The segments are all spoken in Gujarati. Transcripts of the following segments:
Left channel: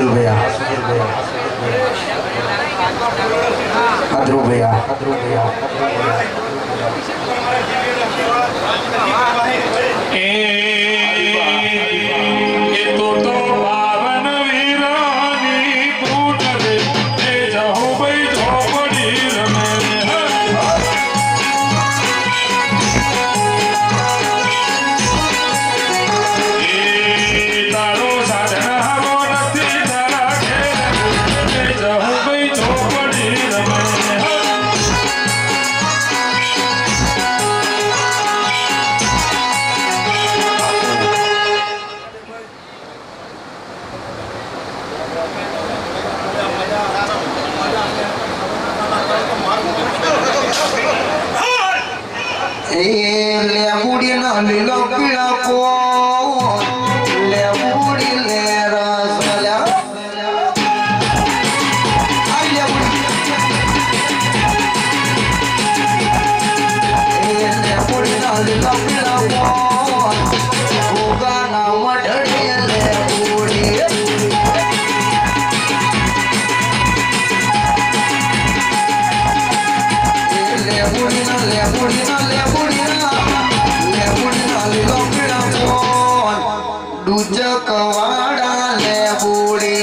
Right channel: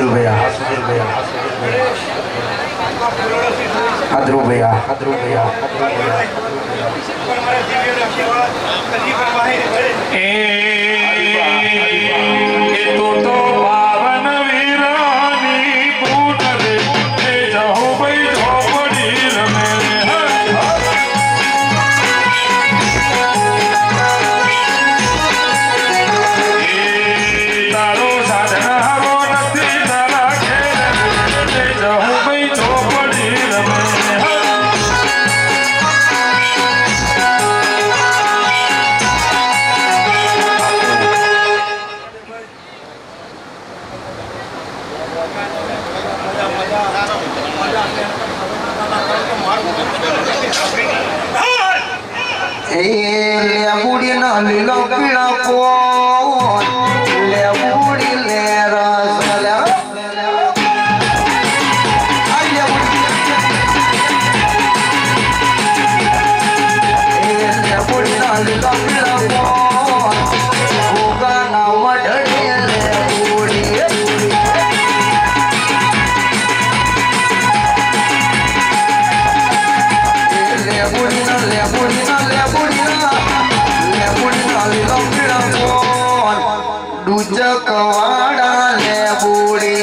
सुनील भैया हादरू भैया लेबुड़ी न लीलो पीड़ा को लेबुड़ी ले रस लेबुड़ी न लीलो पीड़ा को होगा ना मढ़ी लेबुड़ी लेबुड़ी न कवाड़ा लेबुड़ी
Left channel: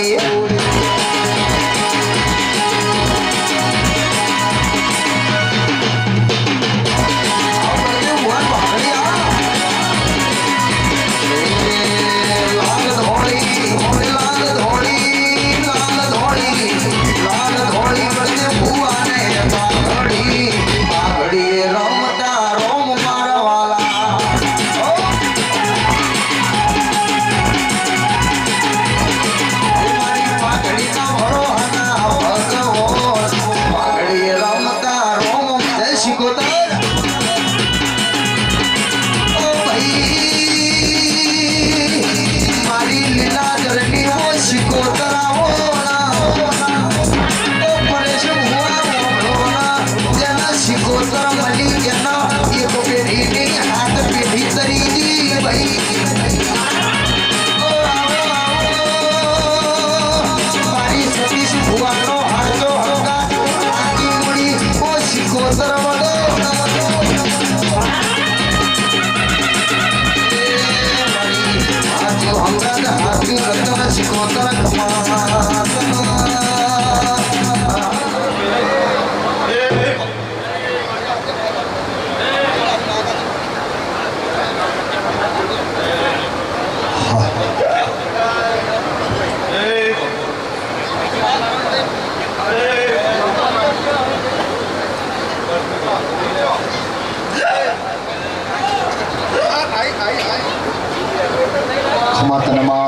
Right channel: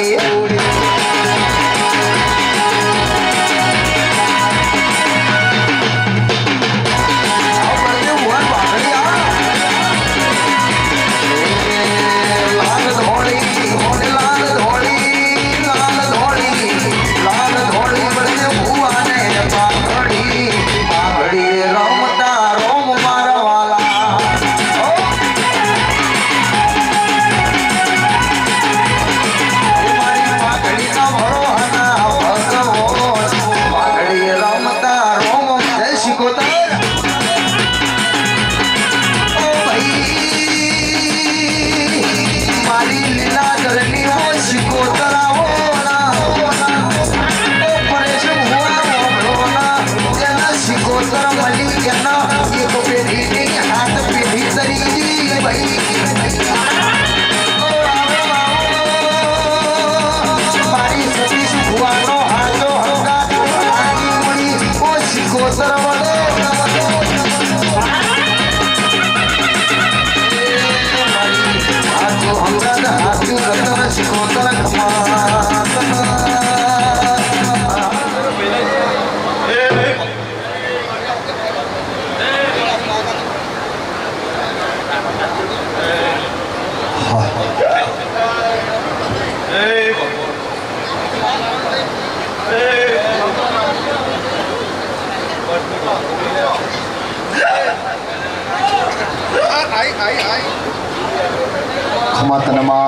खमातनमा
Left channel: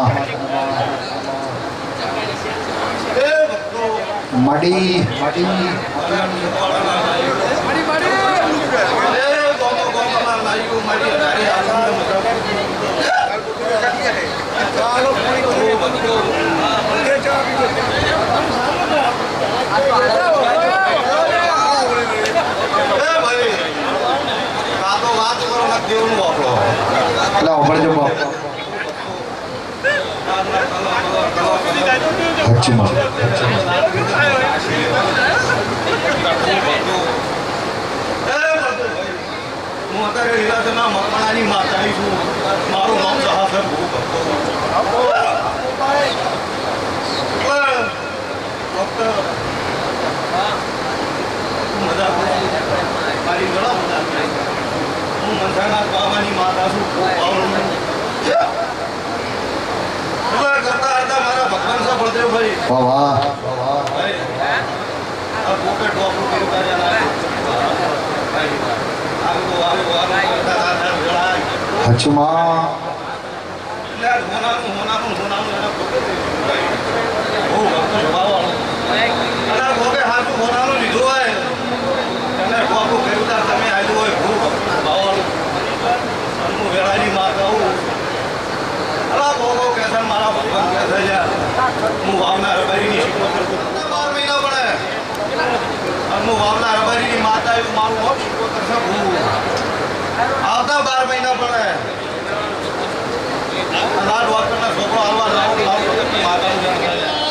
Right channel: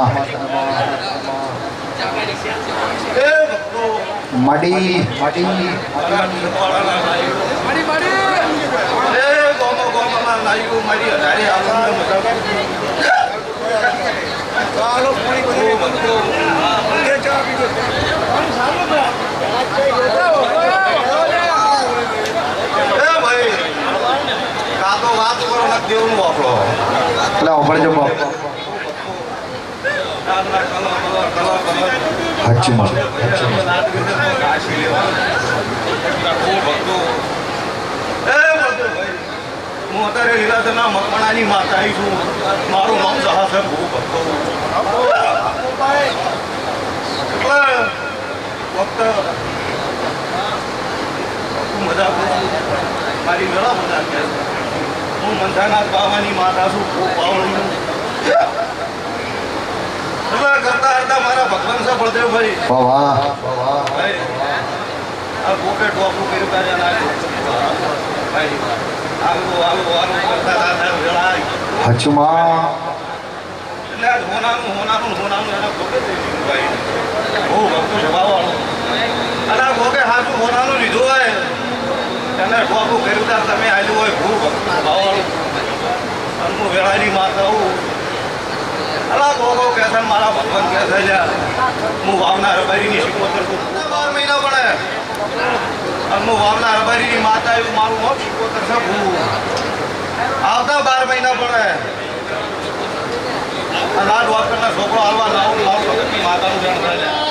मडी मडी मडी मडी ए गोमो गोमो ना लाइको मडी हजारी आनंद चालो पूरी को ये जा भी ए भाई का तो बात करो ना देउन बापलो ला ऊपर जो बाप हच्चमा હું અત્યારે લીલાધરના મકવાણાની માતાઈ છું મારું નામ સહાસર ભૂ ભક્તો ફક્ત મજા મારી ઘણા મજા હું મંથાનાથ બાવાની માતા છું ખૂબ પાવન करता करता हमारा भगवान सा बलदेव भाई वाह भाई अब पॉकेट वापू के रुपया जाना है भाई आलू करता था वेला हचमा ले होना एना पॉकेट भाई ओ भक्त स्वभाव अरे गोके हाथू होना नो लीधो है तने वापू के रुपया तमे आयो હોય ભૂ ભક્ત સ્વભાવ અનુ વેલાની માતા હું अला गोगो कैसा मारा भगवान कैसा जा मु भावना रबारी ની શિકોતર को 12 મહિના બણે और मु भावना रबारी ની माता है मारू हो શિકોતર सब આવતા 12 મહિના બણે અલા ડોક્ટર ના છોકરો હાલવા લાવ તો માતા નું જાણ થાય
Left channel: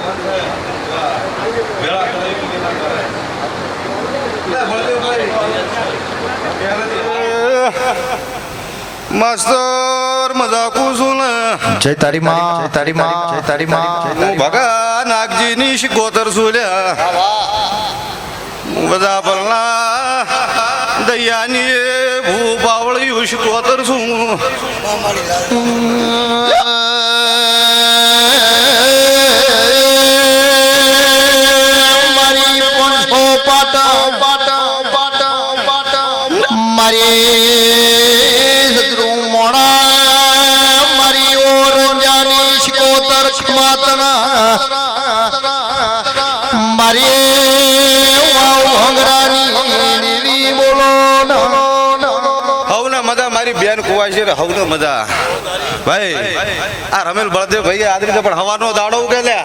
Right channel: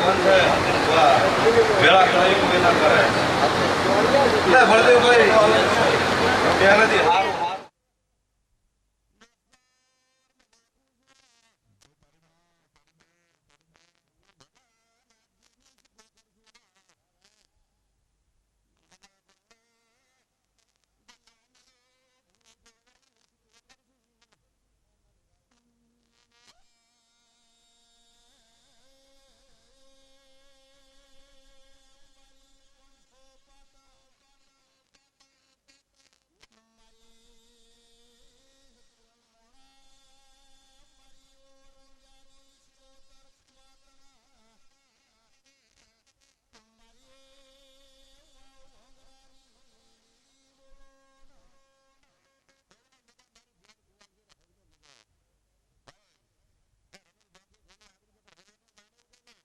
ભગવાન છે વેળા કરાવી કે ના કરે લે બળદેવભાઈ ત્યાં નથી માસ્તર મજાકું છું ને જય તારી માં જય તારી માં જય તારી માં હું ભગા નાગજી ની શિકોતર છું લ્યા હું બધા પલના દયાની ભૂ પાવળિયું શિકોતર છું હવનો મજા ભાઈ આ રમેલ બળદેવ ભાઈ આ રીતે પણ હવાનો દાડો ઉગે લે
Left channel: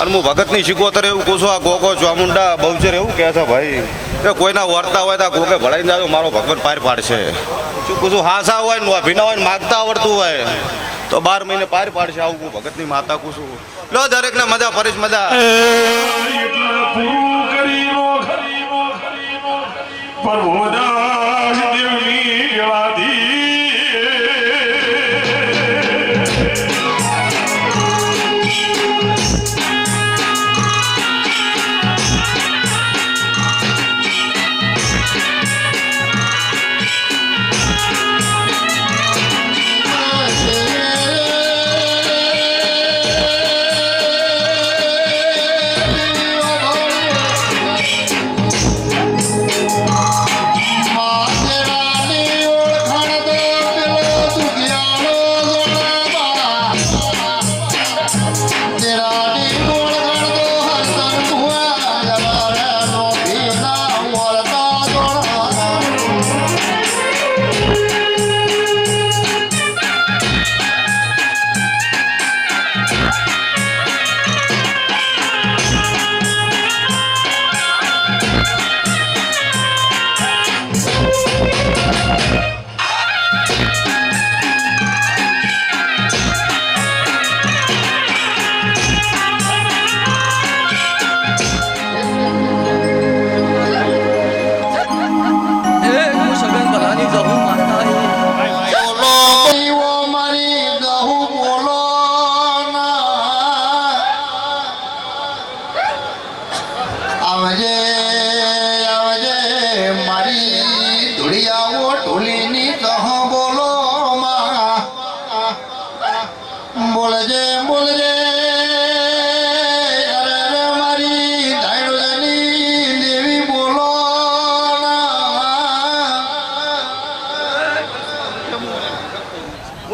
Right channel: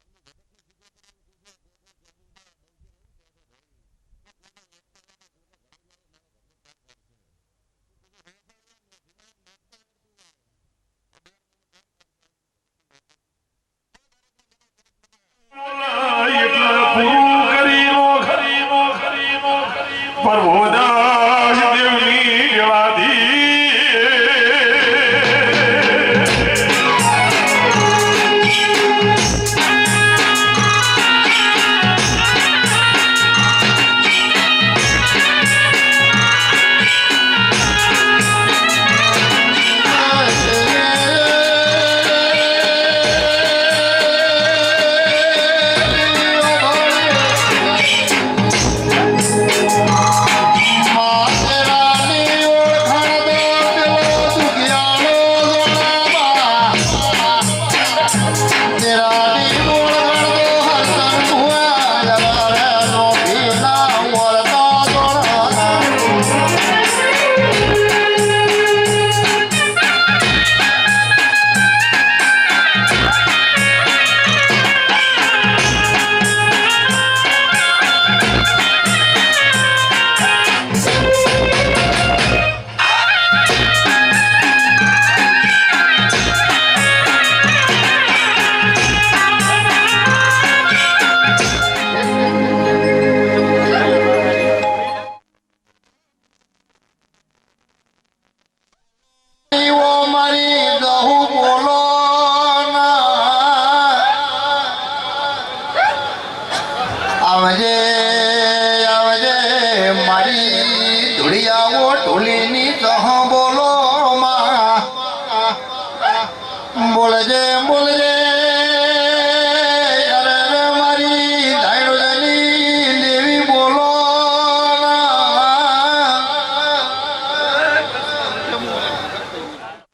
અને હું ભગત ની શિકોતર એવું કહું છું આ ગોગો ચામુંડા બહુચર એવું કહે છે ભાઈ કે કોઈના વર્તા હોય તો ગોગે ભળાઈ જાજો મારો ભગવાન પાર પાડશે શું કહું છું હાસા હોય ને ભીના હોય ને માગતા આવડતું હોય તો 12 મહિને પાર પાડશે આવું હું ભગત ની માતા કહું છું લો દરેક ને મજા પરેશ મજા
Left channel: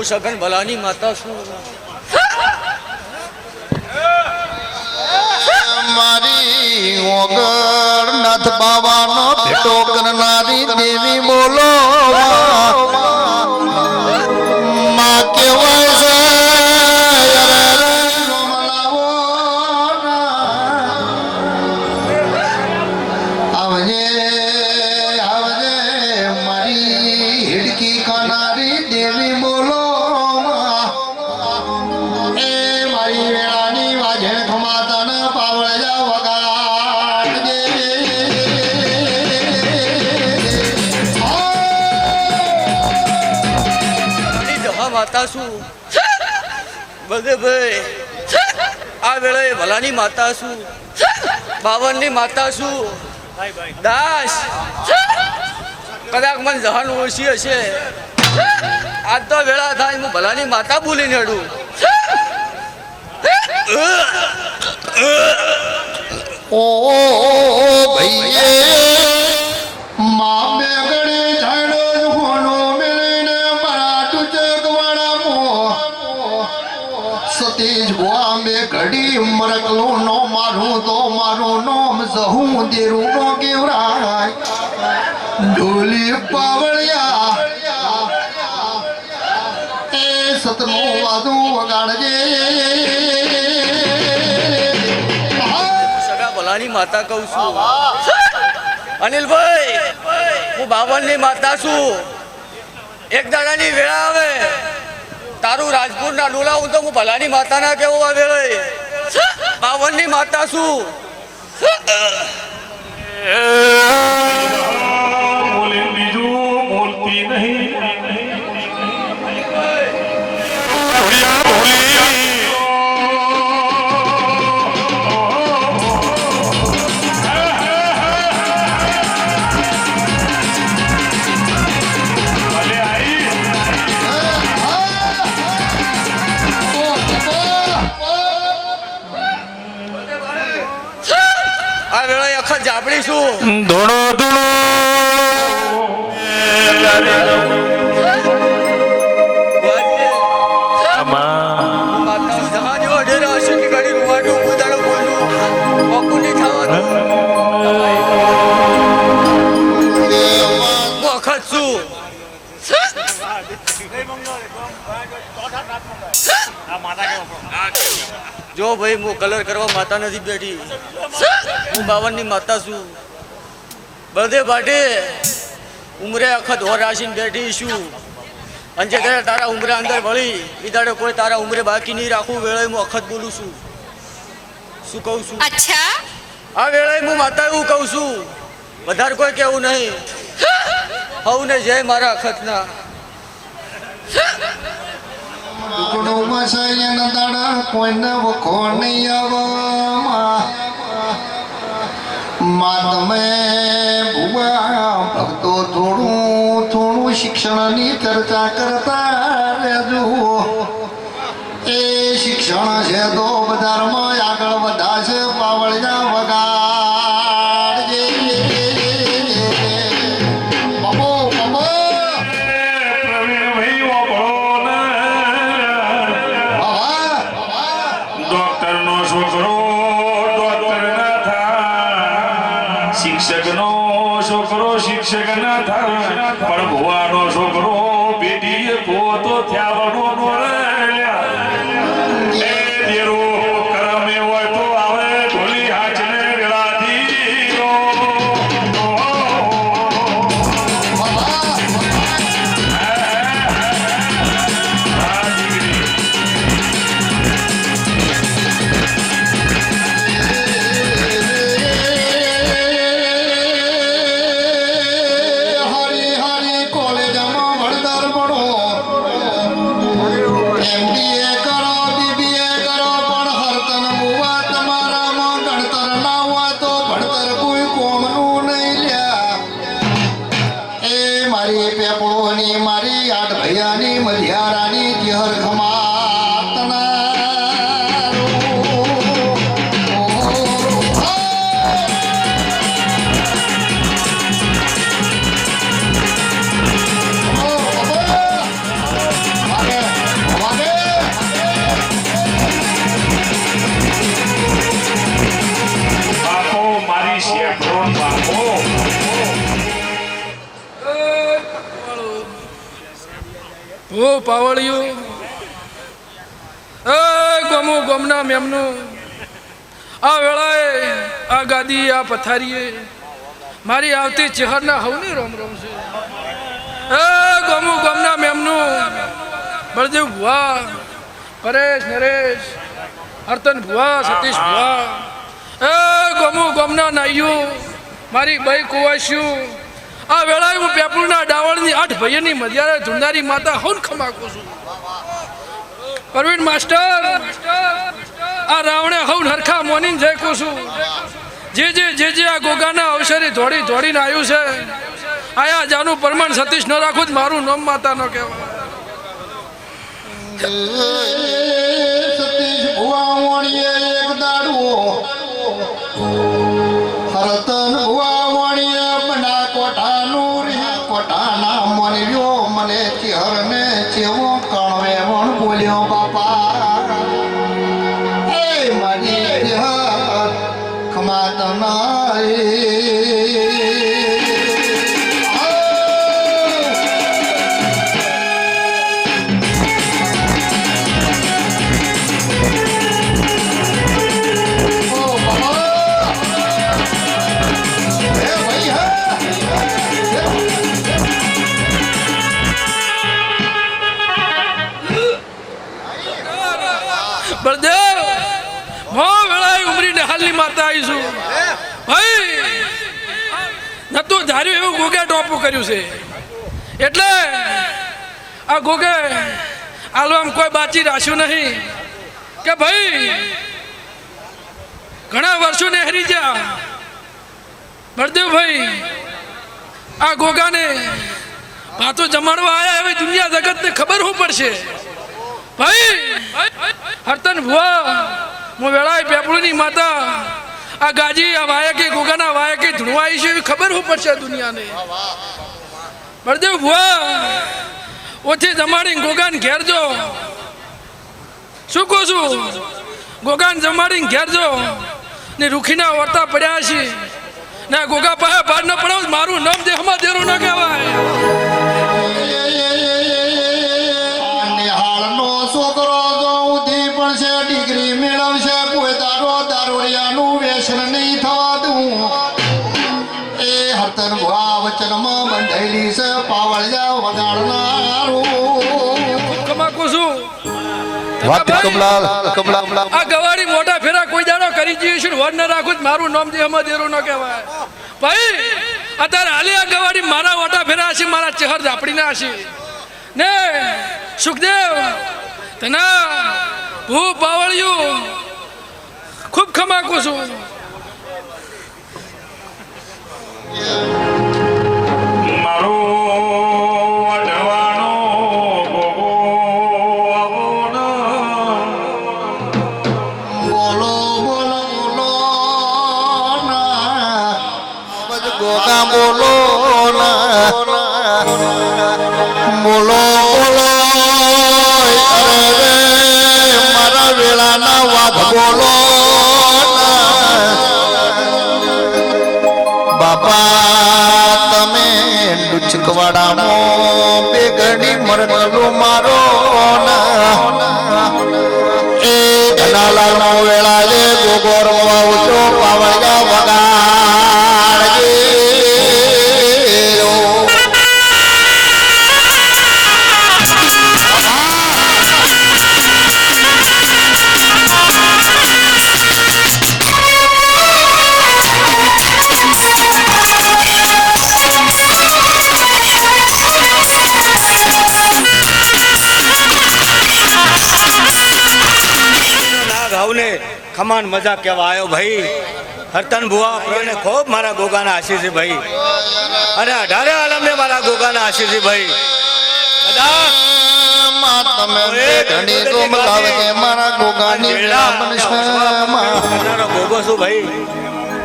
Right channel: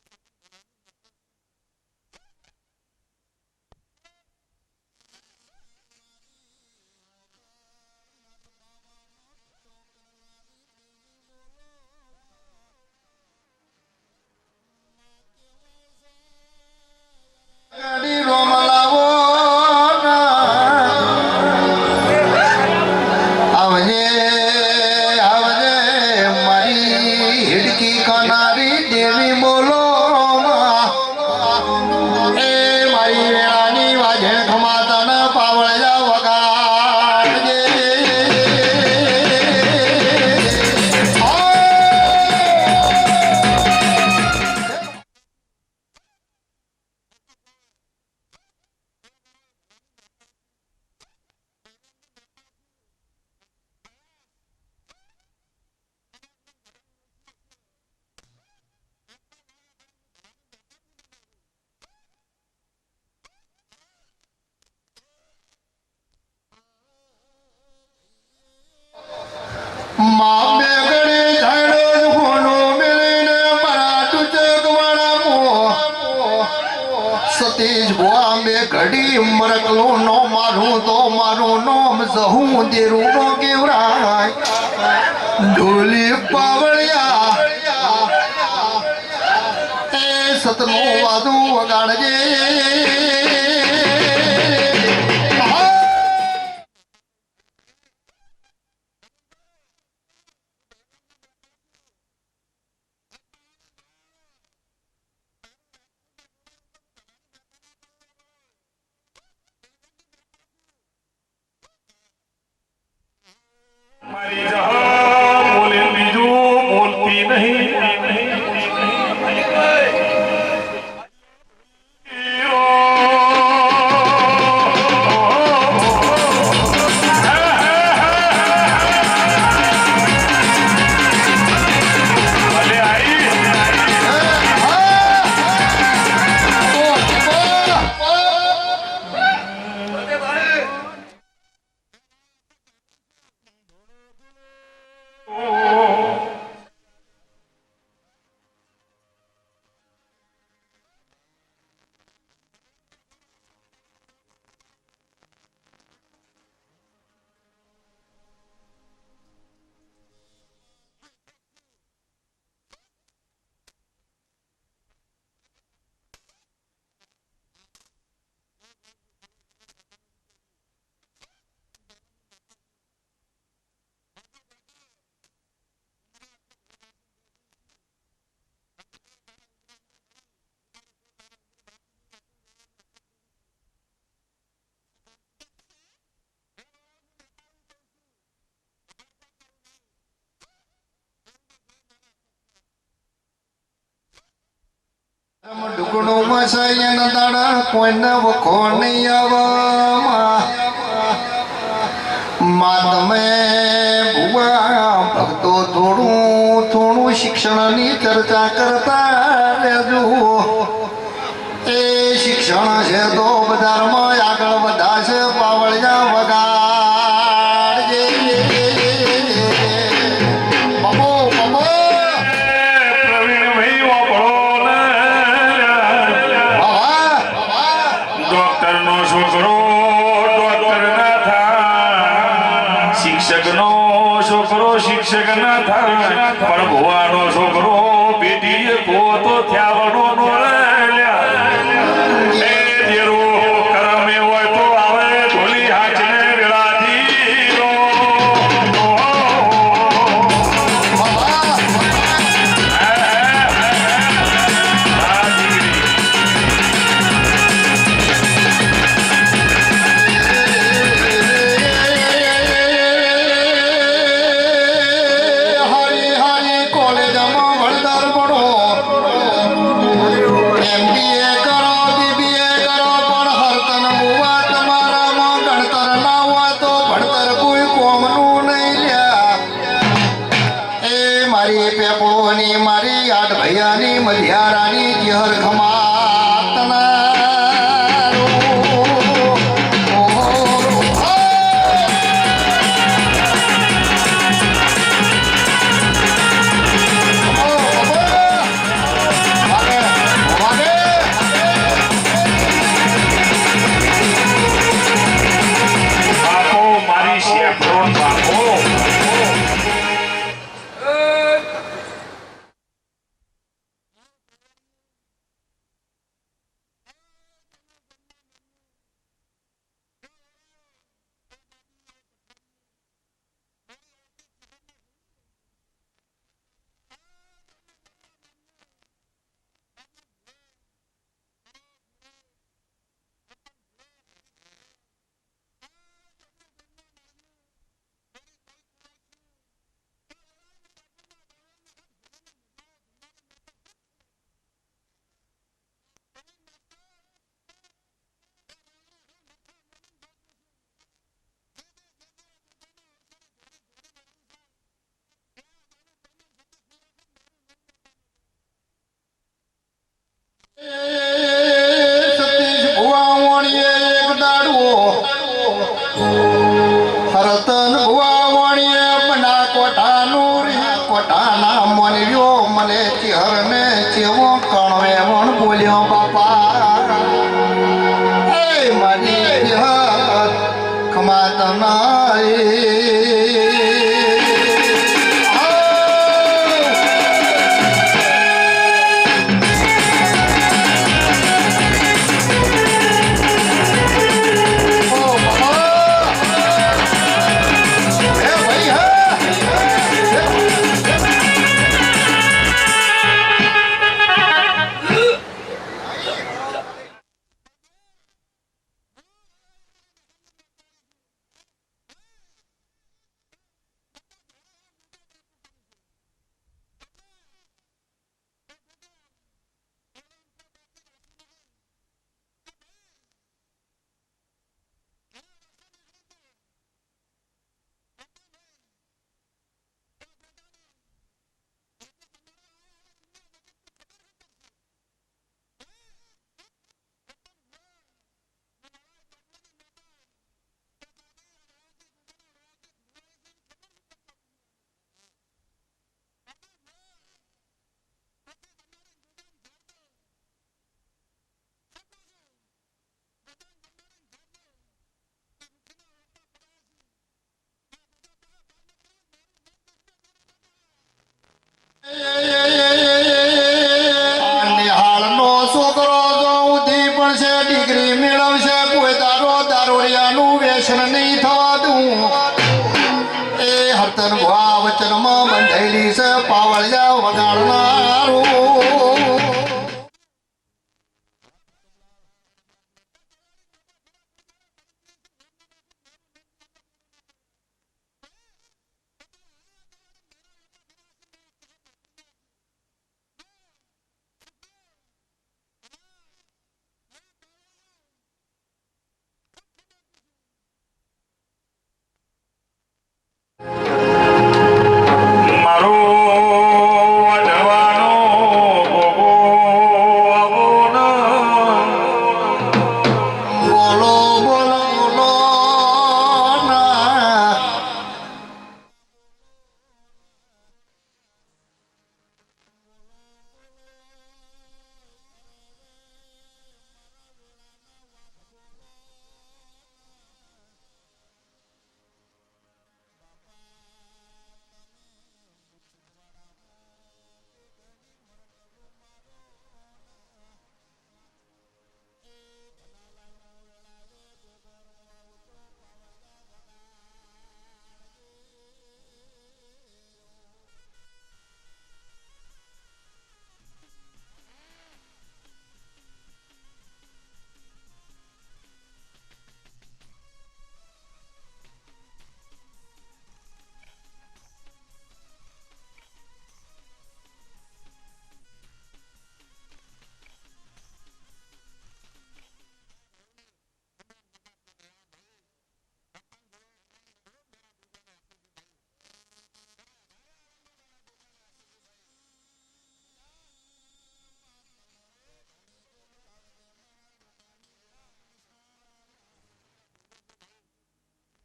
સગન ભલાની માતા શું મારી ઓગર નાથ બાવાનો ભેટો કરનારી દેવી બોલો માં કેવાય છે આવજે આવજે મારી હિડકી ખાનારી દેવી બોલો આ વેળાએ ભલાની માતા શું બાવનની માતા શું દાસ કદાચ મને જવાનું ઓછી હશે આજ તો વેળા થાય હું ભલાની માતા ભૂલીને હડું ઓ ભઈએ માં બેગડે ઝાડે હોનો મેલીને મારા ટુચકવાળા મો સતીજ ભોઆ મે ઘડી મરકલો નો મારું તો મારું નોમ જહું દેરું નો કેવરાય ઢોલી પાવળિયા એ સતનો વાદું વગાડજે માતા કહું છું અનિલભાઈ હું બાવનની માતા છું એક દાડાની વેળા આવે તારું રાજપુરના ડોલા હું તો હું ભલાની માતા ના કેવું આવે બાવનની માતા છું. બોલે બીજું બોલતી નહીં. આ વેળાએ અખત જાપડી છું. ધોળો ધોળો માતા જહાજ એવો ડેરા હશે કે ગાડી રૂવાડું ઉદાડું બોલું મોકું નહીં થવાનું. હું અખત છું. જો ભાઈ હું કલર કરવા માતા નથી બેઠી. હું 52 ની માતા છું. બધે ભાટે ઉમરે અખત હોર રાશીને બેઠી છું. અને જે કરે તારા ઉમરે અંદર વળી વિદાડે કોઈ તારા ઉમરે બાકી નહીં રાખવું. વેળાએ હું અખત બોલું છું. શું કહું છું? અચ્છા આ વેળાએ હું માતા એવું કહું છું. વધારે કોઈ કેવું નહીં. હવને જય મારા અખતના. દુકડો મસાય ન દાડા કોઈને વખો નહીં આવવામાં માં તમે ભુવા ભક્તો થોડું થોડું શિક્ષણની ચર્ચા કરતા રહેજો. એ શિક્ષણ છે તો બજારમાં આગળ વધાશે. પાવળિયા વગાડજે બબો બબો પ્રવીણભાઈ વાપરો ને. ડોક્ટરનો છોકરો ડોક્ટર ના થાય. શિક્ષકનો છોકરો શિક્ષક ના થાય. પણ ભુવાનો છોકરો બેટી પોતો થયાવાનો કરમે હોય તો આવે ઢોલી હાચને વેળાથી રો. હારી હારી કોલેજમાં ભણતર ભણો. MBA કરો BBA કરો પણ હરતન મુવા તમારામાં ગણતર ના હોય તો ભણતર કોઈ કોમનું નહીં લ્યા. એ મારી પેપોની મારી આઠ ભૈયાની મધિયારાની જેહર ખમાતના બાપો મારી શેફરો બાપો. ઓ પાવળિયું એ ગમો ગમના મેમનું આ વેળાએ આ ગાદી આ પથારીએ મારી આવતી ચહેરના હવની રોમ રોમ છે. એ ગમો ગમના મેમનું બળદેવ ભુવા પરેશ નરેશ હરતન ભુવા સતીશ ભુવા એ ગમો ગમના નાઈયું મારી બઈ કુવાસ્યું આ વેળાએ હું પેપુરના ડાવળની આઠ ભાઈઓની મધ્યારે ધુંડારી માતા હોન ખમાકું છું. પરવીન માસ્ટર આ રાવણે હવન હરખા મોનીને જય કહું છું. જે આ ગોગાના અવસરે દોડી દોડીને આવ્યું છે આયા જાનું પ્રમાણ સતીશ ન રાખું જ મારું નામ માતા ન કહેવાય. સતીશ ભુવા વાણીએ એક દાડવો હરતન ભુવા વાણીએ બના કોઠાનું કોઠાના મનવ્યો મને ચિહરને ચેવો કણવે વણ બોલ્યો બાપા. હે મારી ચિહર ખમાતના બળદેવ મો વેળાએ હાલની માતા આવીશું ભાઈ નતું ધાર્યું એવું ગોગે ટોપું કર્યું છે એટલે આ ગોગે આલવામ કોઈ બાચી રાખ્યું નહીં કે ભાઈ ઘણા વર્ષો ને હરી ગયા બળદેવભાઈ આ ગોગાને પાછો જમાડવા આયા હવે દુનિયા જગતને ખબર શું પડશે ભાઈ હરતન ભુવા હું વેળાએ પેપળુની માતા આ ગાજી આ વાયકે ગોગાના વાયકે ધૂણવાઈ છે એવી ખબર શું પડશે દુનિયાને બળદેવ ભુવા ઓછી જમાડીને ગોગાને ઘેર જો શું કહું છું ગોગાને જમાડીને ઘેર જો ને રૂખીના વર્તા પડ્યા છે ને ગોગા પાસે બહાર ન પડાવ મારું નામ દેહમાં દેરું ન કહેવાય નિહાળનો છોકરો જો ઉધી પડશે ડિગ્રી મેળવશે કોઈ દારૂડિયાનું વ્યસન નહીં થવા દઉં એ હરતન ભુવા વચનમાં બંધાયેલી છે પાવળિયા વગાડનારું આ ગવાડી મોટા ફેરા કોઈ દાડો કરી જઈએ છે વર ન રાખું મારું નામ દેહમાં દેરું ન કહેવાય ભાઈ અત્યારે હાલે આ ગવાડી મારા મોટા ફેરા હશે મારા ચહેર ઝાપડીને હશે ને સુખદેવ તના હું પાવળિયું ખૂબ ખમાકું છું મારો વઢવાનો ગોગો આવોનો. બોલો બોલો બોલો ના ગોગા બોલો ના બોલો બોલો અરે મારા વેળાના વાઘ બોલો બાપા તમે ડુચકવાડામાં બેગડી મરનલો મારો એ ધનાલાલનો વેળા લે ગોગોર વાવજો પાવળિયા વગાડજે ભાવને ખમાન મજા કહેવા આવ્યો ભાઈ હરતન ભુવા પ્રભુને ખૂબ મારા ગોગાના આશીષ છે ભાઈ અને 18 આલમને મારા ગાના આશીષ છે ભાઈ બધા તમે ઘણી રોમ લાવજે મારા ગોગાની વેળા કરનારો ગોગો છું ભાઈ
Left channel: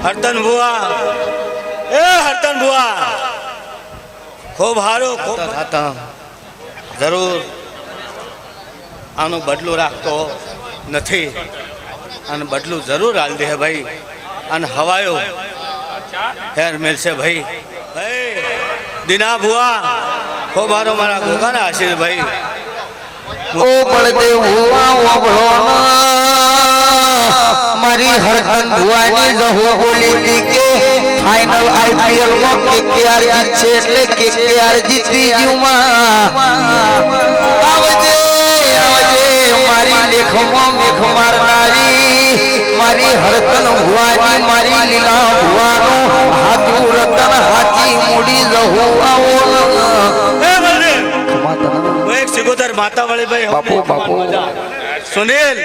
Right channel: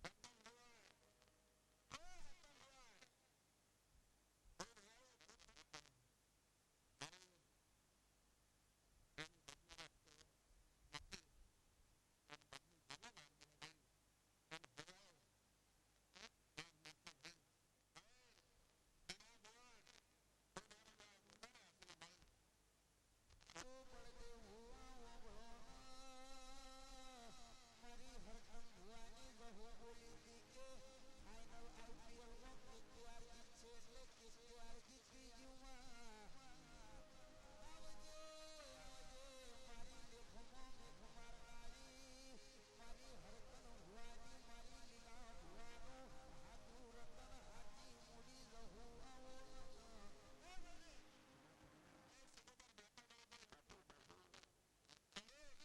હરતન ભુવા એ હરતન ભુવા ખૂબ હારો ખૂબ થતા જરૂર આનું બદલું રાખતો નથી અને બદલું જરૂર હાલ દે ભાઈ અને હવાયો હેર મેલશે ભાઈ ભાઈ દીના ભુવા ખૂબ હારો મારા ગોગાના આશીર્વાદ ભાઈ ઓ બળદે હુવા ઓબળો મારી હરહન ભુવાની જહો બોલી દી કે ફાઇનલ આઈપીએલ માં કેકેઆર જીતશે એટલે કેકેઆર જીતી ગયુંમાં આવજે આવજે મારી લેખમાં મેખ મારનારી મારી હરકન ભુવાની મારી લીલા ભુવાનો હાથું રતન હાથી મૂડી જહો આવો સિગોતર માતા વાળી ભાઈ બાપુ બાપુ સુનિલ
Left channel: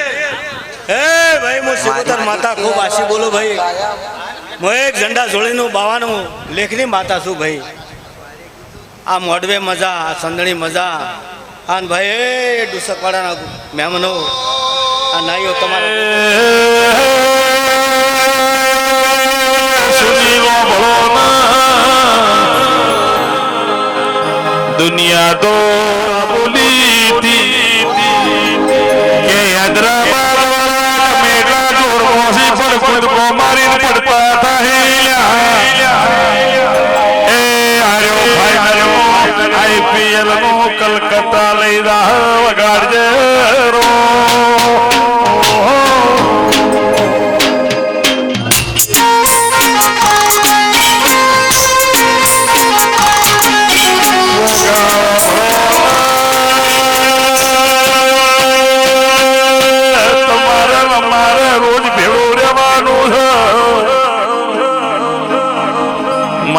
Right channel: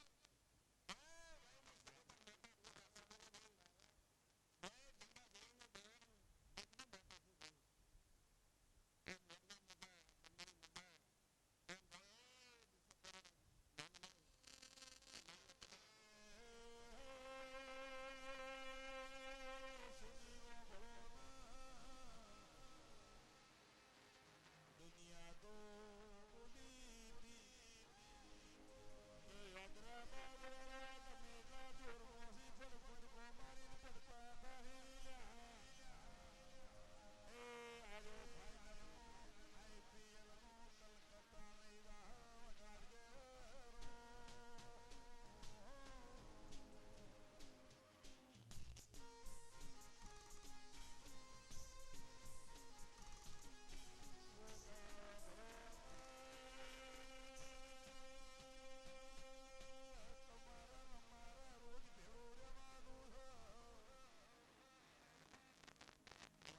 હે ભાઈ હું સિગોતર માતા ખૂબ આશી બોલું ભાઈ હું એક ઝંડા જોડીનું બાવાનું લેખની માતા છું ભાઈ આ મોડવે મજા આ સંદણી મજા આ ભાઈ એ ડુસકવાડાના મહેમાનો આ નાઈઓ તમારા દુનિયા તો કલકત્તા લઈ વગાડજે રો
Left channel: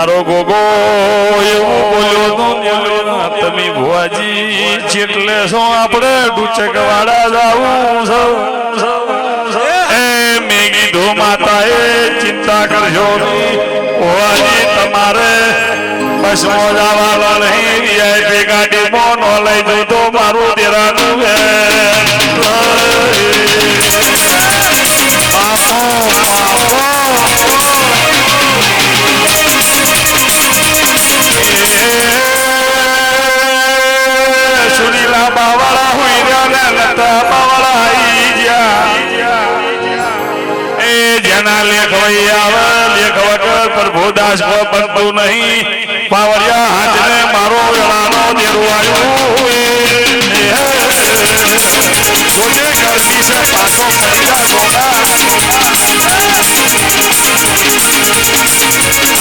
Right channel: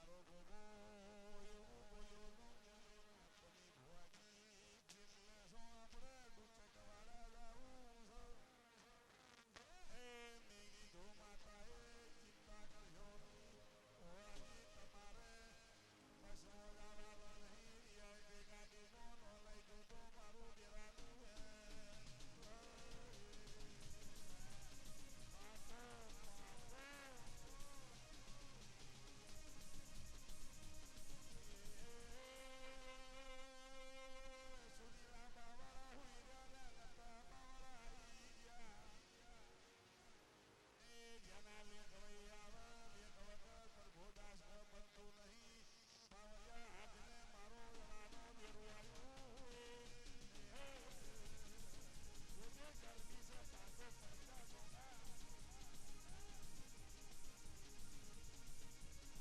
મારો ગોગો એવું બોલ્યો તો તમે ભુવાજી જેટલે છો આપણે ડુચક વાળા જાવું એ મેં કીધું માતા એ ચિંતા કરશો નહીં ભુવાજી તમારે બસમાં જવાના નહીં વીઆઈપી ગાડીમાં ન લઈ જવું તો મારું દેરાનું સુરીલા બાવાળા હોય રહ્યા લતા બાવાળા આવી ગયા એ જેના લેખ વહી આવે લેખ વગર પ્રભુદાસ બનતું નહીં પાવરિયા હાથને મારો વેળાનો દેરો આવ્યો જોજે ગરમી છે પાછો ફરીદા ગોડા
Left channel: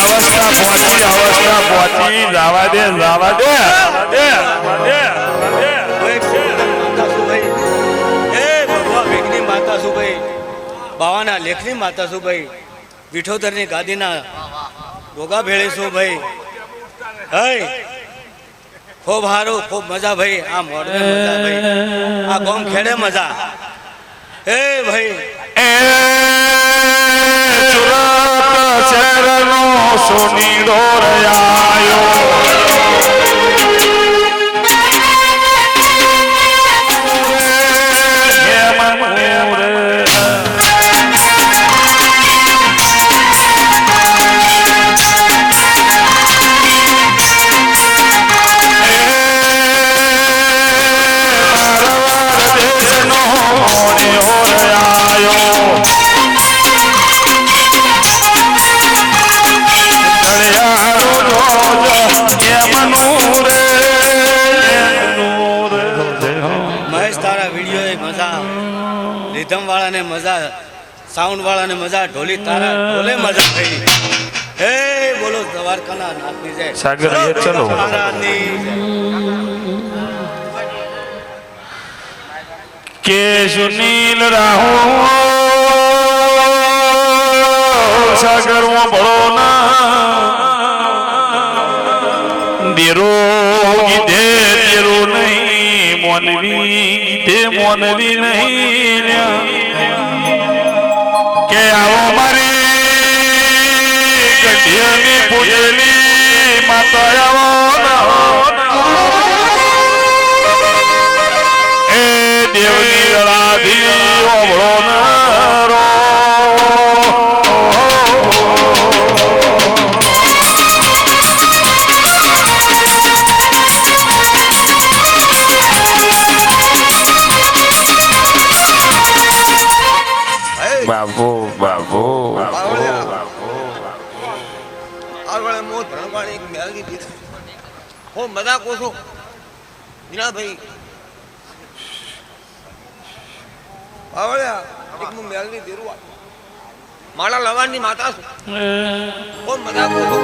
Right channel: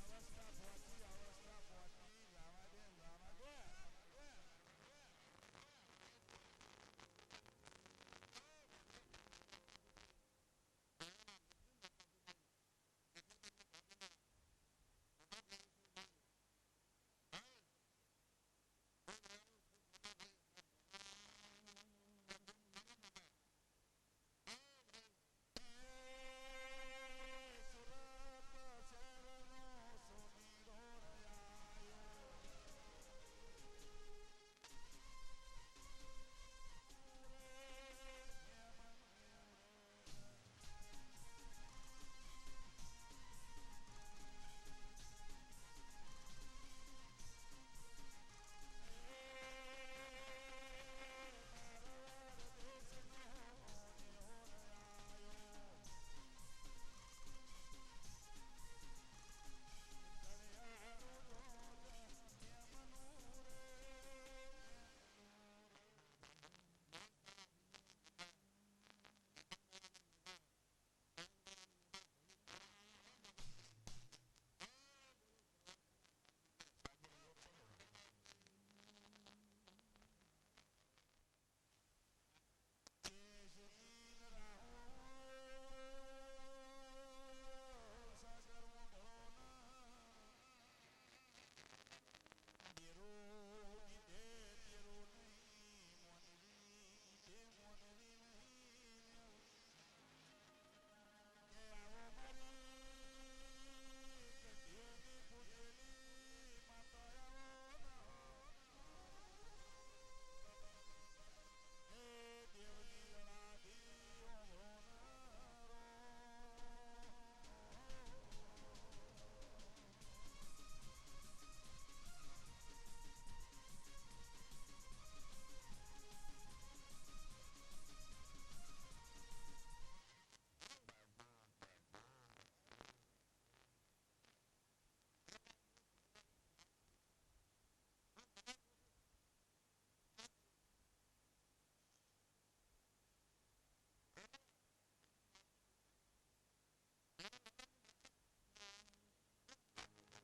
અવસ્થા પહોંચી જવા દે બાવાના લેખની માતા છું ભાઈ વિઠોદરની ગાદીના ગોગા ભેળે છું ભાઈ હય ખૂબ સારું ખૂબ મજા ભાઈ આ મોડવે મજા ભાઈ આ ગોમ ખેડે મજા એ ભાઈ એ સુરત શહેરનો સોનીડો રયાયો રીધમ વાળાને મજા સાઉન્ડ વાળાને મજા ઢોલી તારા ઢોલે મજા થઈ હે બોલો દ્વારકાના નાથની જય સાગર એ ચલો કે સુનીલ રાહુ સાગર માં ભળો ના દેરો ગીધે દેરો નહીં મોનવી ગીધે મોનવી નહીં કે આવો મારી ગઢિયાની પૂજેલી માતા આવો એ દેવની રાધી ઓભળો નરો બાબુ બાબુ આગળ મો ધણવાણી મેળવી દીધી હો મજા કોસો જીના ભાઈ આવળ્યા એક મુ મેળવી દીરું માળા લવાણની માતા છું હો મજા કોસો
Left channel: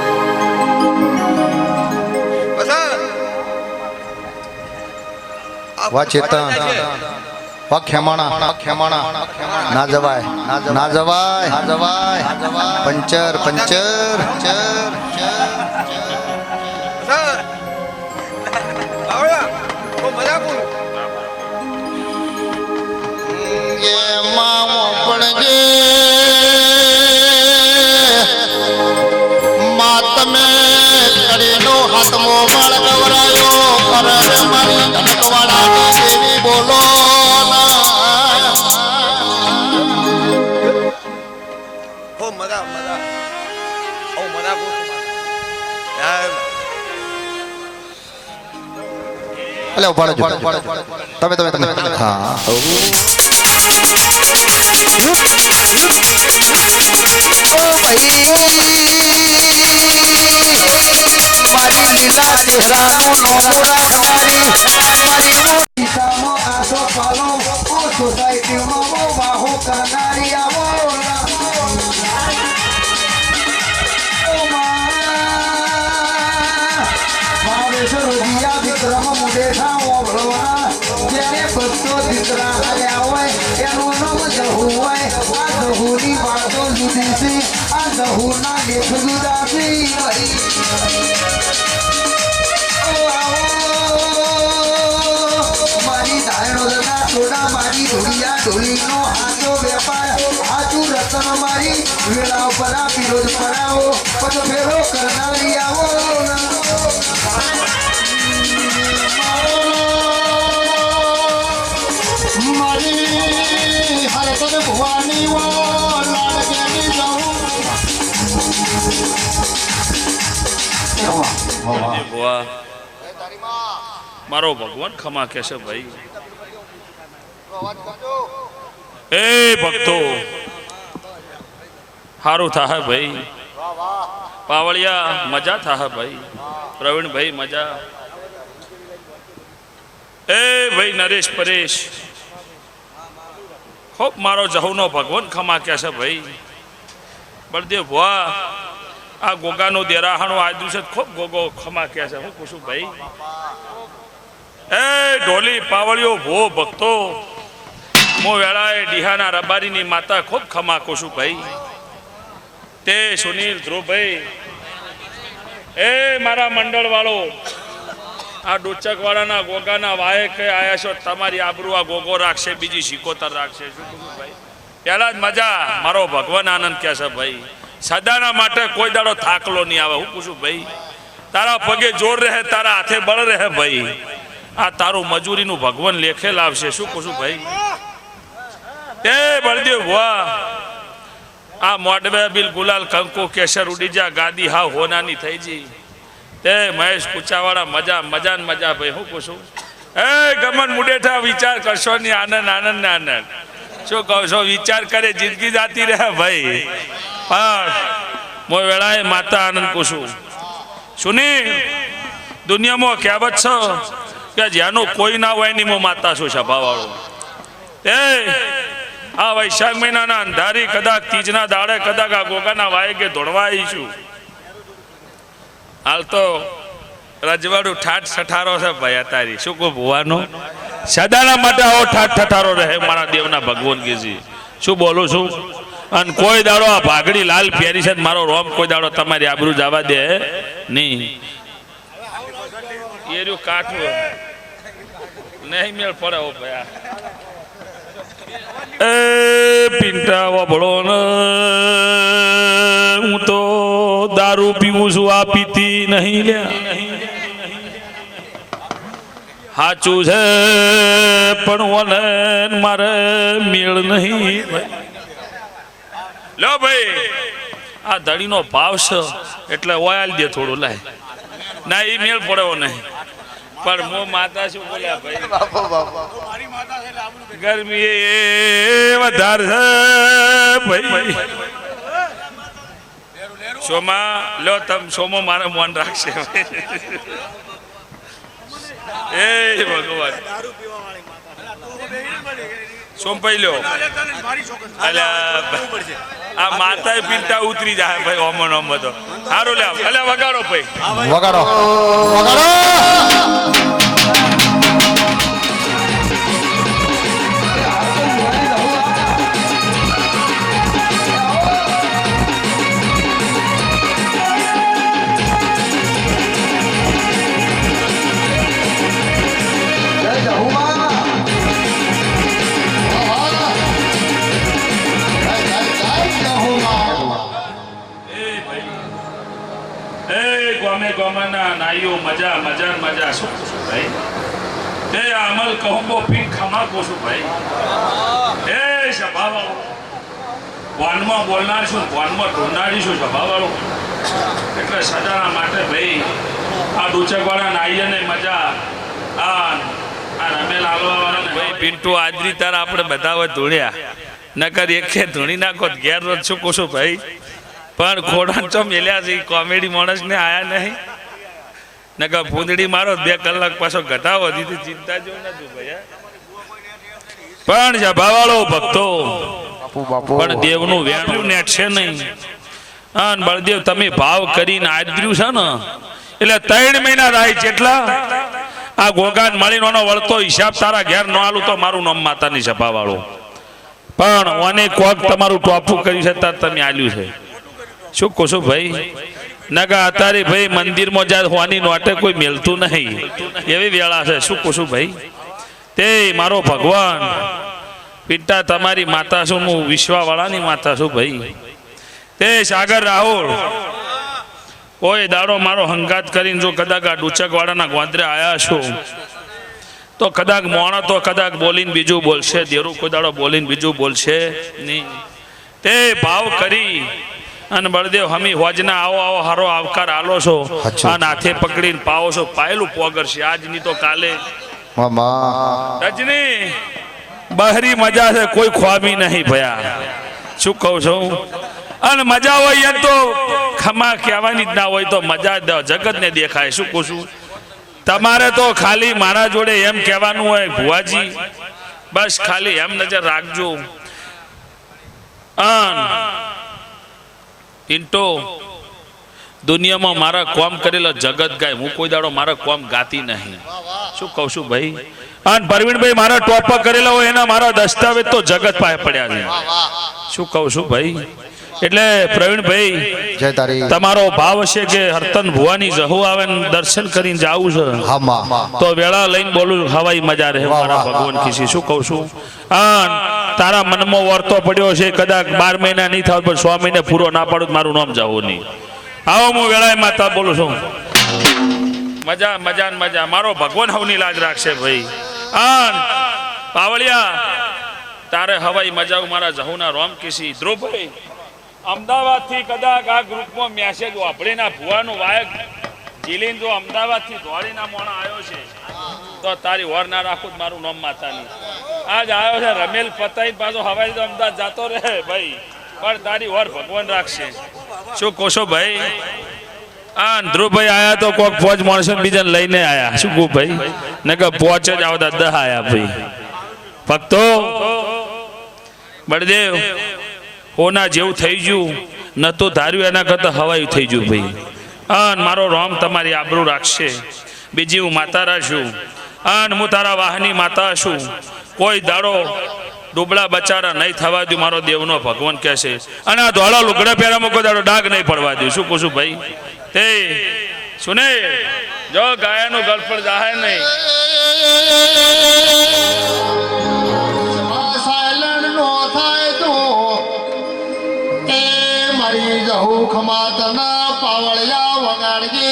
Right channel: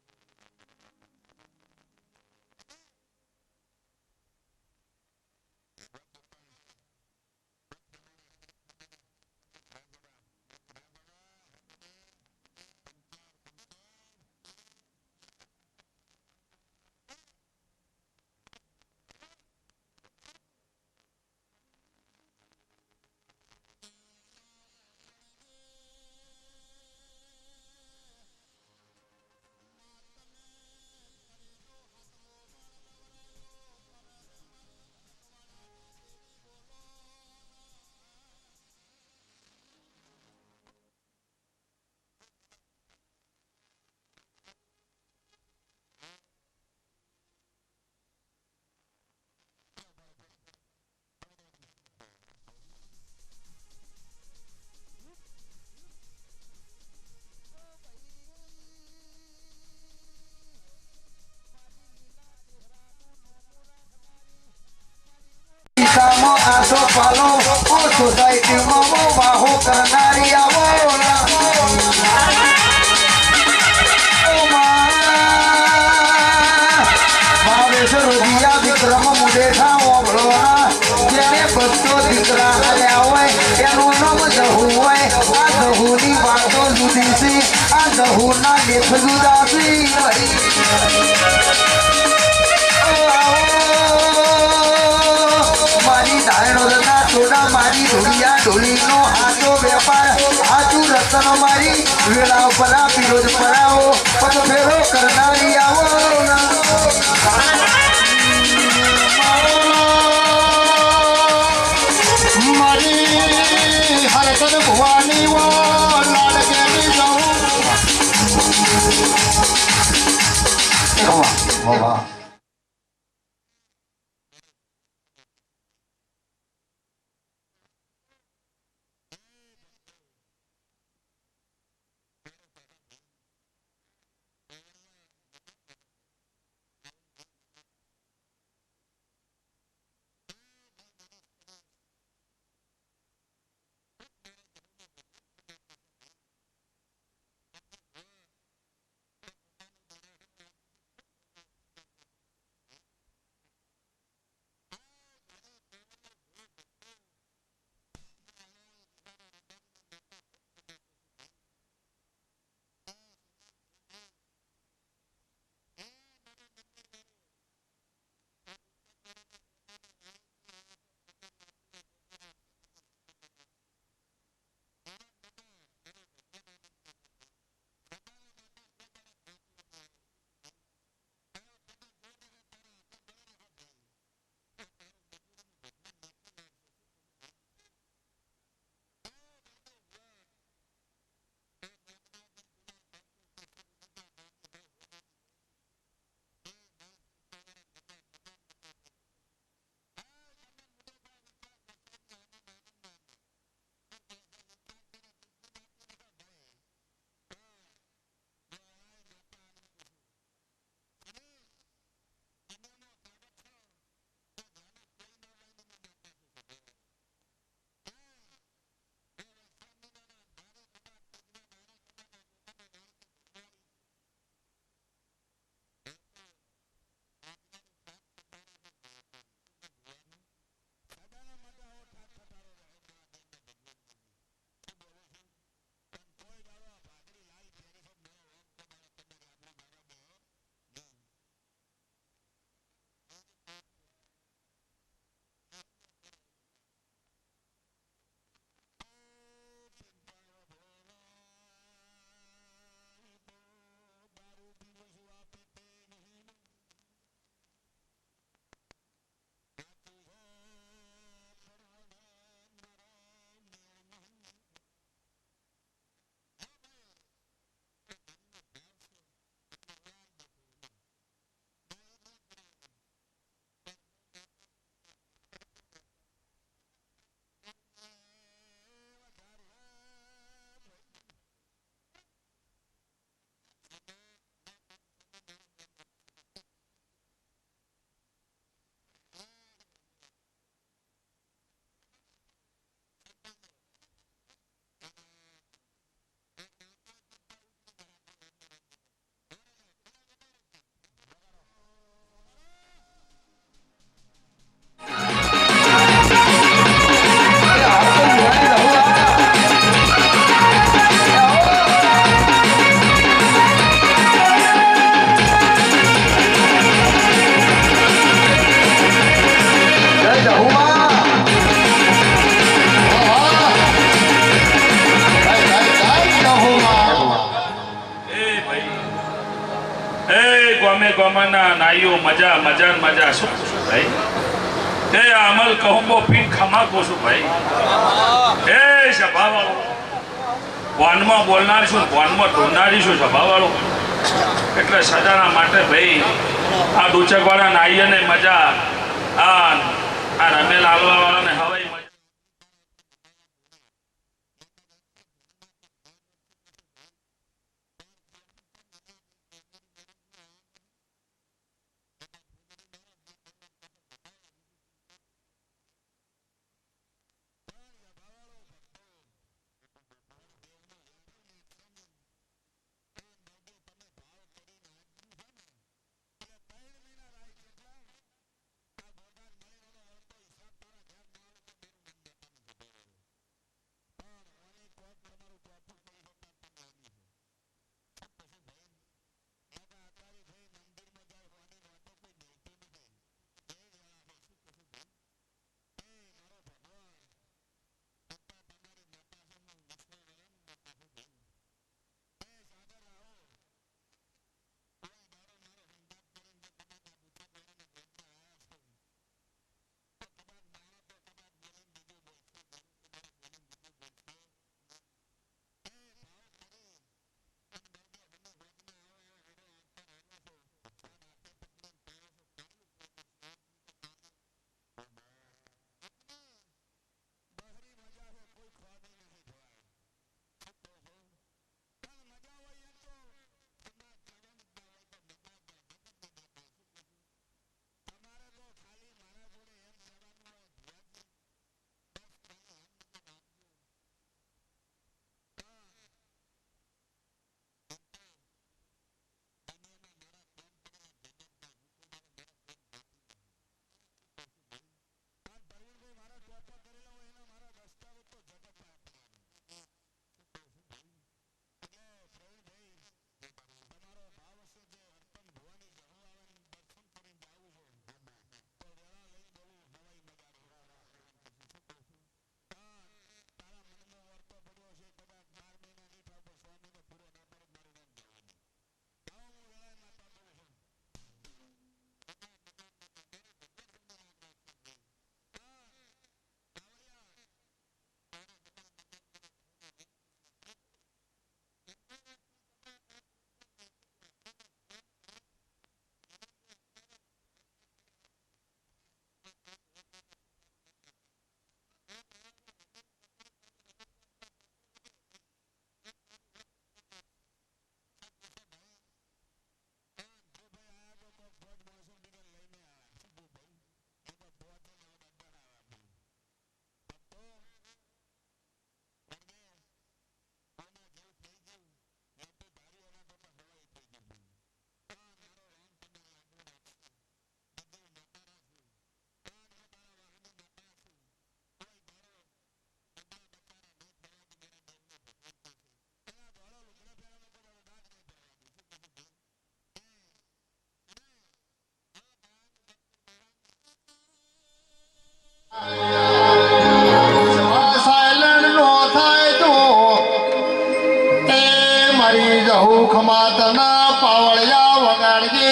વા ચેતન વા ખેમાણા ના જવાય પંચર આવળ્યા હો મજા કોસો માતમે કડીનો હાથમો બાળ ગવરાયો કરે મારી કનકવાડાની દેવી બોલો હો મજા હો મજા કોસો અલે ઉભાડો તમે હા ઓ ભાઈ મારી લીલા ચહેરાનું નોમું રાખનારી મારી દિશામાં આસો પાલો ઓ સોસાયટીમાં વાહો કરનારી આવો વિક્રમ મુડેઠા ઓભળોના જેને ભક્તો દીકરા આલ્યા હોય એનું નામ જહુ હોય આ જહુની વાતો જુદી છે મારા ગહુના લેખ જુદાસી વળી મારી ધારણોના થોડા મારી ઢોળિયા ઢોળીનો આજો વેપાર આજુ રતન મારી વેળાઓ પરા વિરોધ પરાઓ પગ ફેરો કરનારી આવો મારી હરકત ભવાની વો લાડકેની જાઉં ભુવા મારો ભગવાન ખમા કહેશે ભાઈ એ ભક્તો સારું થાહે ભાઈ પાવળિયા મજા થાહે ભાઈ પ્રવીણભાઈ મજા એ ભાઈ નરેશ પરેશ ખૂબ મારો જહુનો ભગવાન ખમા કહેશે ભાઈ બળદેવ ભુવા આ ગોગાનો દેરાહાણો આ દિવસે ખૂબ ગોગો ખમા કહેશે હું પૂછું ભાઈ એ ઢોલી પાવળિયો ભો ભક્તો મો વેળાએ ડીહાના રબારીની માતા ખૂબ ખમા કોશું ભાઈ તે સુનિલ ધ્રુવભાઈ એ મારા મંડળ વાળો આ ડોચક વાળાના ગોગાના વાયે કે આયા છો તમારી આબરૂ આ ગોગો રાખશે બીજી શિકોતર રાખશે શું કહું ભાઈ પહેલા જ મજા મારો ભગવાન આનંદ કહેશે ભાઈ સદાના માટે કોઈ દાડો થાકલો નહીં આવે હું પૂછું ભાઈ તારા પગે જોર રહે તારા હાથે બળ રહે ભાઈ આ તારું મજૂરીનું ભગવાન લેખે લાવશે શું કહું ભાઈ તે બળદેવ ભુવા આ મોડવે બિલ ગુલાલ કંકુ કેસર ઉડી જા ગાદી હાવ હોનાની થઈ જી તે મહેશ કુચાવાળા મજા મજા ને મજા ભાઈ હું પૂછું એ ગમન મુડેઠા વિચાર કરશો ની આનંદ આનંદ ને આનંદ શું કહો છો વિચાર કરે જિંદગી જાતી રહે ભાઈ પણ મો વેળાએ માતા આનંદ પૂછું સુની દુનિયામાં કહેવત છે કે જ્યાંનો કોઈ ના હોય ની મો માતા છું સભાવાળો એ આ વૈશાખ મહિનાના અંધારી કદાચ તીજના દાડે કદાચ આ ગોગાના વાય કે ધોળવા આવીશું હાલ તો રજવાડું ઠાઠ ઠઠારો છે ભાઈ અતારી શું કહું ભુવાનો સદાના માટે આવો ઠાઠ ઠઠારો રહે મારા દેવના ભગવાન કેજી શું બોલું છું અને કોઈ દાડો આ ભાગડી લાલ પહેરી છે મારો રોમ કોઈ દાડો તમારી આબરૂ જવા દે નહીં એ રહ્યું કાઠું નહીં મેળ પડે હો ભાઈ એ પિંટા વભળો ને હું તો દારૂ પીવું છું આ પીતી નહીં લ્યા સાચું છે પણ ઓને મારે મેળ નહીં લો ભાઈ આ ધડીનો ભાવ છે એટલે ઓયાલ દે થોડું લાય ના એ મેળ પડ્યો નહીં પણ મો માતા શું બોલ્યા ભાઈ ગરમી એ વધારે છે ભાઈ સોમા લો તમ સોમો મારે મન રાખશે એ ભગવાન સોમ ભાઈ લ્યો આ માતા પીતા ઉતરી જાય ભાઈ ઓમો ઓમો તો સારું લે અલ્યા વગાડો ભાઈ વગાડો વગાડો ગોમાના નાઈઓ મજા મજા મજા શું ભાઈ એ અમલ કહુંબો પીન ખમા કોશું ભાઈ એ સભાવાળો વાનમાં બોલનાર છું વાનમાં ઢોંડારી છું સભાવાળો એટલે સજાના માટે ભાઈ આ ડુચકવાળા નાઈઓને મજા આ રમેલ આલવાવાળાને પિન્ટુ આજરી તાર આપણે બધા હોય ધૂણ્યા નકર એકે ધૂણી નાખો ઘેર રોજ શું કોશું ભાઈ પણ ખોડા ચો મેલ્યા છે કોમેડી માણસ ને આયા નહીં નકા ફૂંદડી મારો 2 કલાક પાછો ઘટાવો દીધી ચિંતા જો નતું ભાઈ પણ સભાવાળો ભક્તો પણ દેવનું વેણ્યું નેટ છે નહીં અન બળદેવ તમે ભાવ કરીને આદર્યું છે ને એટલે 3 મહિના રાય જેટલા આ ગોગાન મળીનો વળતો હિસાબ તારા ઘેર ન આલું તો મારું નામ માતાની સભાવાળો પણ ઓને કોક તમારું ટોપું કર્યું છે તાર તમે આલ્યું છે શું કહો છો ભાઈ નગા અત્યારે ભાઈ મંદિરમાં જાય હોવાની નોટે કોઈ મેલતું નહીં એવી વેળા છે શું કહું છું ભાઈ તે મારો ભગવાન પિતા તમારી માતા છું હું વિશ્વાવાળાની માતા છું ભાઈ તે સાગર રાહુલ કોઈ દાડો મારો હંગાત કરીને જો કદાચ આ ડુચકવાડાના ગોંદરે આયા છો તો કદાચ મોણો તો કદાચ બોલીને બીજું બોલશે દેરું કોઈ દાડો બોલીને બીજું બોલશે નહીં તે ભાવ કરી અને બળદેવ હમી હોજના આવો આવો હારો આવકાર આલો છો અને હાથે પકડીને પાવો છો પાયેલું પોગરશે આજની તો કાલે રજની બહરી મજા છે કોઈ ખ્વામી નહીં ભયા શું કહું છું અને મજા હોય એમ તો ખમા કહેવાની જ ના હોય તો મજા જગતને દેખાય શું કહું છું તમારે તો ખાલી મારા જોડે એમ કહેવાનું હોય ભુવાજી બસ ખાલી એમ નજર રાખજો ઇન્ટો દુનિયામાં મારા કોમ કરેલા જગત ગાય હું કોઈ દાડો મારા કોમ ગાતી નહીં શું કહું છું ભાઈ અને પરવીણભાઈ મારા ટોપ કરેલા હોય એના મારા દસ્તાવેજ તો જગત પાસે પડ્યા છે શું કહું છું ભાઈ એટલે પ્રવીણભાઈ તમારો ભાવ છે કે હરતન ભુવાની જહુ આવે ને દર્શન કરીને જાવું છે તો વેળા લઈને બોલું હવાઈ મજા રહે મારા ભગવાન ખીસી શું કહું છું તારા મનમાં વર્તો પડ્યો છે કદાચ 12 મહિના નહીં થાવ પણ 6 મહિને પૂરો ના પાડું મારું નામ જાવું નહીં આવો હું વેળાએ માતા બોલું છું મજા મજા ને મજા મારો ભગવાન હવની લાજ રાખશે ભાઈ પાવળિયા તારે હવાઈ મજા મારા જહુના રોમ કિસી ધ્રુવભાઈ અમદાવાદ થી કદાચ આ ગ્રુપમાં મેસેજ વાપરી ના ભુવાનું વાયક જીલીન જો અમદાવાદ થી દોડીના મોણા આવ્યો છે તો તારી વર ના રાખું મારું નામ માતાની આજ આવ્યો છે રમેલ પતાઈ પાછો હવાઈ તો અમદાવાદ જાતો રહે ભાઈ પણ તારી વર ભગવાન રાખશે શું કોશો ભાઈ ધ્રુવભાઈ આયા તો કોક ફોજ માણસો બીજાને લઈને આયા શું કહું ભાઈ ને કે પોચ જ આવતા 10 આયા ભાઈ ભક્તો બળદેવ હોના જેવું થઈ ગયું ન તો ધાર્યું એના કરતા હવાયું થઈ ગયું ભાઈ મારો રામ તમારી આબરૂ રાખશે બીજી હું માતા રાશું હું તારા વાહની માતા છું કોઈ દાડો ડૂબળા બચારા નહીં થવા દઉં મારો દેવનો ભગવાન કહે છે અને આ ધોળા લુગડા પહેરામાં કોઈ દાડો ડાઘ નહીં પડવા દઉં શું કહું છું ભાઈ તે સુને જો ગાયાનું ગળફળ જાહે નહીં મારી જહુ ખમાતના પાવળિયા વગાડજે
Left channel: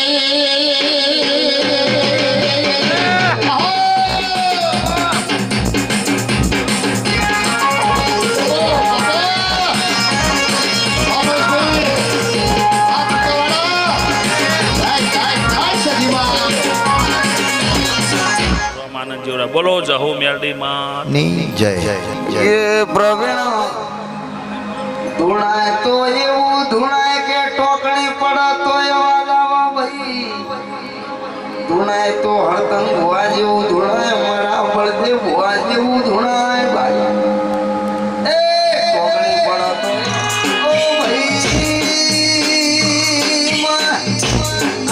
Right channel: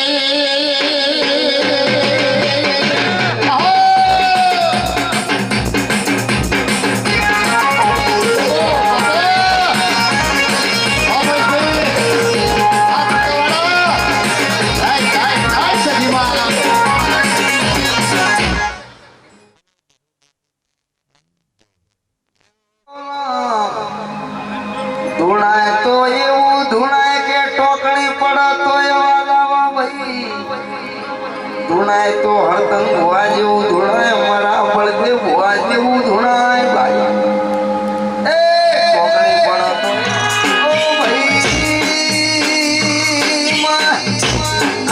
બોલો જહુ મેરડી માં ની જય એ પ્રવીણ ધૂણાય તો એવું ધૂણાય કે ટોકણી પડે તો એવા લાવા ભાઈ ધૂણાય તો હળતંગ ભુવા જેવું ધૂણાય મારા બળદેવ ભુવા જેવું ધૂણાય ભાઈ એ ટોકણી પડે તો ઓ ભાઈ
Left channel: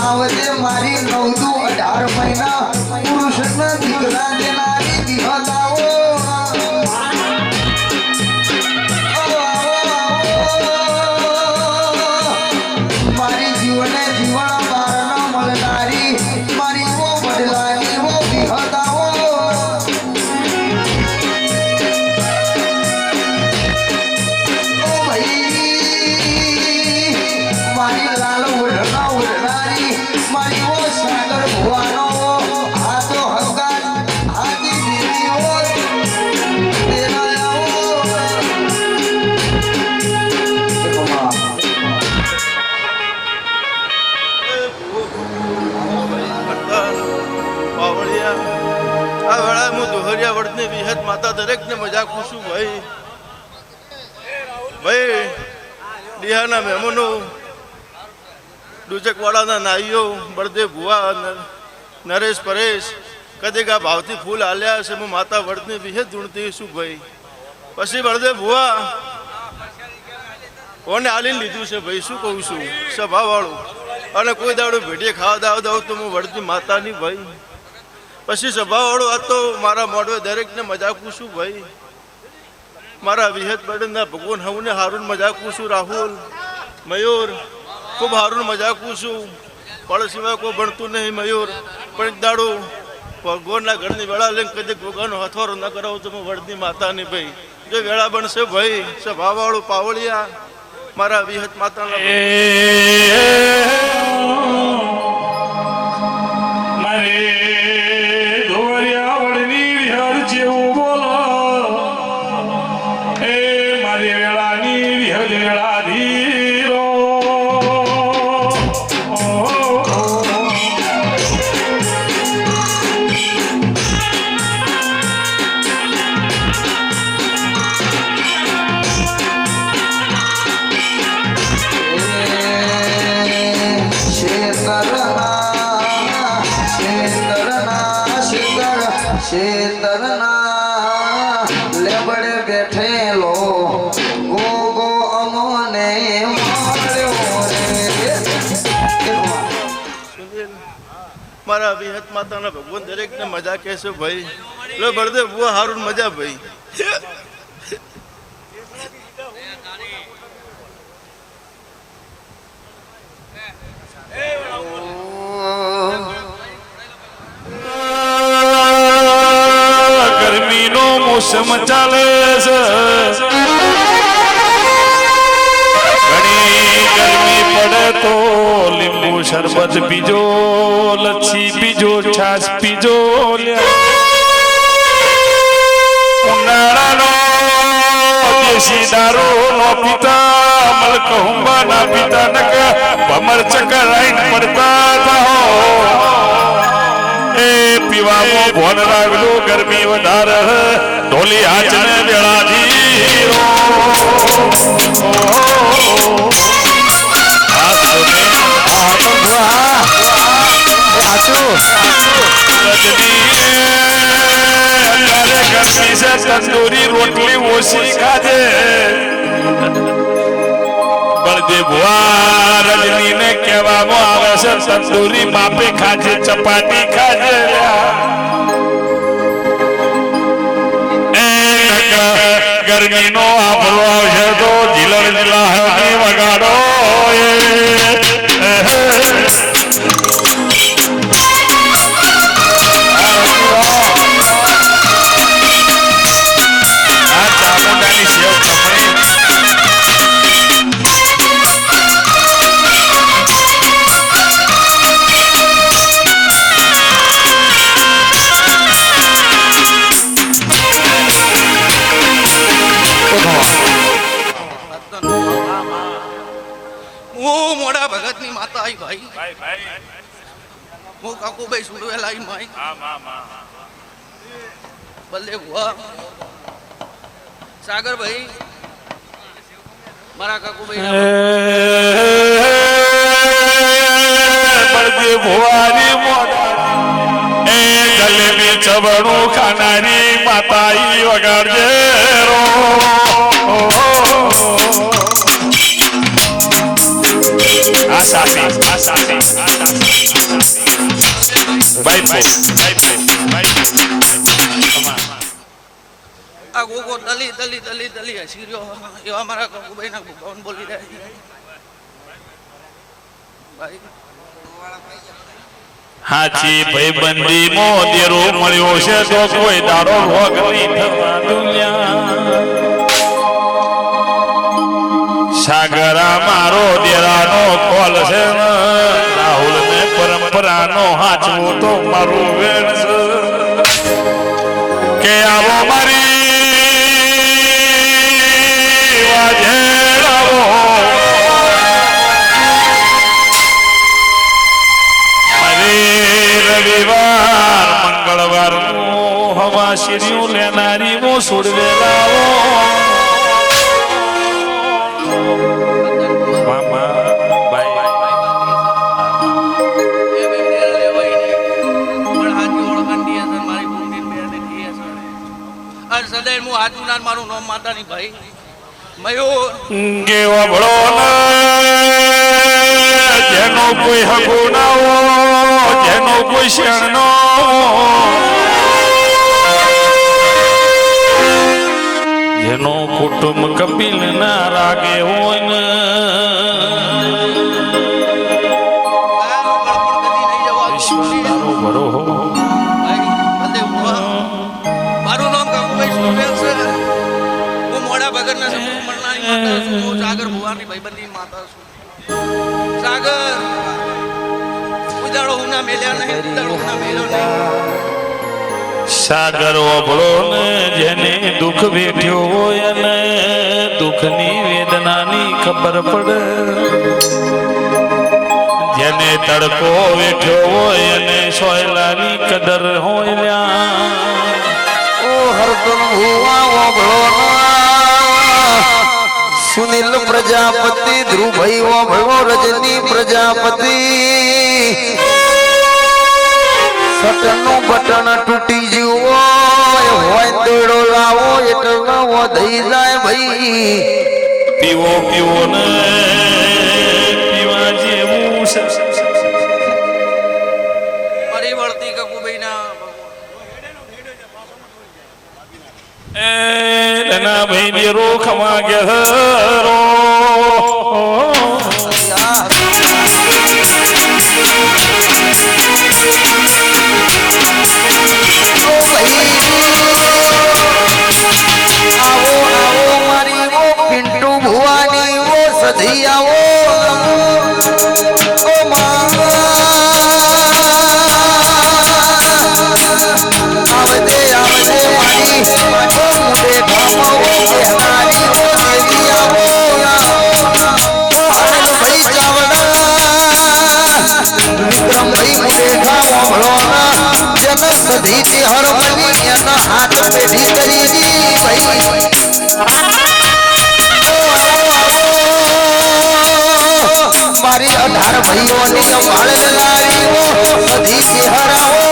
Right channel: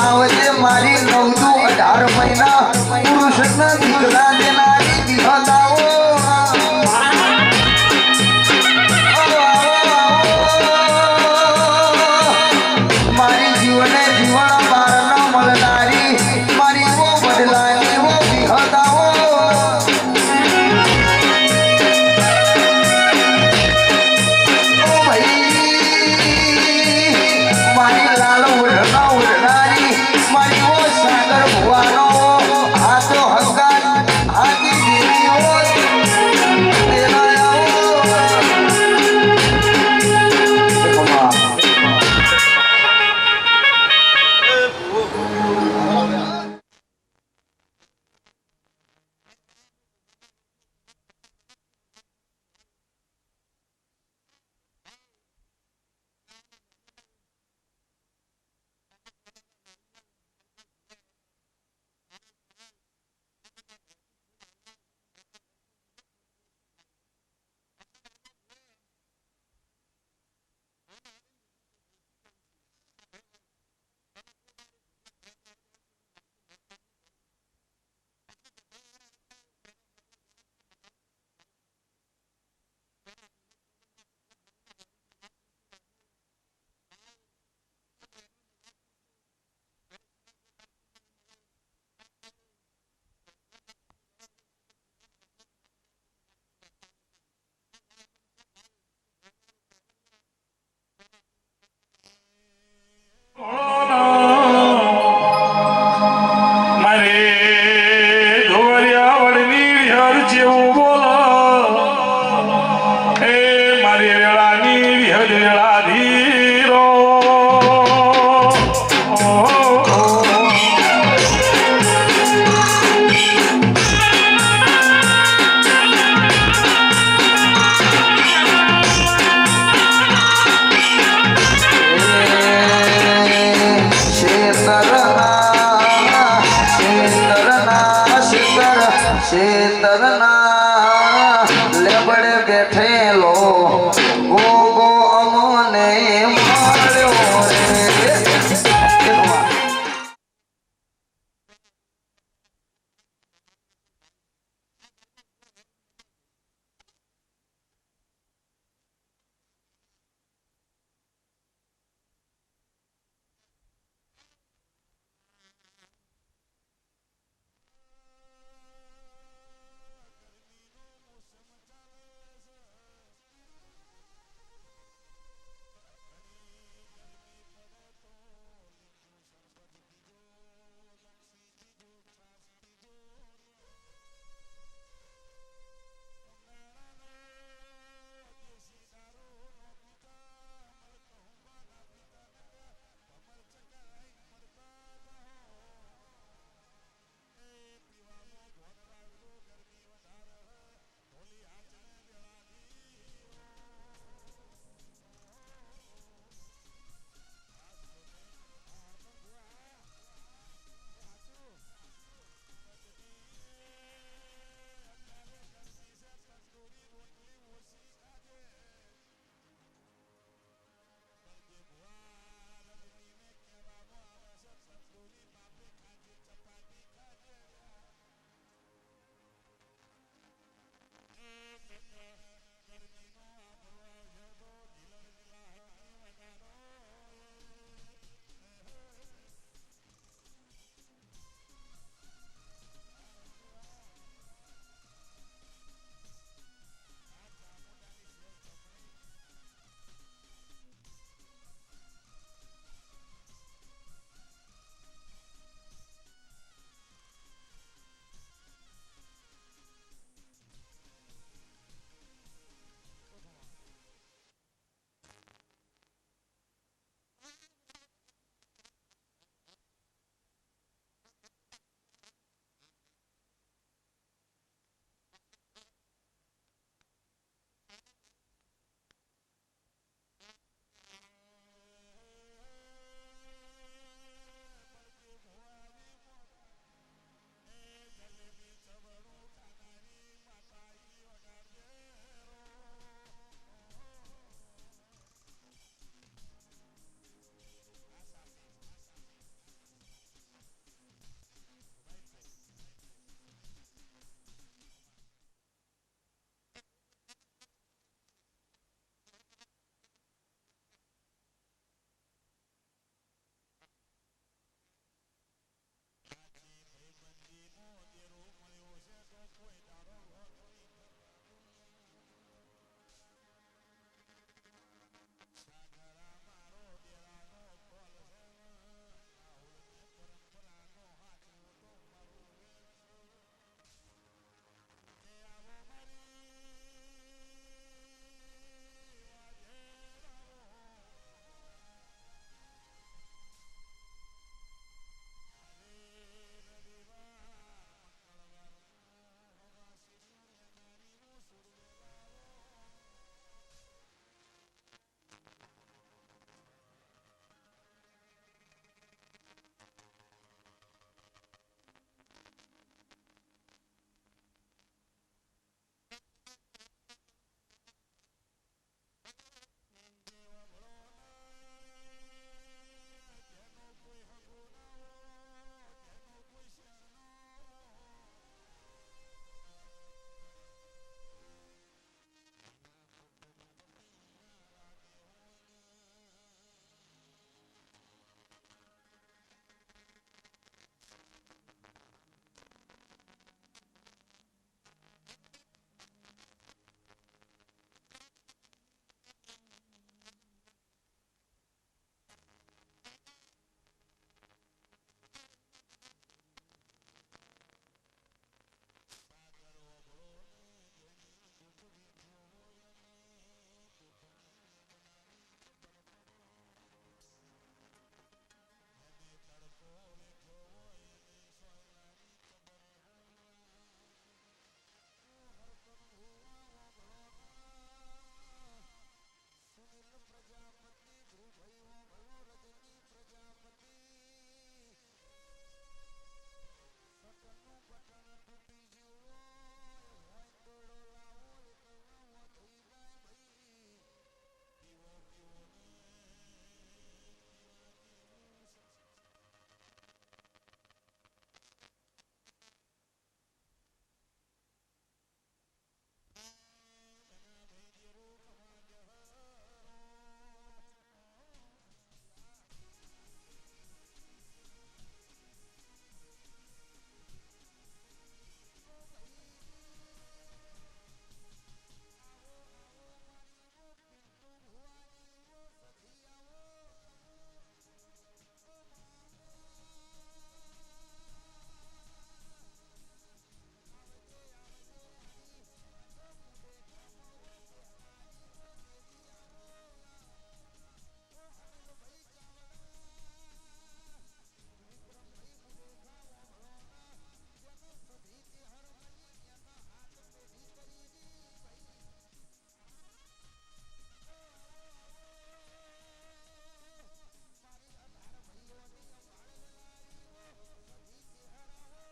આવજે મારી 9-18 મહિના પુરુષના દીકરા દેનારી વિહતાઓ મારી જીવને જીવન બાર ન મળનારી મારી વો બદલાની વો વિહતાઓ ઓ ભાઈ મારી લાલ ઉડનારી મારી વો સાગર ભુવાનો હાથો હંકાર હાથી દેવીઓ વિહત માતા દરેક ને મજા પૂછું ભાઈ ભાઈ ડિહાના મહેમાનો ડુચકવાડાના નાઈઓ બળદેવ ભુવા નરેશ પરેશ કદેકા ભાવથી ફૂલ આલ્યા છે હું માતા વડને વિહત ધૂણતી છું ભાઈ પછી બળદેવ ભુવા કોને આલીને લીધું છે ભાઈ શું કહું છું સભાવાળું અને કોઈ દાડો ભેટીએ ખાવા દાવ દઉં તો હું વડતી માતાની ભાઈ પછી સભાવાળું આ તો મારા મોઢવે દરેકને મજાક પૂછું ભાઈ મારા વિહત બળના ભગવાન હવને હારું મજાક પૂછું રાહુલ મયુર ખૂબ સારું મજાકું છું પણ સિવાય કોઈ ભણતું નહીં મયુર પણ એક દાડો ભગવાનના ઘરની વેળા લઈને કદી ભગવાનનો હથવારો ન કરાવું તો હું વડની માતાની ભાઈ જો વેળા બનશે ભાઈ સભાવાળું પાવળિયા મારા વિહત માતાના મારે ધોરિયા વડની વિહર જેવું બોલો એ મારી વેળાની વિહર વેળા ધીરો શેતરના લેબડે બેઠેલો ગો ગો અમને મળ્યો મારા વિહત માતાના ભગવાન દરેકને મજા કહેશે ભાઈ લો બળદેવ બહુ સારું મજા ભાઈ ગરમીનો મોસમ ચાલે છે ઘણી ગરમી પડે તો લીંબુ શરબત પીજો લચ્છી પીજો છાશ પીજો ઉનાળાનો દેશી દારૂ નો પીતા મલકહુંબા ના પીતા નક ભમર ચક્કર આઈન પડતા થાઓ પીવામાં ભોન રાખજો ગરમી વધારે ઢોલી હાચને વેળાથી ગરમી છે તંદૂરી રોટલી ઓછી ખાજે બળદેવ ભુવા રજનીને કહેવામાં આવે છે તંદૂરી માપે ખાજે ચપાટી ખાજે ગરમીનો આભરો આવશે તો જીલર જીલા વગાડો આ ચામુંડાની સેવ ખમણી હું મોડા ભગતની માતા આવી ભાઈ હું કાકુભાઈ સુડવેલા આવી માઈ બલદેવ ભુવા સાગરભાઈ મારા કાકુભાઈ બળદેવ ભુવાની મોઢા એ જલેબી ચબણું ખાનારી માતા ઈ વગાડજે રો આ ગોગો દલી દલી દલી દલી હસી રહ્યો એવા મારા કાકુભાઈ ના ભગવાન બોલી રહ્યા છે ભાઈ હાચી ભાઈબંધી મોદેરો મળ્યો છે તો કોઈ દાડો ભોગ નહીં થવા દુનિયા સાગરા મારો દેરાનો કોલ છે રાહુલ ને પરંપરાનો હાચવો તો મારું વેણ છે કે આવો મારી વાજેરાવો રવિવાર મંગળવાર હવા શિર્યું લેનારી મો સુડવેલાઓ મારું નામ માતાની ભાઈ મયુર કેવો ભળો જેનો કોઈ હગો ના હો જેનો કોઈ શેણ નો જેનો કુટુંબ કપિલ ના રાગે હોય ને સાગર ભુવાની ભાઈબંધી માતા છું સાગર ઉજાડો હુના મેલ્યા નહીં ઉજાડો હુના મેલ્યો નહીં સાગર ઓભળો ને જેને દુઃખ વેઠ્યો હોય અને દુઃખની વેદનાની ખબર પડે જેને તડકો વેઠ્યો હોય અને સોયલાની કદર હોય લ્યા ઓ હરદન હુવા ઓભળો સુનિલ પ્રજાપતિ ધ્રુવભાઈ ઓભળો રજની પ્રજાપતિ સટનું બટન તૂટી ગયું હોય દોડો લાવો એટલે થઈ જાય ભાઈ પીવો પીવો ને પીવા જેવું છે મારી વળતી કકુભાઈના એના ભાઈ ને રોખમાં ગયો હાથ પેઢી કરી ભાઈ મારી 18 ભાઈઓની વાળ લાવી સધી ચહેરાઓ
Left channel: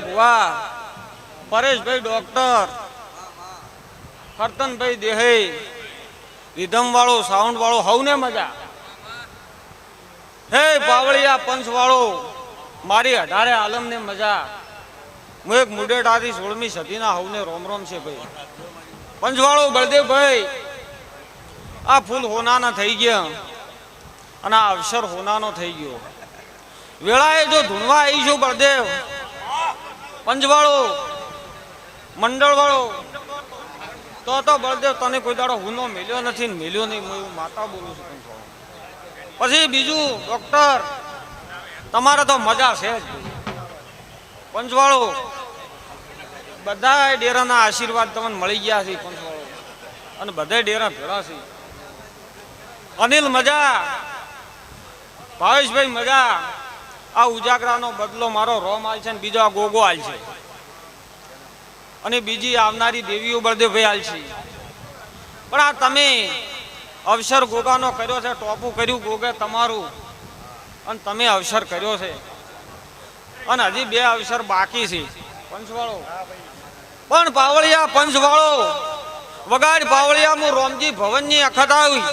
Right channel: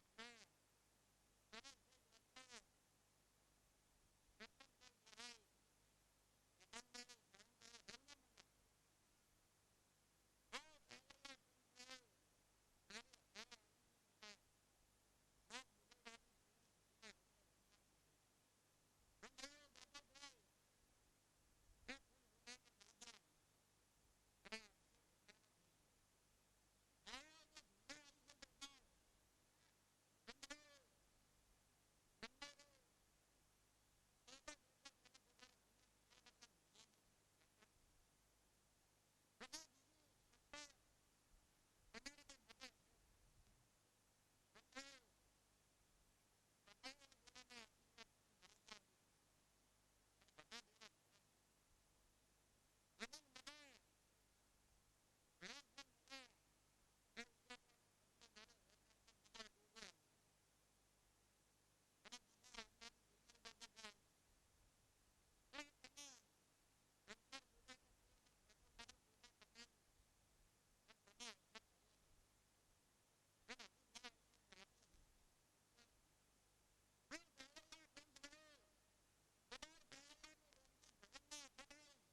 ભુવા પરેશભાઈ ડોક્ટર કરતનભાઈ દેહે રીધમ વાળો સાઉન્ડ વાળો હવને મજા હે પાવળિયા પંચ વાળો મારી 18 આલમને મજા હું એક મુડેટાથી 16મી સદીના હવને રોમ રોમ છે ભાઈ પંચવાળો બળદેવભાઈ આ ફૂલ હોનાના થઈ ગયા અને આ અવસર હોનાનો થઈ ગયો વેળાએ જો ધૂણવા આવી છું બળદેવ પંચવાળો મંડળ વાળો તો બળદેવ તને કોઈ દાડો હુનો મેલ્યો નથી ને મેલ્યો નહીં હું એવું માતા બોલું છું પંચવાળો પછી બીજું ડોક્ટર તમારે તો મજા છે જ પંચવાળો બધા ડેરાના આશીર્વાદ તમને મળી ગયા છે પંચવાળો અને બધા ડેરા ભેળા છે અનિલ મજા ભાવેશભાઈ મજા આ ઉજાગરાનો બદલો મારો રોમ આલ છે ને બીજો આ ગોગો આલ છે અને બીજી આવનારી દેવીઓ બળદેવભાઈ આલ છે પણ આ તમે અવસર ગોગાનો કર્યો છે ટોપું કર્યું ગોગે તમારું અને તમે અવસર કર્યો છે અને હજી 2 અવસર બાકી છે પંચવાળો પણ પાવળિયા પંચવાળો વગાડ પાવળિયા હું રોમજી ભવનની અખત આવી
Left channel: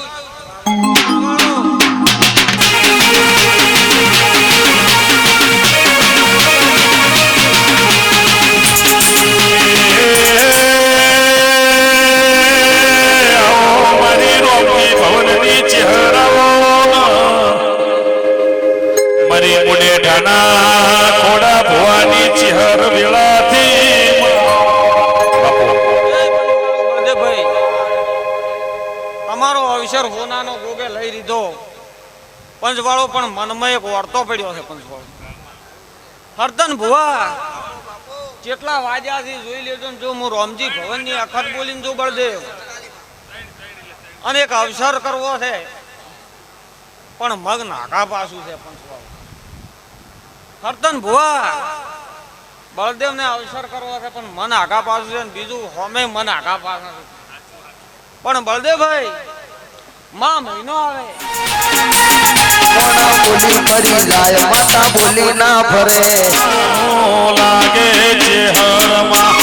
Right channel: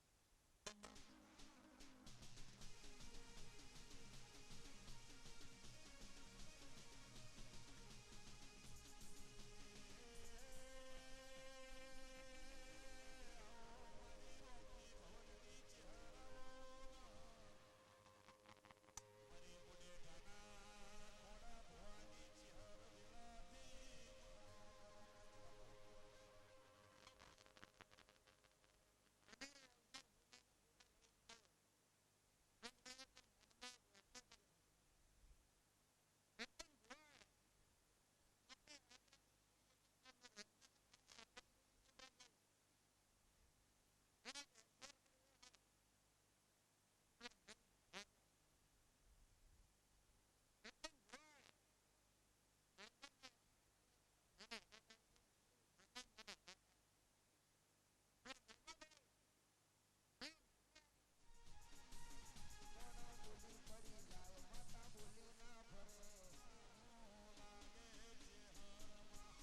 ખોડા ભુવાની ચહેર વેળાથી તમારો અવસર હોનાનો ગોગે લઈ લીધો પંચવાળો પણ મનમાં એક વર્તો પડ્યો છે પંચવાળો હરતન ભુવા કેટલા વાગ્યાથી જોઈ લેજો જો હું રોમજી ભવનની અખત બોલીને જો બળદેવ અને એક અવસર કરવો છે પણ મગ નાકા પાછું છે પંચવાળો હરતન ભુવા બળદેવને અવસર કરવો છે પણ મન આગા પાછું છે બીજું હોમે મન આગા પાછું છે પણ બળદેવભાઈ માં મહિનો આવે બોલી કરી જાય માતા બોલી ના ફરે લાગે છે હરમાં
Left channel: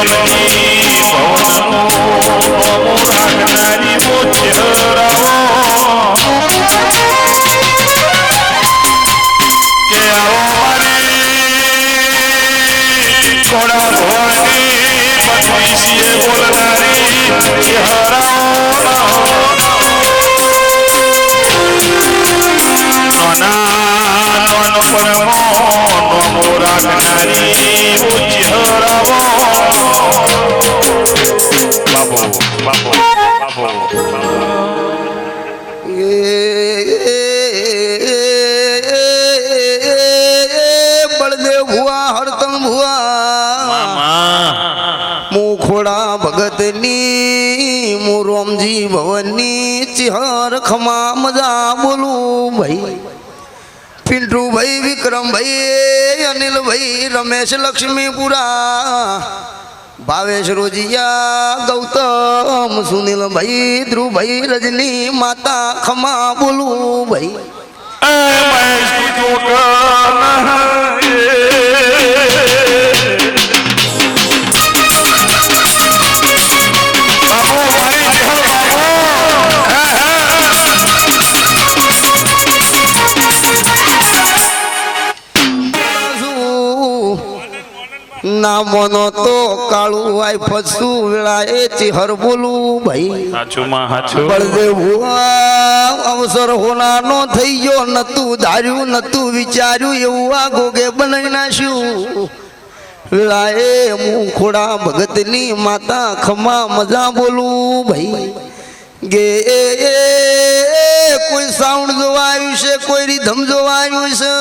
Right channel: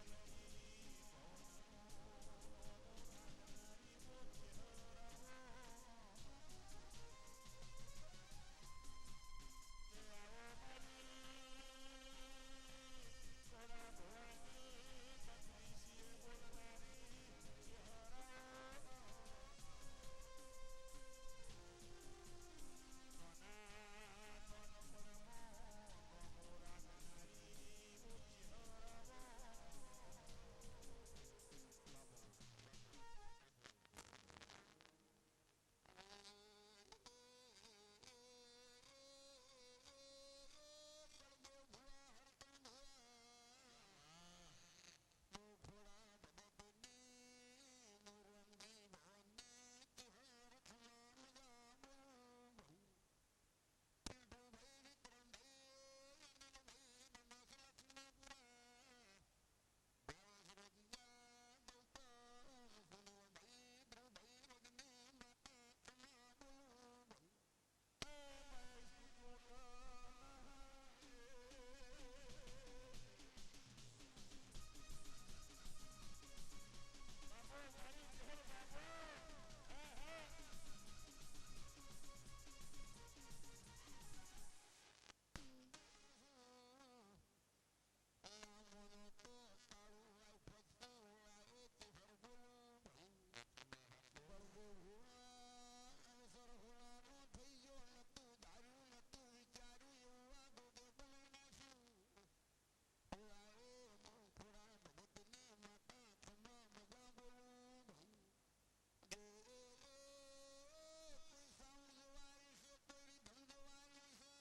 રમણી ભવનનો રાખનારી મોચરાવો કે આવો મારી કોડા ભવાની પત્નીસીએ બોલનારી હરાવો રાખનારી ઉચ્ચરાવો બાપો બાપો બાપો બળદેવ ભુવા હરતમ ભુવા મુખોડા ભગતની મુ રોમજી ભવનની ચિહર ખમા મજા બોલું ભાઈ પિન્ટુ ભાઈ વિક્રમ ભાઈ અનિલ ભાઈ રમેશ લક્ષ્મીપુરા ભાવેશ રોજિયા ગૌતમ સુનિલ ભાઈ ધ્રુવ ભાઈ રજની માતા ખમા બોલું ભાઈ નામનો તો કાળું આય ફસું વેળાએ ચિહર બોલું ભાઈ બળદેવ અવસર હોનાનો થઈ ગયો નતું ધાર્યું નતું વિચાર્યું એવું આ ગોગે બનાવી નાખ્યું વેળાએ મુખોડા ભગતની માતા ખમા મજા બોલું ભાઈ ગે કોઈ સાઉન્ડ જોવા આવ્યું છે કોઈ રીધમ જોવા આવ્યું છે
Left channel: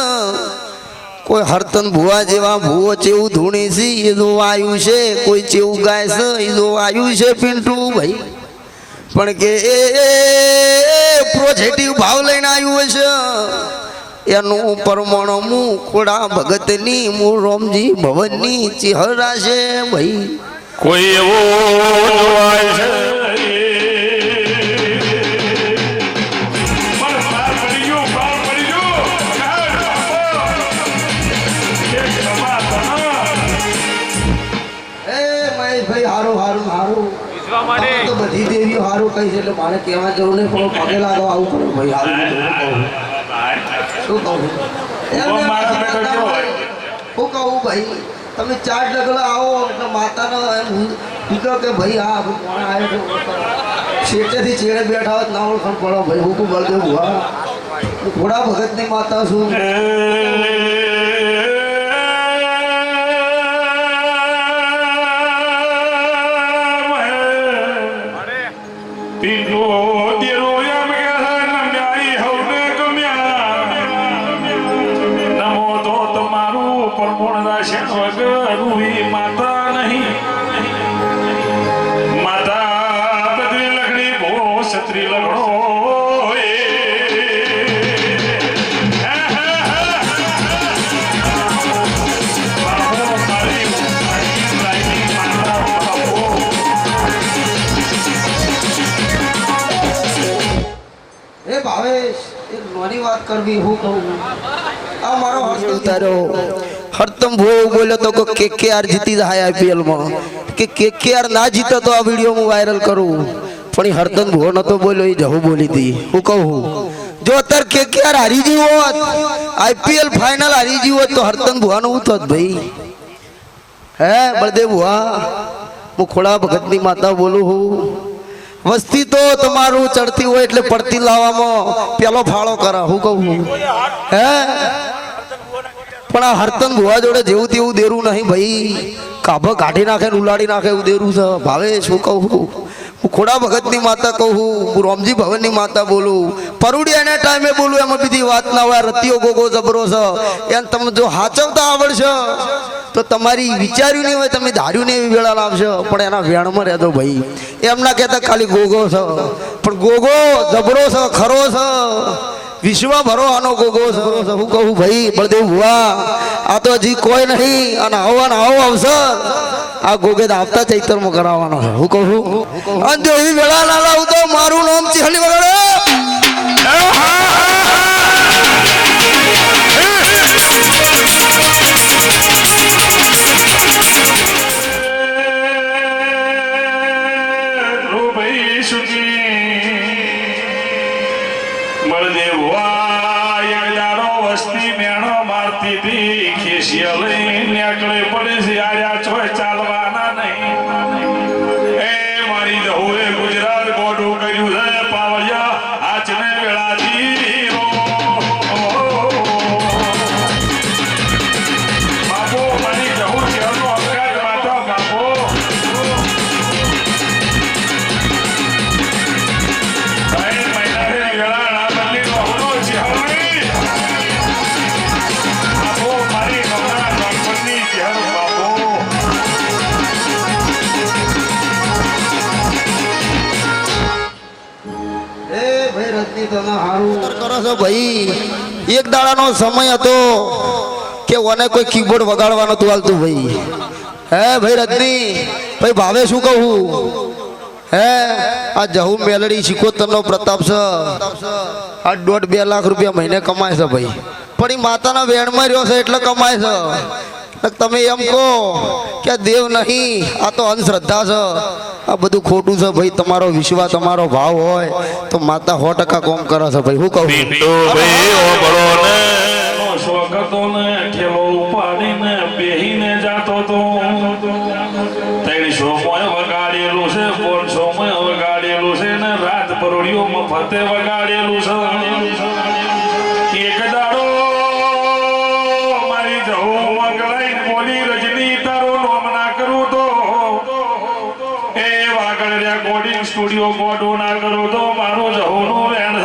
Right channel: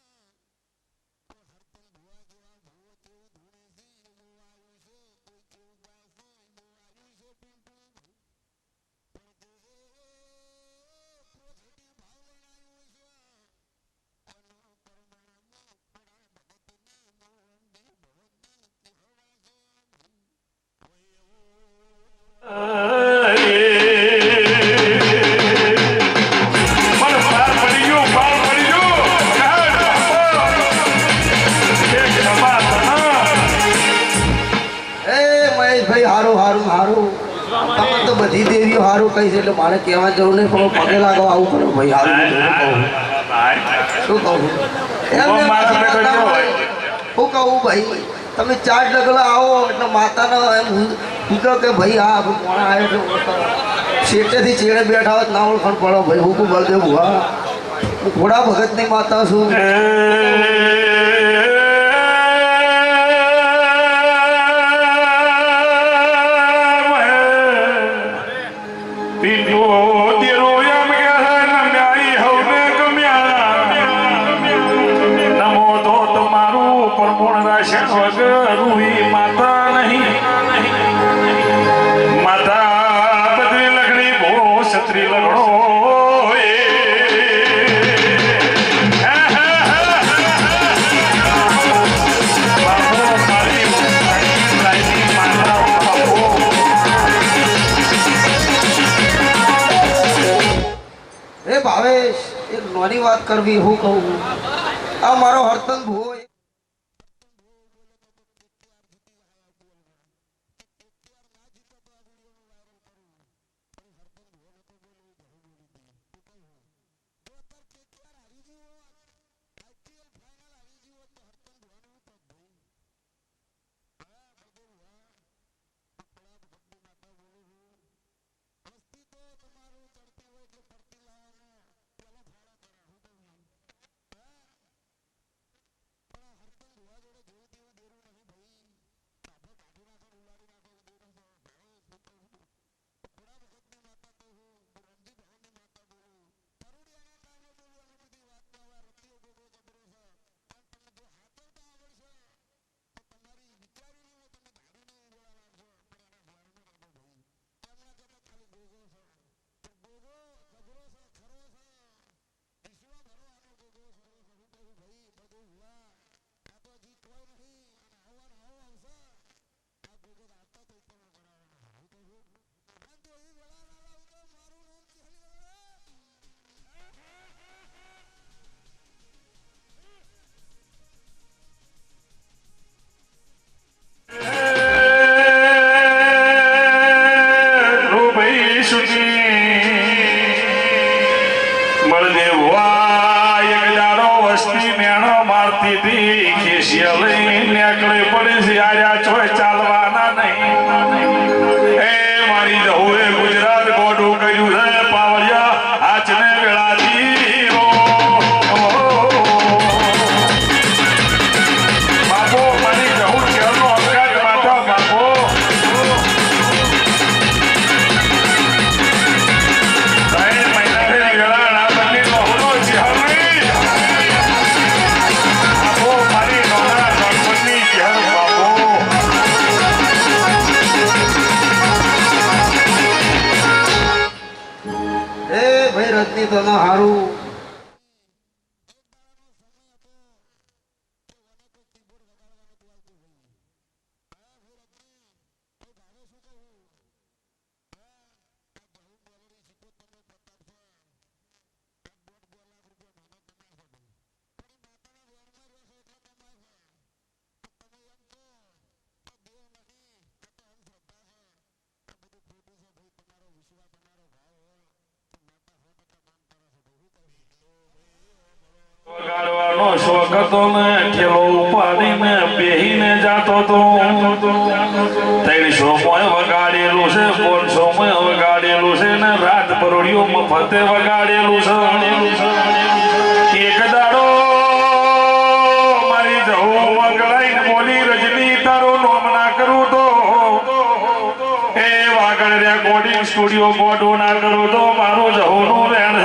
કોઈ હરતન ભુવા જેવા ભુવો ચેવું ધૂણી છે એ જો આવ્યું છે કોઈ ચેવું ગાય છે એ જો આવ્યું છે પિન્ટુ ભાઈ પણ કે પોઝિટિવ ભાવ લઈને આવ્યું છે એનું પરમાણ હું ખોડા ભગતની હું રોમજી ભવનની ચિહરા છે ભાઈ કોઈ એવો જોવાય છે ભાઈ હારું હારું હારું તમે તો બધી દેવીઓ હારું કહી છે એટલે મારે કહેવા જરૂર નહીં પણ પગે લાગો આવું કરો ભાઈ હારું શું કહું શું કહું ભાઈ તમે 4 ડગલા આવો એટલે માતાનો એમ કીધો કે ભાઈ હા કોણ આવ્યો છે શેઠેથી ચેડે બેઠા હોત ના ઓળખાણ પડો ભાઈ હું બળદેવ ભુવા હું ઘોડા ભગતની માતા છું માતા નહીં માતા બદરી લગડી ભો છત્રી લગડો એ ભાવેશ એક નાની વાત કરવી હું કહું આ મારો હરતમ ભૂવો બોલ્યો તો KKR જીતી જાય IPL માં કે KKR ના જીતે તો આ વિડીયો હું વાયરલ કરું પણ એ હરતમ ભૂવો નતો બોલ્યો એ જહુ બોલી હતી હું કહું જો અત્યારે KKR હારી ગઈ હોત IPL ફાઇનલ હારી ગઈ હોત તો હરતમ ભૂવાનું હું થોત ભાઈ હે બળદેવ ભૂવા હું ખોડા ભગતની માતા બોલું હું વસ્તી તો તમારું ચડતી હોય એટલે પડતી લાવવામાં પેલો ફાળો કરા હું કહું હે પણ આ હરતન ભુવા જોડે જેવું તેવું દેરું નહીં ભાઈ કાભ કાઢી નાખે ઉલાડી નાખે એવું દેરું છે ભાવે શું કહું હું ખોડા ભગતની માતા કહું હું રોમજી ભવનની માતા બોલું પરુડી એના ટાઈમે બોલું એમાં બીજી વાત ના હોય રતિયો ગોગો જબરો છે એમ તમે જો હાચવતા આવડશે તો તમારી વિચાર્યું નહીં હોય તમે ધાર્યું નહીં એવી વેળા લાવશો પણ એના વેણમાં રહેતો ભાઈ એમ ના કહેતા ખાલી ગોગો છે પણ ગોગો જબરો છે ખરો છે વિશ્વ ભરો આનો ગોગો જબરો છે હું કહું ભાઈ બળદેવ ભુવા આ તો હજી કોઈ નહીં અને આવો અવસર આ ગોગેદ આવતા ચૈતરમાં કરાવવાનો છે હું કહું અને જો એવી વેળા ના લાવું તો મારું નામ ચિહલી વગાડે વગાડ્યા છો ચાલવાના નહીં એ મારી જવું એ ગુજરાત ગોડું કર્યું છે પાવડિયા આચને વેળાથી બાપો મારી જવું શહેરનો અપઘાત માતા બાપો ભાઈ રજની તને હારું કરો છો ભાઈ એક દાડાનો સમય હતો કે ઓને કોઈ કીબોર્ડ વગાડવાનું તું હાલતું ભાઈ હે ભાઈ રજની ભાઈ ભાવે શું કહું હે આ જહુ મેલડી શિકોતરનો પ્રતાપ છે આ 1.5-2 લાખ રૂપિયા મહિને કમાય છે ભાઈ પણ એ માતાના વેણમાં રહ્યો છે એટલે કમાય છે તમે એમ કહો કે દેવ નહીં આ તો અંધશ્રદ્ધા છે આ બધું ખોટું છે ભાઈ તમારો વિશ્વાસ તમારો ભાવ હોય તો માતા 100% કોમ કરે છે ભાઈ હું કહું પિંટો ભાઈ ઓ બરો ને નો સ્વગતો ને ઠેલો ઉપાડીને બેહીને જાતો તો 300 મોય વગાડેલું છે 500 મોય વગાડેલું છે ને રાત પરોડિયો મફતે વગાડેલું છે એક દાડો મારી જવું વગડાઈ બોલી રજની તારો નામ ના કરું તો એ વાગડ્યા કોડિંગ સ્ટુડિયો ગોડો ના કરું તો મારું જહુનું વેણ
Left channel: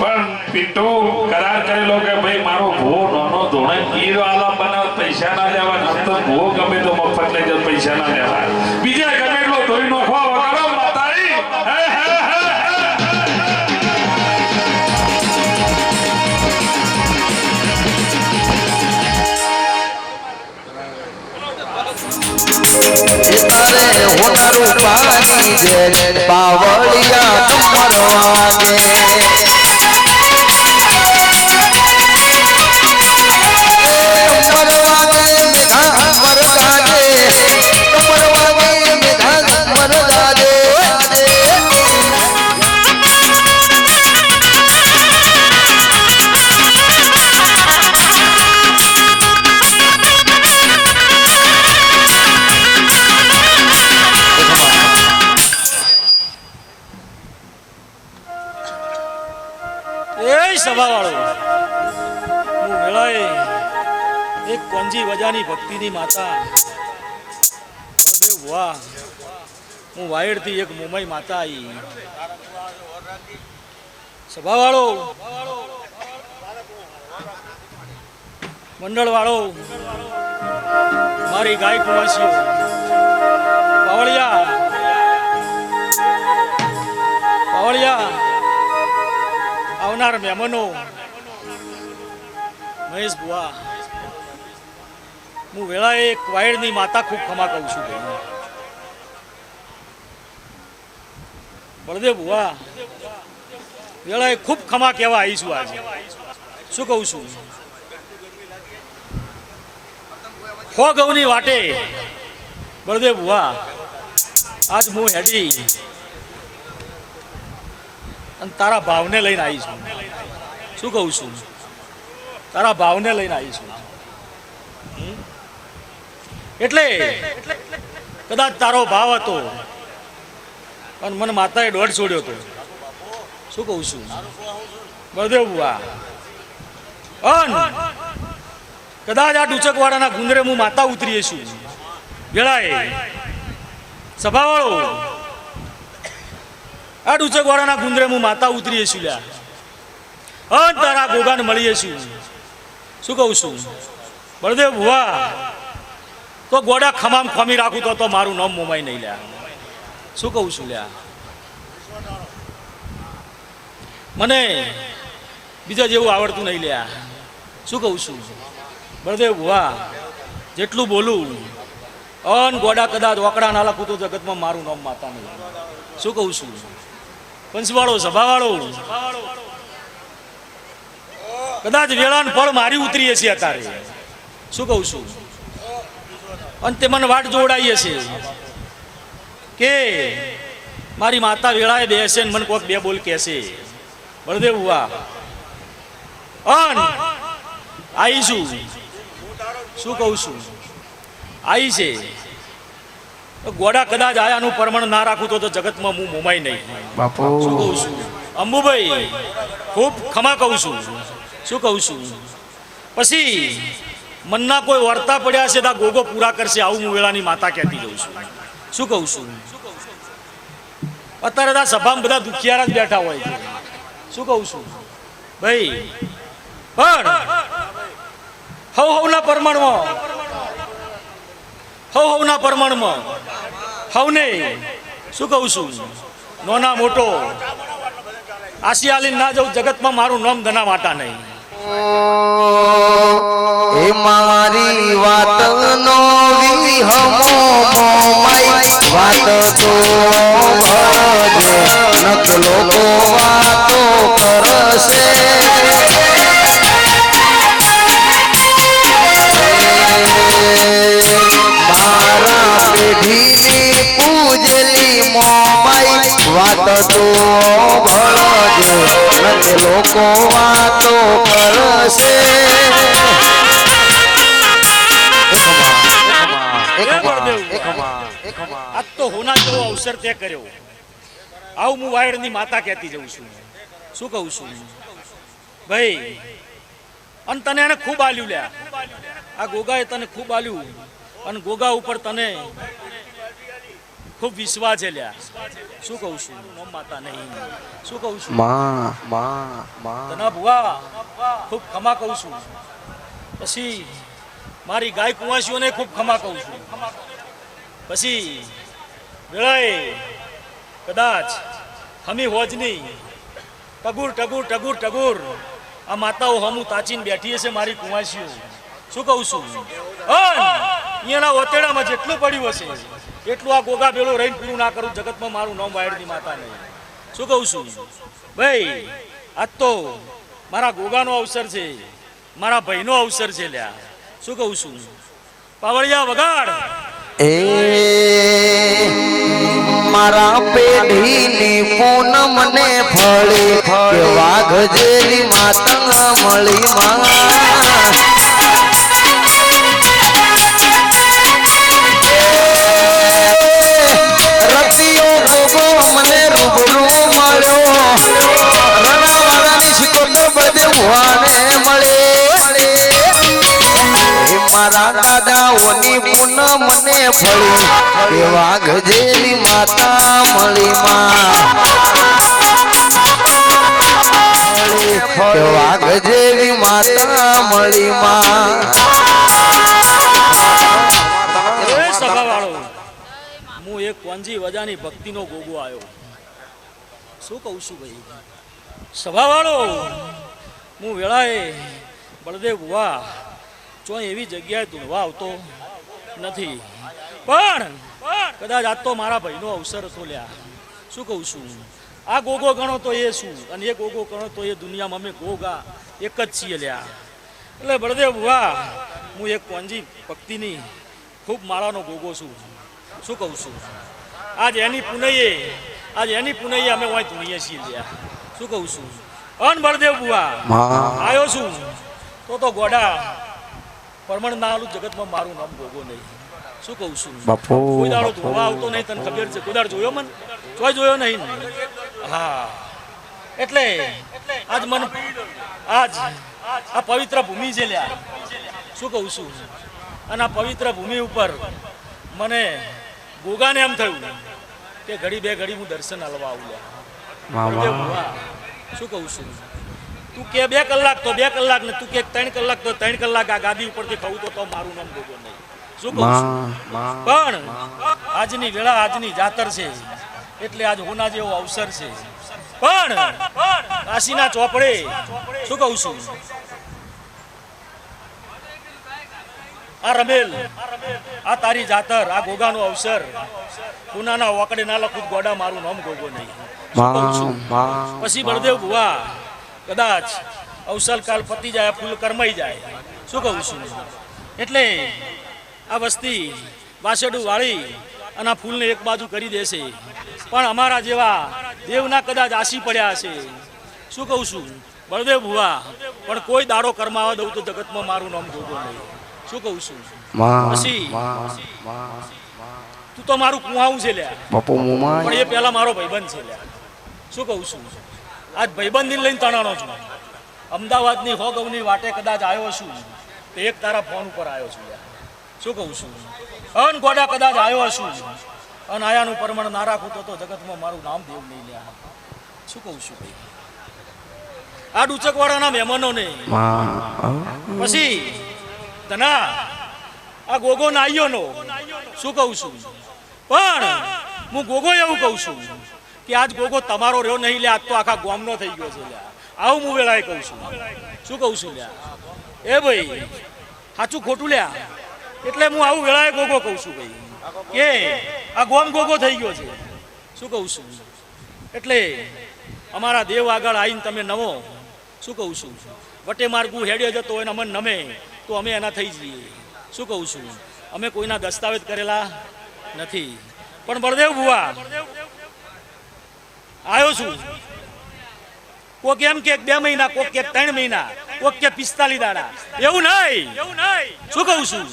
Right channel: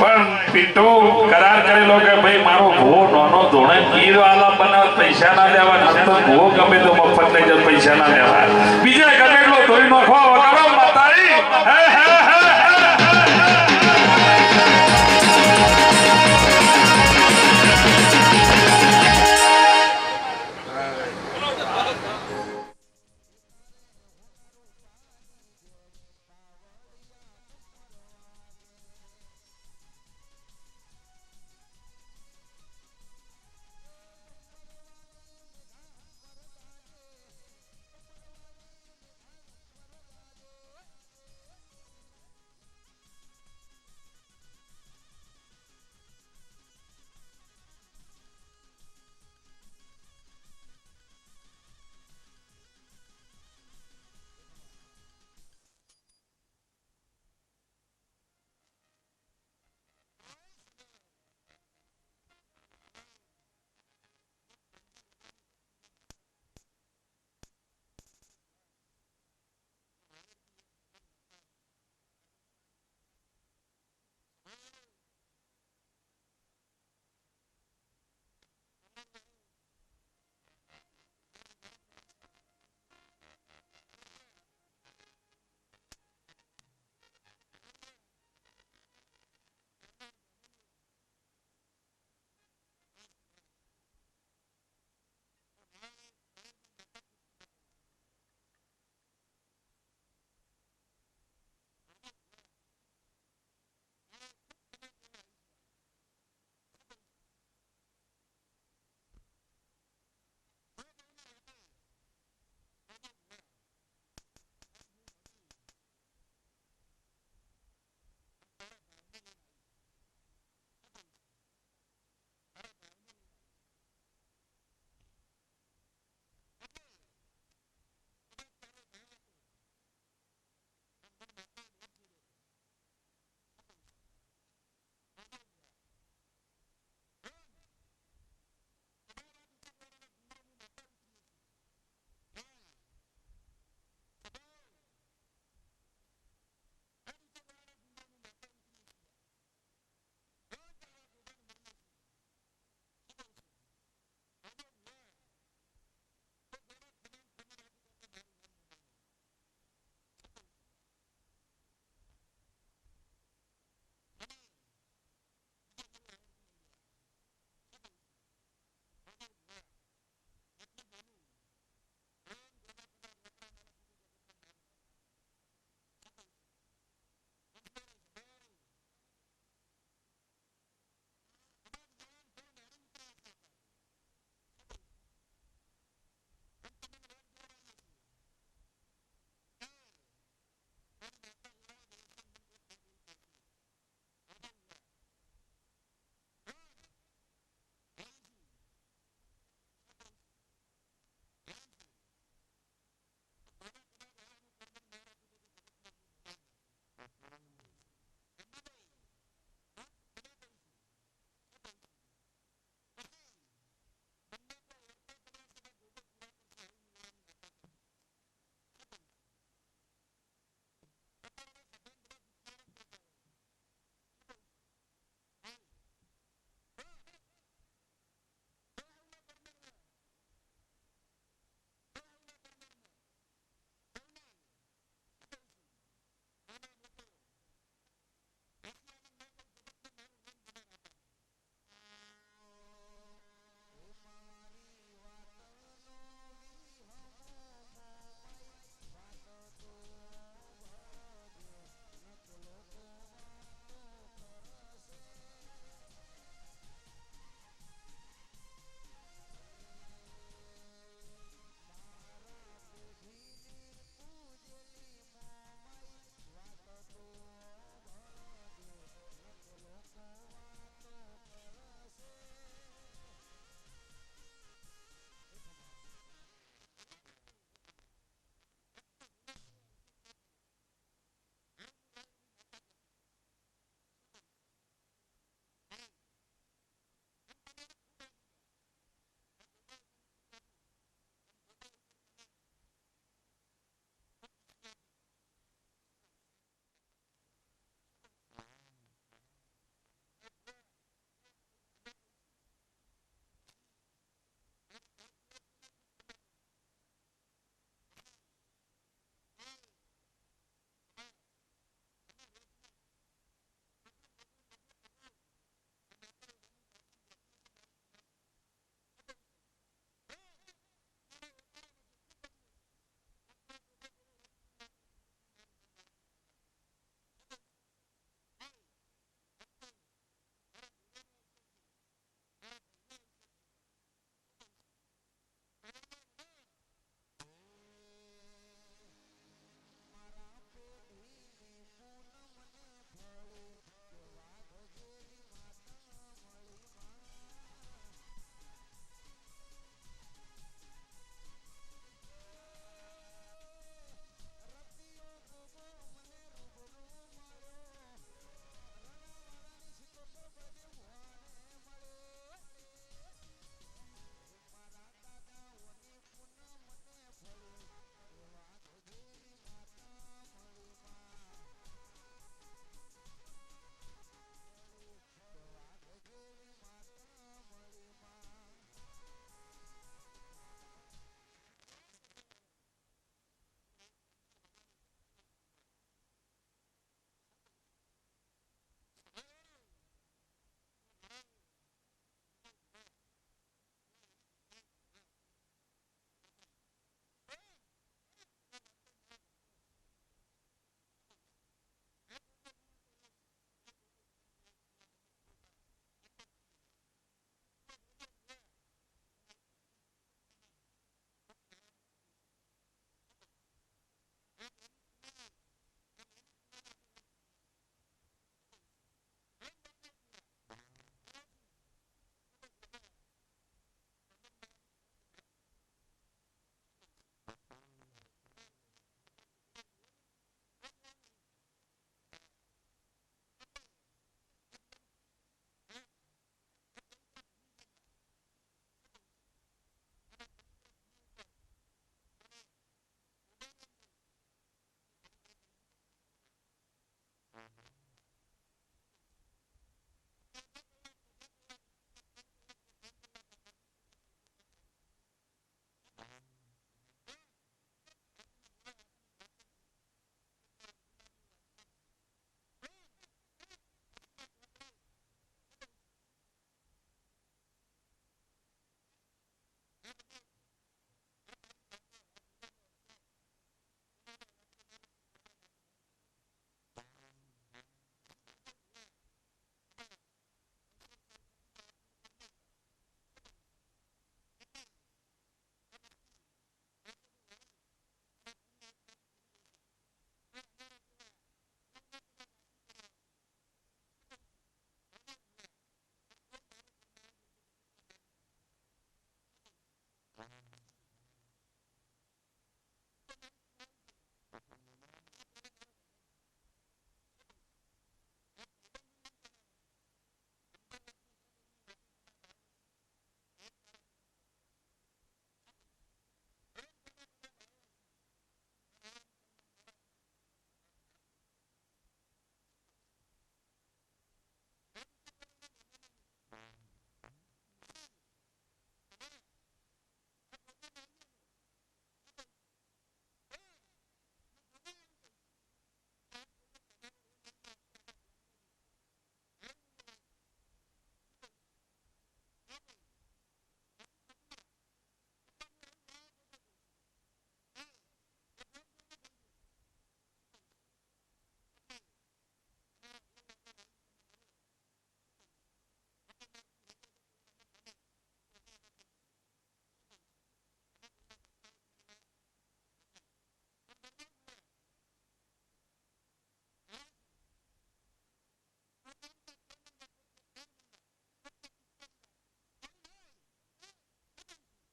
પણ પિન્ટુ કરાર કરેલો કે ભાઈ મારો ભૂવો નાનો ધોણે ગીર આલા બનાવ પૈસા ના લેવા તો ભૂવો ગમે તો મફત લઈ જાય પૈસા ના લેવા બીજા ગમે એટલો ધોઈ નાખો વગાડો માતારી તારે હોનારું પાણી જે પાવળિયા કમર વાગે એક કોંજી વજાની ભક્તિની માતા વાહ હું વાયડથી એક મુંબઈ માતા આવી સભાવાળો મંડળવાળો મારી ગાય કુવાસીઓ પાવળિયા આવનાર મહેમાનો મહેશ બુઆ હું વેળાએ એક વાયડની માતા ખૂબ ખમા કહું છું બળદેવ બુઆ વેળાએ ખૂબ ખમા કહેવા આવી છું આજે શું કહું છું ખો ગૌની વાટે બળદેવ બુઆ આજ હું હેડી અને તારા ભાવને લઈને આવી છું શું કહું છું તારા ભાવને લઈને આવી છું એટલે કદાચ તારો ભાવ હતો પણ મને માતાએ દોઢ છોડ્યો હતો શું કહું છું બળદેવ બુઆ કદાચ આ ડુચકવાડાના ગુંદરે હું માતા ઉતરીએ છું વેળાએ સભાવાળો આ ડુચકવાડાના ગુંદરે હું માતા ઉતરીએ છું લ્યા તારા ગોગાને મળીએ છું શું કહું છું બળદેવ બુઆ તો ગોડા ખમામ ખમી રાખું તો મારું નામ મોમાઈ નહીં લ્યા શું કહું છું લ્યા મને બીજા જેવું આવડતું નહીં લ્યા શું કહું છું બળદેવ બુઆ જેટલું બોલું ગોડા કદાચ ઓકડા ના લખું તો જગતમાં મારું નામ માતા નહીં શું કહું છું પંચવાળો સભાવાળો કદાચ વેળાન ફળ મારી ઉતરીએ છીએ અત્યારે શું કહું છું અને તે મને વાટ જોડાઈએ છે કે મારી માતા વેળાએ બેસે ને મને કોઈક બે બોલ કહેશે બળદેવ બુઆ અન આવીશું શું કહું છું આવી છે તો ગોડા કદાચ આયાનું પ્રમાણ ના રાખું તો જગતમાં હું મોમાઈ નહીં બાપુ શું કહું છું અંબુભાઈ ખૂબ ખમા કહું છું શું કહું છું પછી મનના કોઈ વર્તા પડ્યા છે તો ગોગો પૂરા કરશે આવું હું વેળાની માતા કહેતી જઉં છું શું કહું છું અત્યારે આ સભામાં બધા દુખિયારા જ બેઠા હોય છે શું કહું છું ભાઈ પણ હવના પ્રમાણમાં હવને શું કહું છું નોના મોટો આશિયાલી ના જવું જગતમાં મારું નામ ધના વાટા નહીં એ મારી વાત નો વિહમો મોમાઈ વાત તો ભજે નક લોકો વાતો કરશે મારા પેઢીની પૂજેલી મોમાઈ વાત તો ભજે નક લોકો વાતો કરશે આજ તો હોના જેવો અવસર તે કર્યો આવું હું વાયડની માતા કહેતી જઉં છું શું કહું છું ભાઈ અને તને એને ખૂબ આલ્યું લ્યા આ ગોગાએ તને ખૂબ આલ્યું અને ગોગા ઉપર તને ખૂબ વિશ્વાસ છે લ્યા શું કહું છું નોમ માતા નહીં શું કહું છું તને ભુવા ખૂબ ખમા કહું છું પછી મારી ગાય કુંવાસીઓને ખૂબ ખમા કહું છું પછી વેળાએ કદાચ હમી હોજની ટગુર આ માતાઓ હમું તાચીને બેઠી હશે મારી કુંવાસીઓ શું કહું છું અહીંયાના ઓતેડામાં જેટલું પડ્યું હશે એટલું આ ગોગા ભેળો રહીને પૂરું ના કરું જગતમાં મારું નામ વાયડની માતા નહીં શું કહું છું ભાઈ આજ તો મારા ગોગાનો અવસર છે મારા ભાઈનો અવસર છે લ્યા શું કહું છું પાવળિયા વગાડ એ મારા પેઢીની પૂનમ ને ફળી કે વાઘ જેવી માતા મળી માં રતિયો ગોગો મને રૂબરૂ મળ્યો રણાવાળાની શિકોતર બધે ભુવાને મળે મારા દાદાઓની પૂનમ મને ફળી કે વાઘ જેવી માતા મળી માં કે વાઘ જેવી માતા મળી માં સભાવાળો હું એક કોંજી વજાની ભક્તિનો ગોગો આવ્યો શું કહું છું ભાઈ સભાવાળો હું વેળાએ બળદેવ ભુવા જો એવી જગ્યાએ ધૂણવા આવતો નથી પણ કદાચ આજ તો મારા ભાઈનો અવસર હતો લ્યા શું કહું છું આ ગોગો ગણો તો એ શું અને એ ગોગો ગણો તો એ દુનિયામાં અમે ગોગા એક જ છીએ લ્યા એટલે બળદેવ ભુવા હું એક કોંજી ભક્તિની ખૂબ માળાનો ગોગો છું શું કહું છું આજ એની પુનઈએ અમે વાંય ધૂણીએ છીએ લ્યા શું કહું છું અન બળદેવ ભુવા આવ્યો છું તો ગોડા પરમણ ના આલું જગતમાં મારું નામ ગોગો નહીં શું કહું છું કોઈ દાડો ધોવા આવતો નહીં તને ખબર છે કોઈ દાડો જોયો મન ચોય જોયો નહીં હા એટલે આજ આ પવિત્ર ભૂમિ છે લ્યા શું કહું છું અને આ પવિત્ર ભૂમિ ઉપર મને ગોગાને એમ થયું કે ઘડી બે ઘડી હું દર્શન હલવા આવું લ્યા શું કહું છું તું કે 2 કલાક તો 2 કલાક ને તું કે 3 કલાક તો 3 કલાક આ ગાદી ઉપરથી કહું તો મારું નામ ગોગો નહીં શું કહું છું પણ આજની વેળા આજની જાતર છે એટલે આજ હોના જેવો અવસર છે પણ કાશીના ચોપડે શું કહું છું આ રમેલ આ તારી જાતર આ ગોગાનો અવસર પુનાના વાકડે ના લખું ગોડા મારું નામ ગોગો નહીં પછી બળદેવ ભુવા કદાચ અવસરકાલ પતી જાય ફૂલ કરમાઈ જાય શું કહું છું એટલે આ વસ્તી વાસેડું વાળી અને આ ફૂલને એક બાજુ કરી દેશે પણ અમારા જેવા દેવના કદાચ આશી પડ્યા હશે શું કહું છું બળદેવ ભુવા પણ કોઈ દાડો કરમાવા દઉં તો જગતમાં મારું નામ જોતો નહીં. શું કહું છું? પછી તું તો મારું કુહાવું છે લ્યા, પણ એ પેલા મારો ભાઈબંધ છે લ્યા. શું કહું છું? આજ ભાઈબંધને લઈને તણાનો છું. અમદાવાદની હોગવની વાટે કદાચ આવ્યો છું તો એક તારા ફોન ઉપર આવ્યો છું લ્યા. શું કહું છું? અન ગોડા કદાચ આવ્યો છું અને આયાનું પ્રમાણ ના રાખું તો જગતમાં મારું નામ દેવ નહીં લ્યા. શું કહું છું ભાઈ? આ ડુચકવાળાના મહેમાનોને પછી તના આ ગોગો નાઈયો નો શું કહું છું? પણ હું ગોગો એવું કહું છું કે આજ ગોગો તમારો રહ્યો નહીં લે, આજ તો આખા ગામનો થઈ ગયો છે લ્યા. આવું હું વેળાએ કહું છું. શું કહું છું લ્યા? એ ભાઈ સાચું ખોટું લ્યા, એટલે હું આવું વેળાએ ગોગો કહું છું ભાઈ કે આ ગોમ ગોગો થઈ ગયો છે. શું કહું છું? એટલે અમારા દેવ આગળ આવીને તમે નવો શું કહું છું વટે માર્ગું હેડ્યો જતો હોય ને અમને નમે તો અમે એના થઈ જઈએ. શું કહું છું? અમે કોઈના દસ્તાવેજ કરેલા નથી. પણ બળદેવ ભુવા આવ્યો છું. કોક એમ કે 2 મહિના, કોક કે 3 મહિના, કોક કે 45 દાડા. એવું નહીં. શું કહું છું?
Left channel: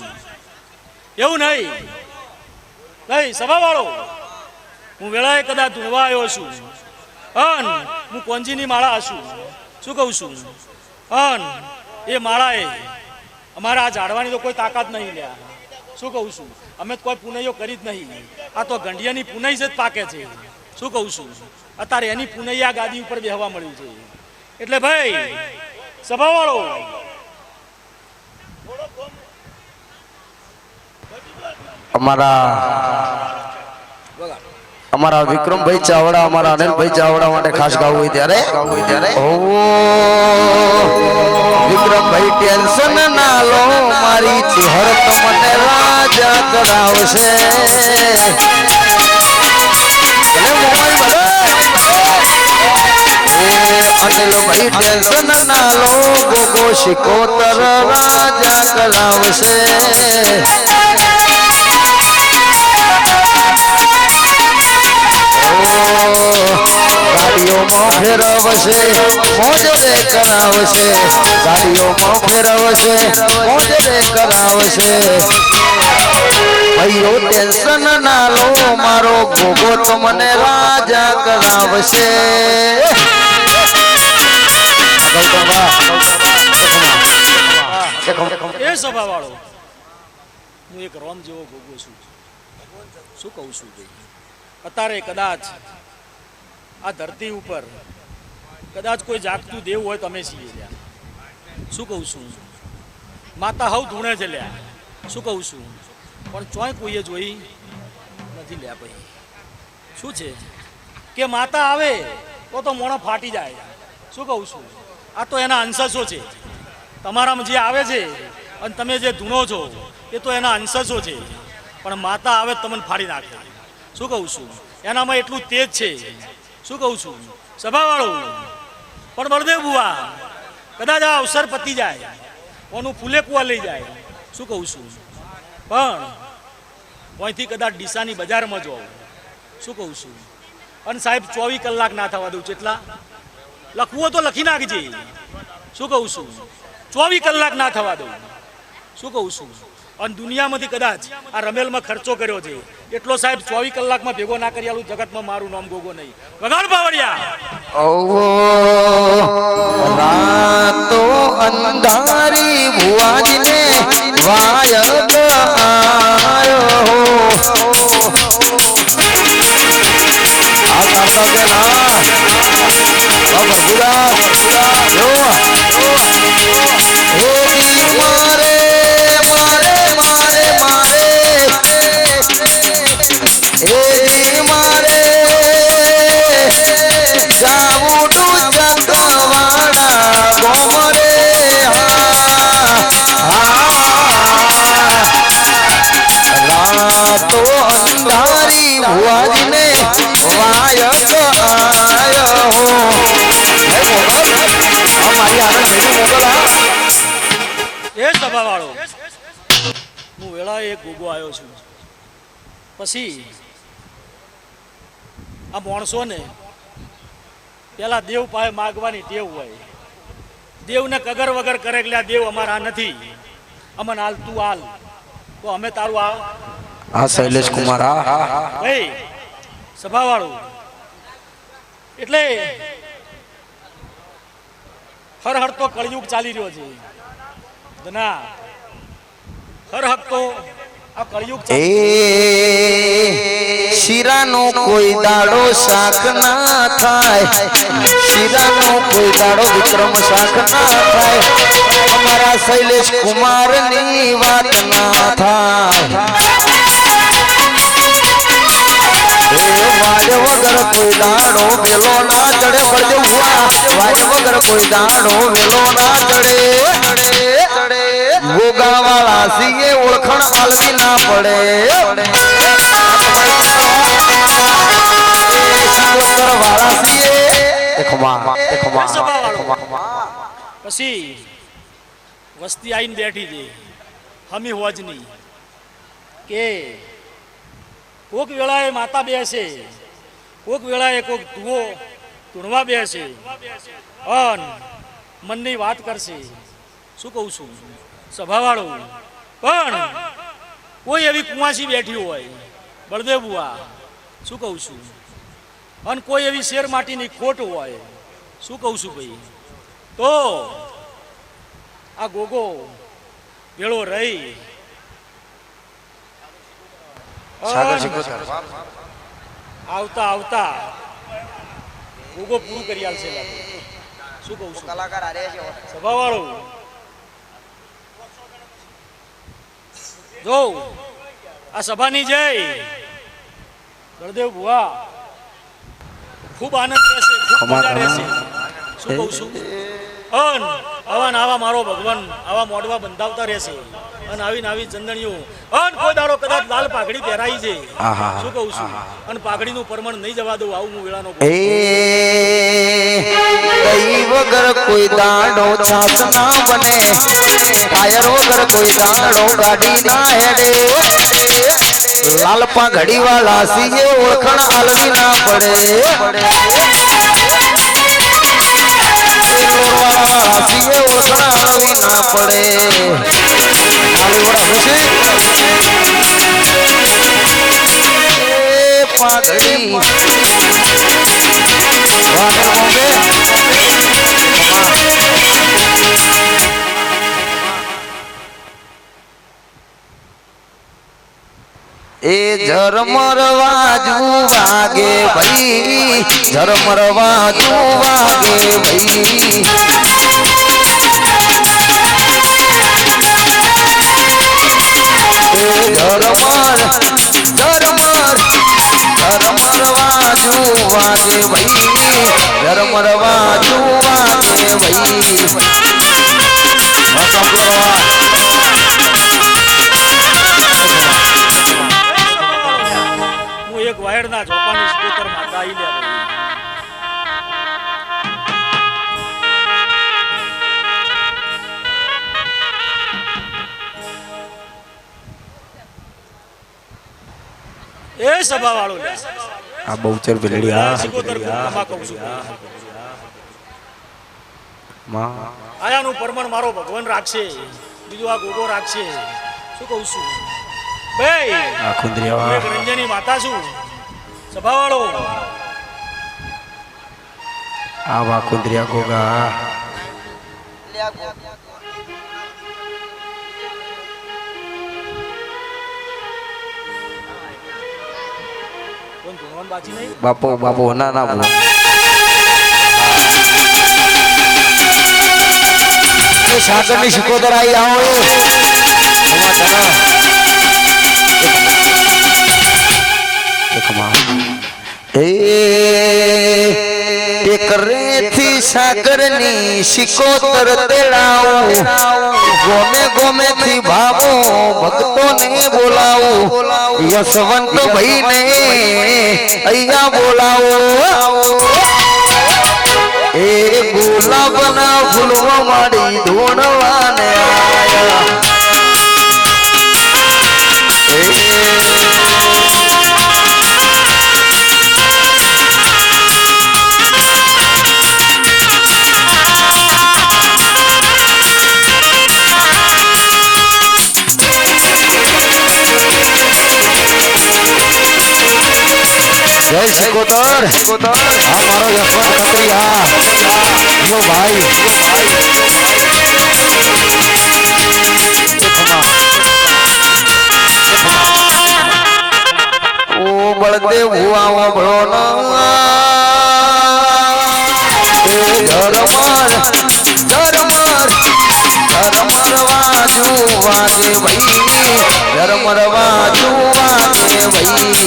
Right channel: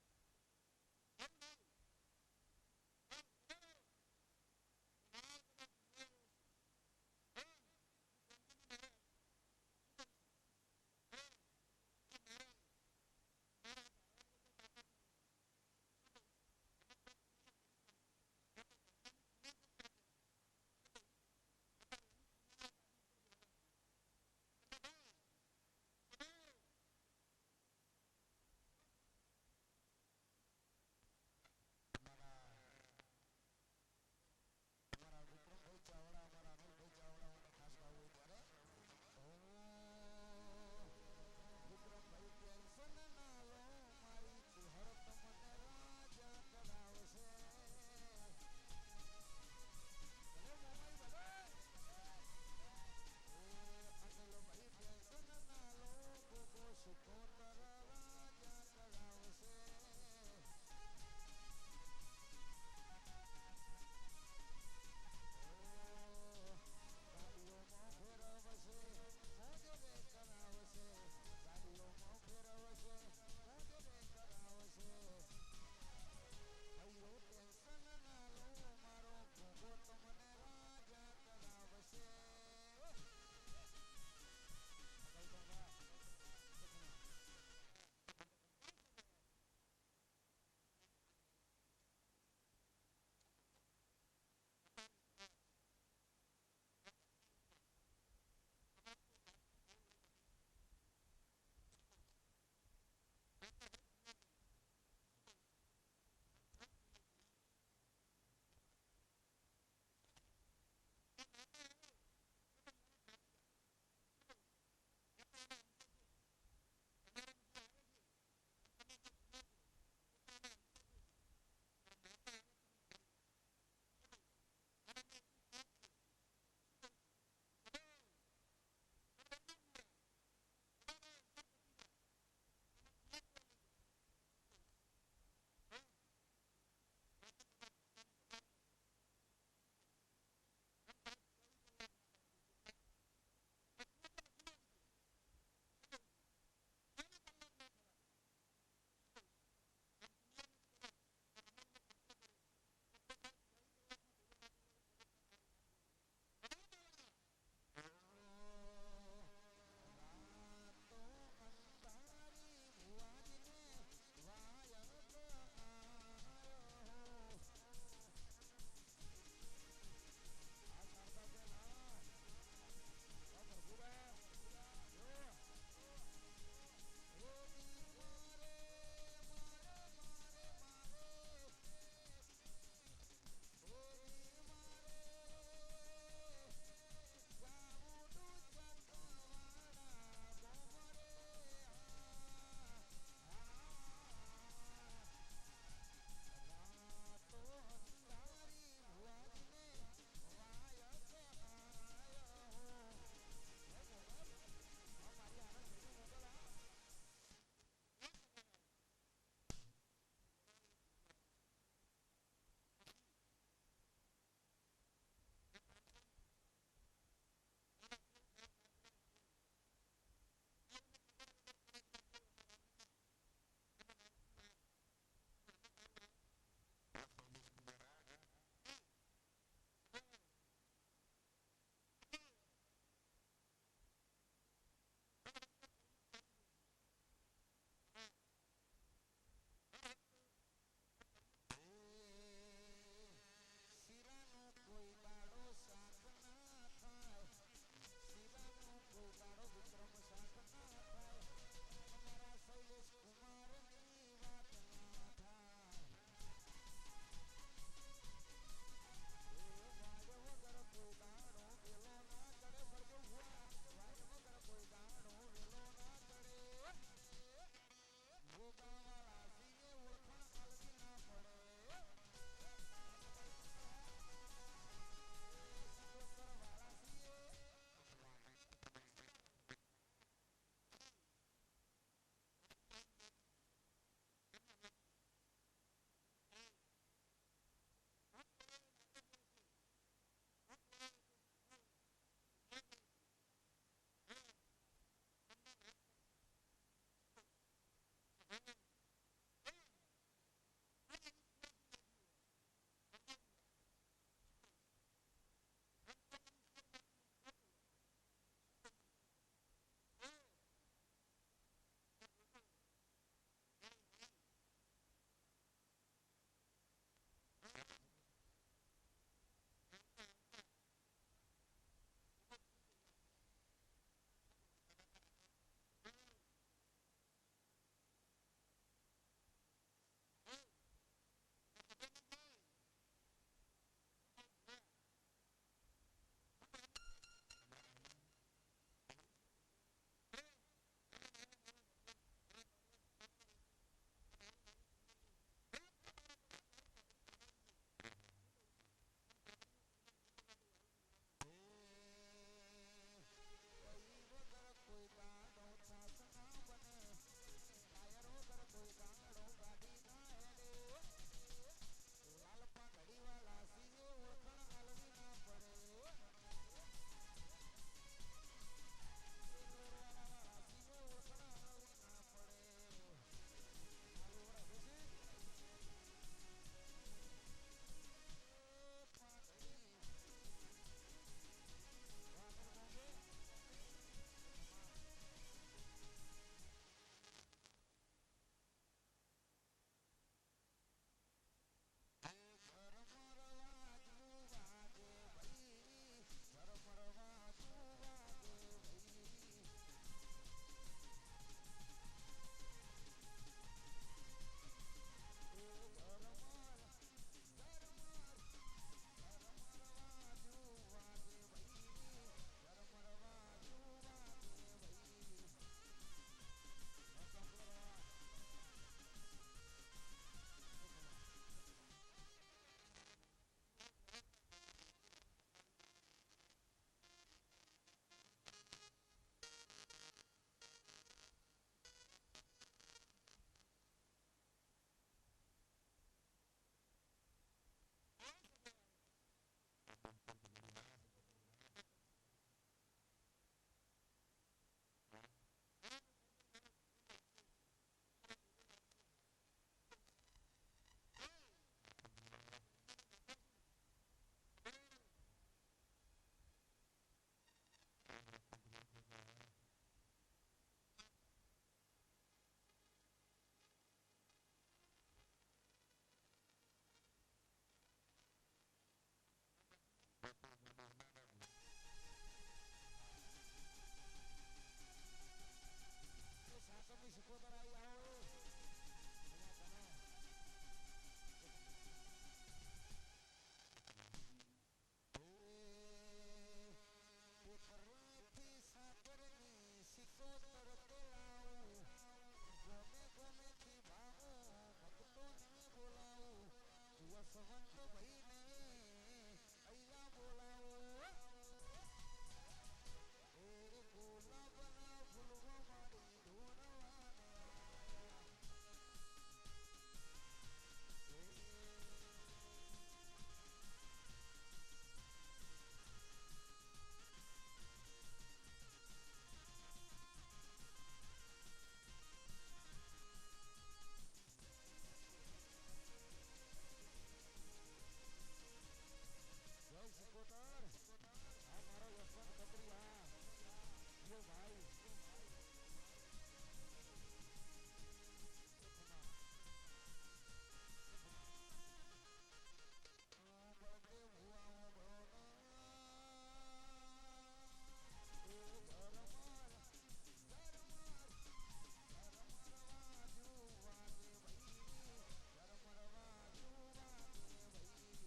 એવું નહીં. નહીં સભા વાળો, હું વેળાએ કદાચ ધૂણવા આવ્યો છું અન હું કોંજીની માળા છું. શું કહું છું? અન એ માળાએ અમારા આ ઝાડવાની તો કોઈ તાકાત નહીં લ્યા. શું કહું છું? અમે તો કોઈ પુનૈયો કરી જ નહીં. આ તો ગંઢિયાની પુનઈ જ પાકે છે. શું કહું છું? અત્યારે એની પુનઈ આ ગાદી ઉપર બેહવા મળ્યું છે. એટલે ભાઈ સભા વાળો અમારા વિક્રમભાઈ ચાવડા, અમારા અનિલભાઈ ચાવડા માટે ખાસ ગાવું હોય ત્યારે વિક્રમભાઈ ટેન્શન ના લો, મારી ચહેર તમને રાજા કરાવશે. અનિલભાઈ ટેન્શન ના લો, ગોગો શિકોતર રાજા કરાવશે. ગાડીઓમાં ફેરવશે, મોજ રે કરાવશે. ગાડીઓમાં ફેરવશે, મોજ રે કરાવશે. ભાઈઓ ટેન્શન ના લો, મારો ગોગો તમને રાજા કરાવશે. એ સભા વાળો હું એક રોમ જેવો ગોગો છું. શું કહું છું ભાઈ? અત્યારે કદાચ આ ધરતી ઉપર કદાચ કોઈ જાગતું દેવ હોય તો અમે છીએ લ્યા. શું કહું છું? માતા હવ ધૂણે છે લ્યા. શું કહું છું? પણ ચોય કોઈએ જોઈ નથી લ્યા ભાઈ. શું છે કે માતા આવે તો મોણો ફાટી જાય. શું કહું છું? આ તો એના અંશસો છે. તમારામાં જે આવે છે અને તમે જે ધૂણો છો એ તો એના અંશસો છે, પણ માતા આવે તમને ફાડી નાખે. શું કહું છું? એનામાં એટલું તેજ છે. શું કહું છું? સભાવાળો પણ બળદેવ ભુવા કદાચ આ અવસર પતી જાય, ઓનું ફૂલે કુવા લઈ જાય. શું કહું છું? પણ અહીંથી કદાચ ડીસાની બજારમાં જાઓ. શું કહું છું? અને સાહેબ 24 કલાક ના થવા દઉં. કેટલા લખવું તો લખી નાખજે. શું કહું છું? 24 કલાક ના થવા દઉં. શું કહું છું? અને દુનિયામાંથી કદાચ આ રમેલમાં ખર્ચો કર્યો છે એટલો સાહેબ 24 કલાકમાં ભેગો ના કરી આલું. જગતમાં મારું નામ ગોગો નહીં. વગાડ પાવડિયા. રાતો અંધારી ભુવાજીને વાયક આયો. આ કરતા કે ના ભરપુરા જો હું વેળા એક ગોગો આવ્યો છું. પછી આ માણસો ને પેલા દેવ પાસે માગવાની ટેવ હોય. દેવને કગર વગર કરે એટલે આ દેવ અમારા નથી. અમન હાલ તું હાલ તો અમે તારું આ હા શૈલેષ કુમાર હા ભાઈ સભાવાળું એટલે હર હર તો કળયુગ ચાલી રહ્યો છે ના હર હક તો આ કળયુગ એ શીરાનો કોઈ દાડો શાક ના થાય શીરાનો કોઈ દાડો વિક્રમ શાક ના થાય અમારા શૈલેષ કુમાર ની વાત ના થાય વાજ વગર કોઈ દાડો વેલો ના ચડે પડે વાજ વગર કોઈ દાડો વેલો ના ચડે ગોગા વાળા સીએ ઓળખણ આલવી ના પડે વાળા સીએ પછી વસ્તી આવીને બેઠી છે હમી હોજની કે કોક વેળાએ માતા બેસે કોક વેળાએ કોક ધુઓ ધૂણવા બેસે અન મનની વાત કરશે શું કહું છું સભાવાળો પણ કોઈ એવી કુંવાસી બેઠી હોય બળદેવ બુઆ શું કહું છું અને કોઈ એવી શેર માટીની ખોટ હોય શું કહું છું ભાઈ તો આ ગોગો ભેળો રહી આવતા આવતા ગોગો પૂરું કરી આલશે શું કહું છું સભાવાળો જો આ સભાની જય બળદેવ ભુવા ખૂબ આનંદ રહેશે ખૂબ મજા રહેશે શું કહું છું અન આવા ને આવા મારો ભગવાન આવા મોડવા બંધાવતા રહેશે અને આવીને આવી ચંદણીઓ અન કોઈ દાડો કદાચ લાલ પાઘડી પહેરાઈ છે શું કહું છું અને પાઘડીનું પરમણ નહીં જવા દઉં આવું હું વેળાનો દહીં વગર કોઈ દાડો છાસ ના બને ટાયર વગર કોઈ દાડો ગાડી ના હેડે લાલ પાઘડી વાળા સીએ ઓળખણ આલવી ના પડે સીએ ઓળખણ આલવી ના પડે પાઘડી એ ઝરમર વાજુ વાગે ભાઈ ઝરમર વાજુ વાગે ભાઈ ઝરમર ઝરમર ઝરમર વાજુ વાગે ભાઈ ઝરમર વાજુ વાગે ભાઈ હું એક વાયરના ઝોપાની સ્કૂટર માં ગાઈ લે એ સભા વાળો આ બહુચર બિલડી આ આયાનું પરમણ મારો ભગવાન રાખશે બીજું આ ગોગો રાખશે શું કહું છું ભાઈ આ ખુંદરિયા એક રંજની માતા છું સભા વાળો આ વા ખુંદરિયા ગોગા બાપો બાપો ના ના બોલો સાગર ની શિકોદર આવી આવો રેથી સાગર ની શિકોતર તેડાવું ગોમે ગોમે થી ભાવો ભક્તો ને બોલાવું યશવંત ભાઈ ને અહીંયા બોલાવો એ ગુલાબ ના ફૂલવા માડી ધોણવાને આયા સિકોતર આ મારો યશવંત ખત્રી હા યો ભાઈ ઓ બળદેવ હુઆ વળો ના એ ધર્મર વાજુ વાગે ભાઈ ધર્મર વાજુ વાગે ભાઈ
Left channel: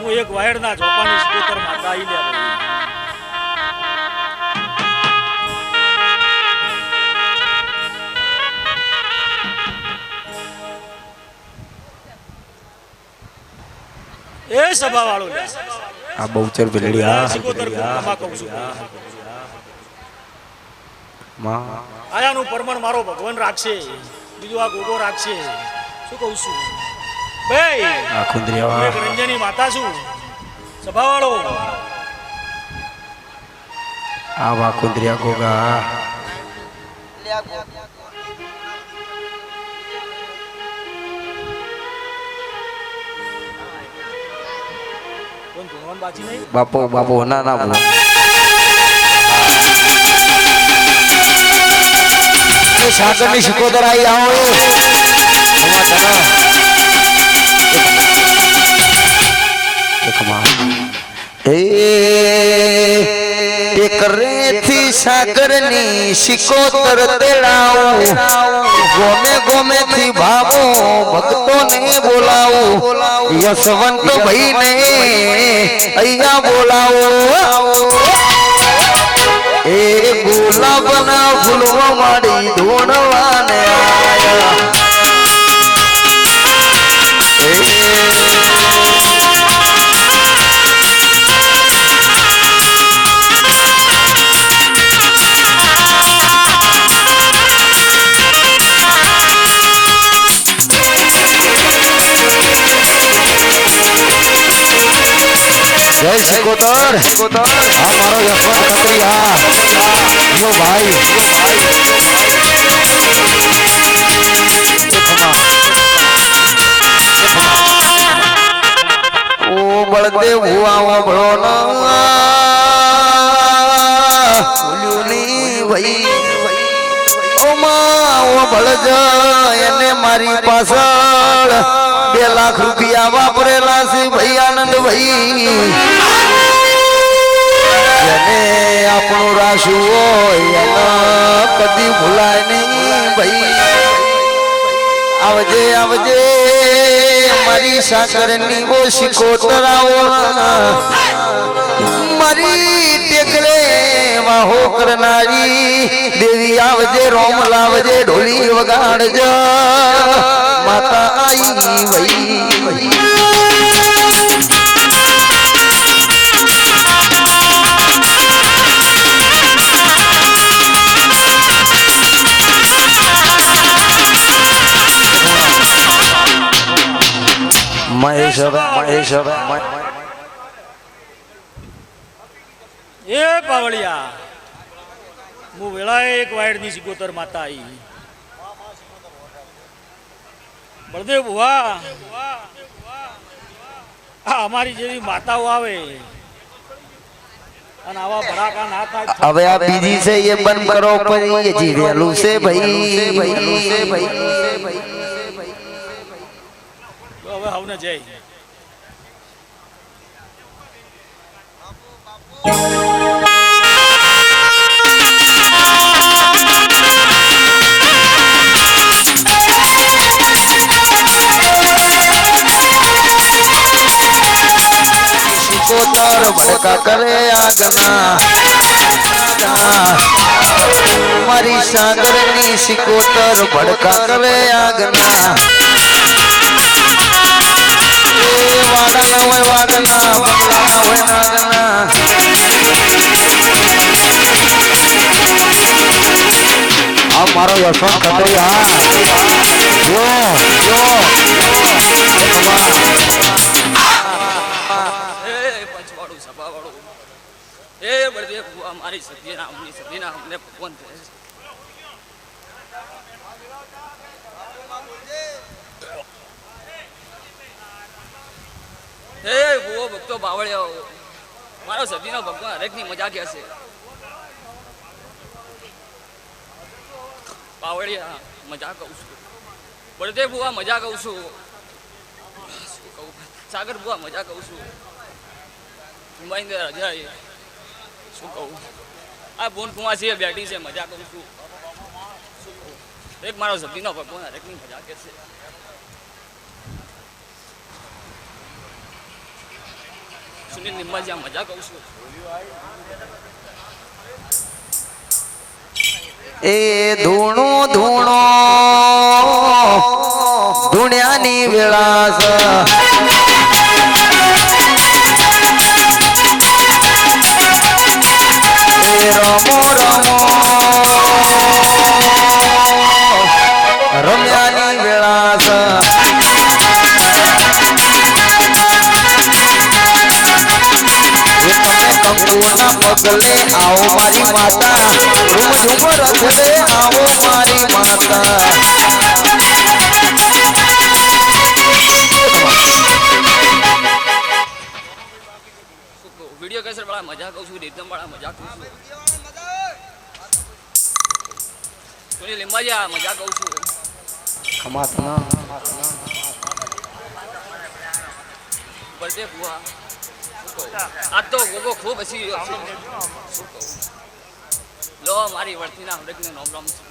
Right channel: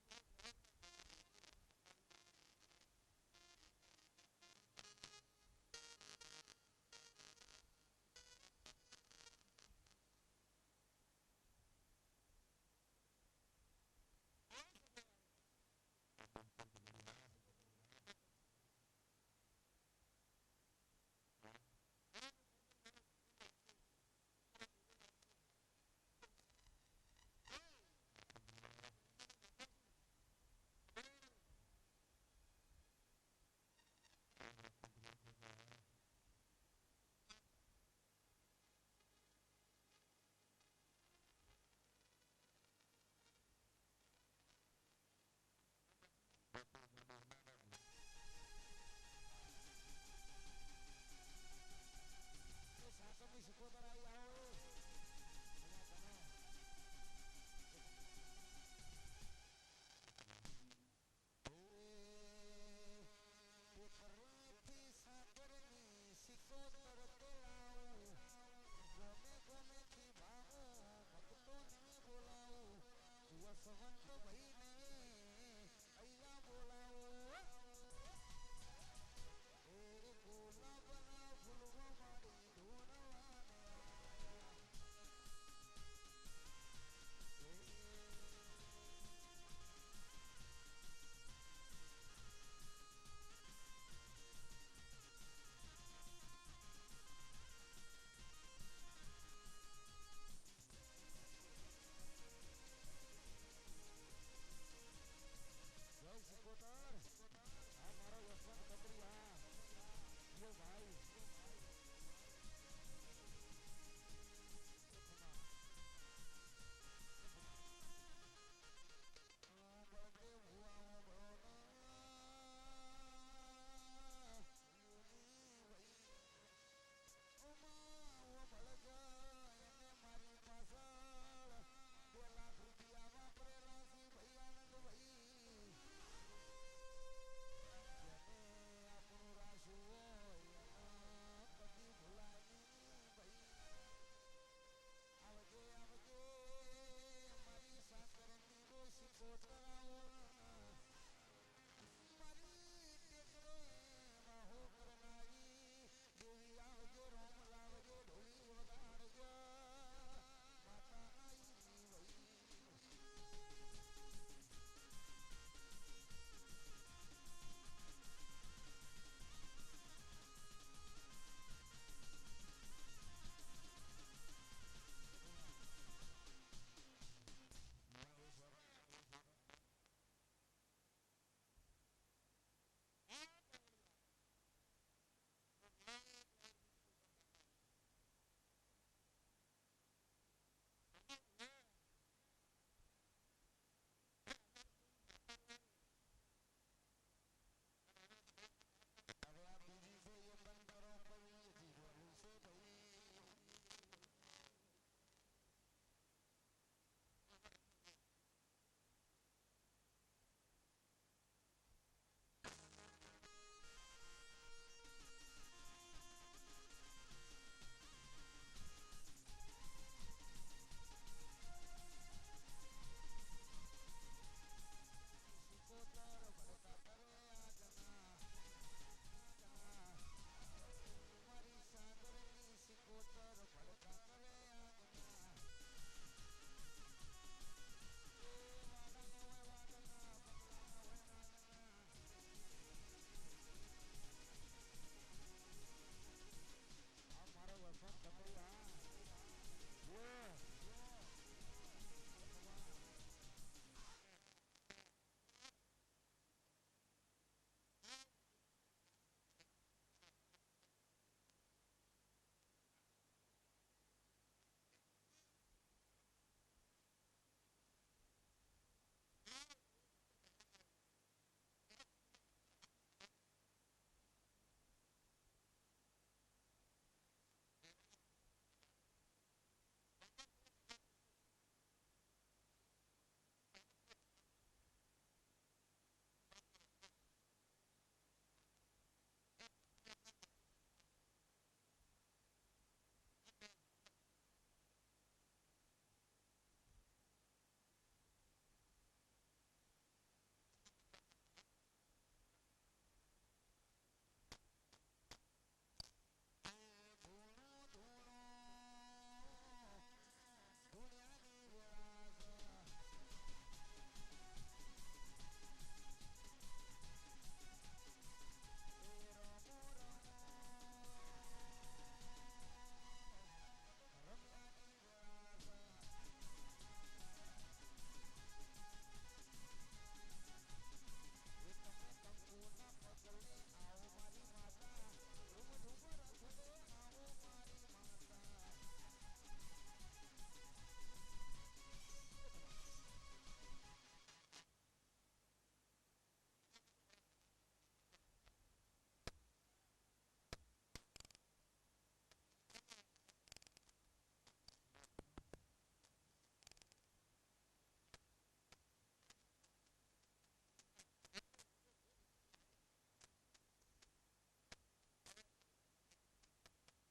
હું એક વાયડના ઝોપાની સ્કૂટર માતા આવી લે એ સભા વાળો આ બહુચર બિલડી હા સ્કૂટર કહું છું આયાનું પરમણ મારો ભગવાન રાખશે બીજું આ ગોગો રાખશે શું કહું છું ભાઈ આ ખુંદરિયા એક રંજની માતા છું સભાવાળો આ વા ખુંદરિયા ગોગા કોણ ભગવાન બાજી નહીં બાપો બાપો ના ના બોલો સાગર ની સિકોતર આવી આવો રેથી સાગર ની સિકોતર તેડાવું ગોમે ગોમે થી ભાવો ભક્તો ને બોલાવું યશવંત ભાઈ ને અહીંયા બોલાવો એ ગુલાબના ફૂલવા માડી ધોણવાને આયા જય સિકોતર આ મારો યશવંત ખત્રી હા યો ભાઈ ઓ બળદેવ હુઆ વળો ના ભૂલ્યું ની ભાઈ ઓ માં ઓ બળજ એને મારી પાછળ 2 લાખ રૂપિયા વાપરેલા છે ભાઈ આનંદ ભાઈ જેને આપણું રાશું હોય એના કદી ભૂલાય નહીં ભાઈ આવજે આવજે મારી સાકરની ઓ સિકોતર આવો મારી ટેકરે વાહો કરનારી દેવી આવજે રોમ લાવજે ઢોલી વગાડજે માતા આઈ ભાઈ મહેશ એ પાવળિયા હું વેળાએ એક વાયડની સિકોતર માતા આવી બળદેવ ભુવા આ અમારી જેવી માતાઓ આવે અને આવા ભડાકા ના થાય હવે આ બીજી છે એ બંધ કરો પણ એ જીવેલું છે ભાઈ હવે હવને જય સિકોતર ભડકા કરે આગના મારી સાગરની સિકોતર ભડકા કરે આગના વાગના હોય વાગના બંગલાના હોય નાગના આ મારો યશવંત ખત્રી હા જો પંચવાળું સભાવાળું એ બળદેવ ભુવા મારી સદીના અમને ભગવાન હે ભૂવો ભક્તો બાવળિયાઓ, મારો સદીનો ભગવાન હરેકની મજા કે છે. બાવળિયા મજા કહું છું, બળદેવ બુઆ મજા કહું છું, શું કહું, સાગર બુઆ મજા કહું છું, મુંબઈ રજા શું કહું, આ બોન કુમાર છે બેઠી છે મજા કહું છું, શું કહું, એક મારો સદીનો ભગવાન હરેકની મજા કે છે. સુનિલ નિંબાજી મજા કહું છું. એ ધૂણો ધૂણો ધૂણ્યાની વિલાસ એ રમો રમો રમ્યાની વિલાસ કંકુના પગલે આવો મારી માતા, રૂમ ઝુમ રખડે આવો મારી માતા. વિડીયો કેસર વાળા મજા કહું છું, રીતમ વાળા મજા કહું છું, સુનિલ નિંબાજી મજા કહું છું. બળદે બુઆ આ તો ગોગો ખૂબ હસી રહ્યો છે. શું કહું, લો મારી વર્તીના હરેકને નોમ રામ છું.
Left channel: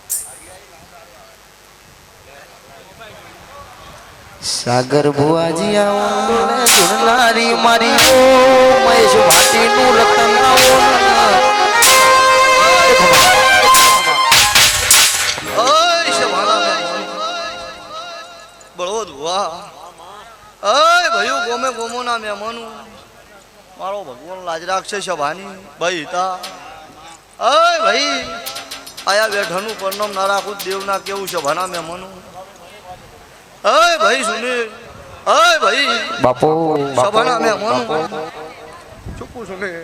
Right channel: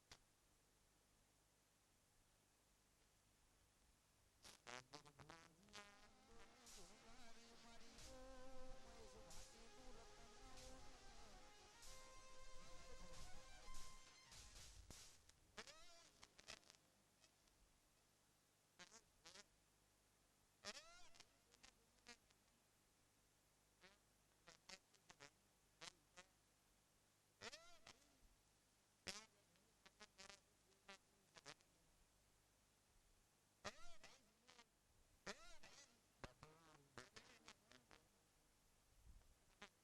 સાગર ભુવાજી આવો ને ધૂણનારી મારી ઓ મહેશ ભાટીનું રતન આવો ઓય શભાના બળવદ વાહ, ઓય ભયું ગોમે ગોમોના મહેમાનું, મારો ભગવાન લાજ રાખશે શભાની ભાઈ તા. ઓય ભાઈ આયા બેઠાનું પરનામ ના રાખું દેવના કેવું શભાના મહેમાનું. ઓય ભાઈ સુનિલ, ઓય ભાઈ બાપુ શભાના મહેમાનું ચૂકું સુનિલ.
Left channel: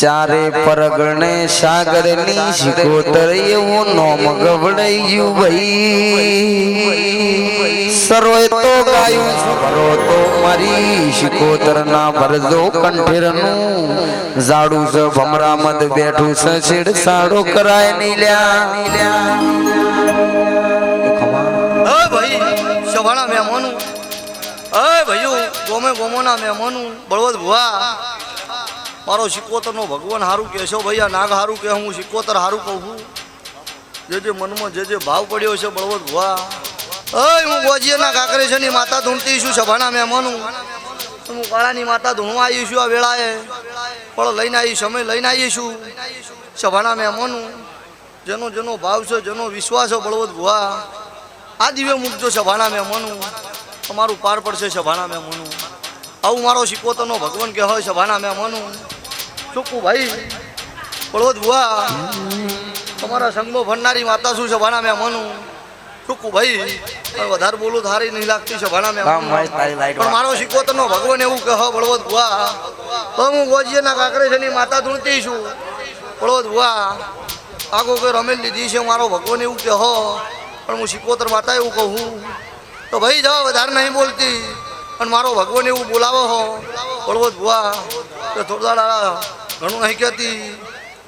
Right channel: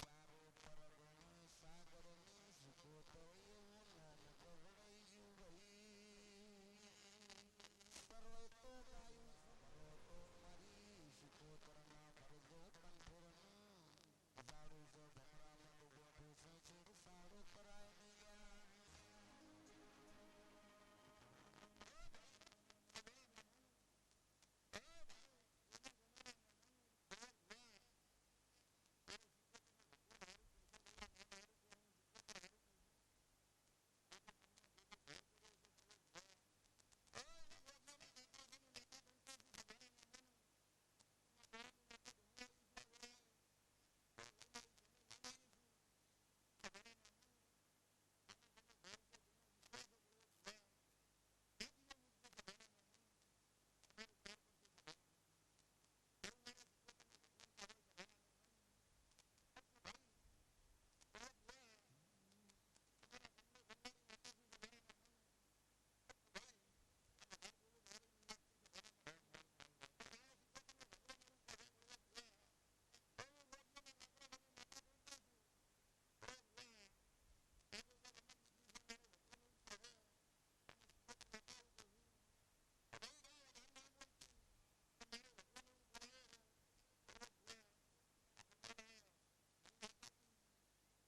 ચારે પરગણે સાગરની શિકોતર એવું નોમ ગવડાયું ભાઈ. સરોય તો ગાયું સરો તો મારી શિકોતર ના ભરજો કંઠેરનું ઝાડું છે ભમરા મદ બેઠું છે છેડ સાડો કરાય નીલ્યા. ઓય ભાઈ શભાના મહેમાનું, ઓય ભાઈઓ ગોમે ગોમોના મહેમાનું, બળવદ ભુવા મારો શિકોતરનો ભગવાન હારું કહેશો ભાઈ, આ નાગ હારું કે હું શિકોતર હારું કહું છું. જે મનમાં જે ભાવ પડ્યો છે બળવદ ભુવા, ઓય હું ગોજીયાના કાકરે છે ની માતા ધૂણતી છું શભાના મહેમાનું. હું કાળાની માતા ધૂણવા આવી છું આ વેળાએ, પણ લઈને આવી સમય લઈને આવી છું શભાના મહેમાનું. જેનો જેનો ભાવ છે જેનો વિશ્વાસ છે બળવદ ભુવા આ દિવ્ય મૂકજો શભાના મહેમાનું, તમારું પાર પડશે શભાના મહેમાનું. આવું મારો શિકોતરનો ભગવાન કે હોય શભાના મહેમાનું. ચોખ્ખું ભાઈ બળવદ ભુવા તમારા સંગમાં ભરનારી માતા શું શભાના મહેમાનું. ચોખ્ખું ભાઈ વધારે બોલું થારી નહીં લાગતી શભાના મહેમાનું, પણ મારો શિકોતરનો ભગવાન એવું કે હા બળવદ ભુવા તો હું ગોજીયાના કાકરે છે ની માતા ધૂણતી છું બળવદ ભુવા. આગો કે રમેલ લીધી છે મારો ભગવાન એવું કે હો, પણ હું શિકોતર માતા એવું કહું તો ભાઈ જાઓ વધારે નહીં બોલતી, પણ મારો ભગવાન એવું બોલાવો હો બળવદ ભુવા તો થોડા દાડા ઘણું નહીં કહેતી,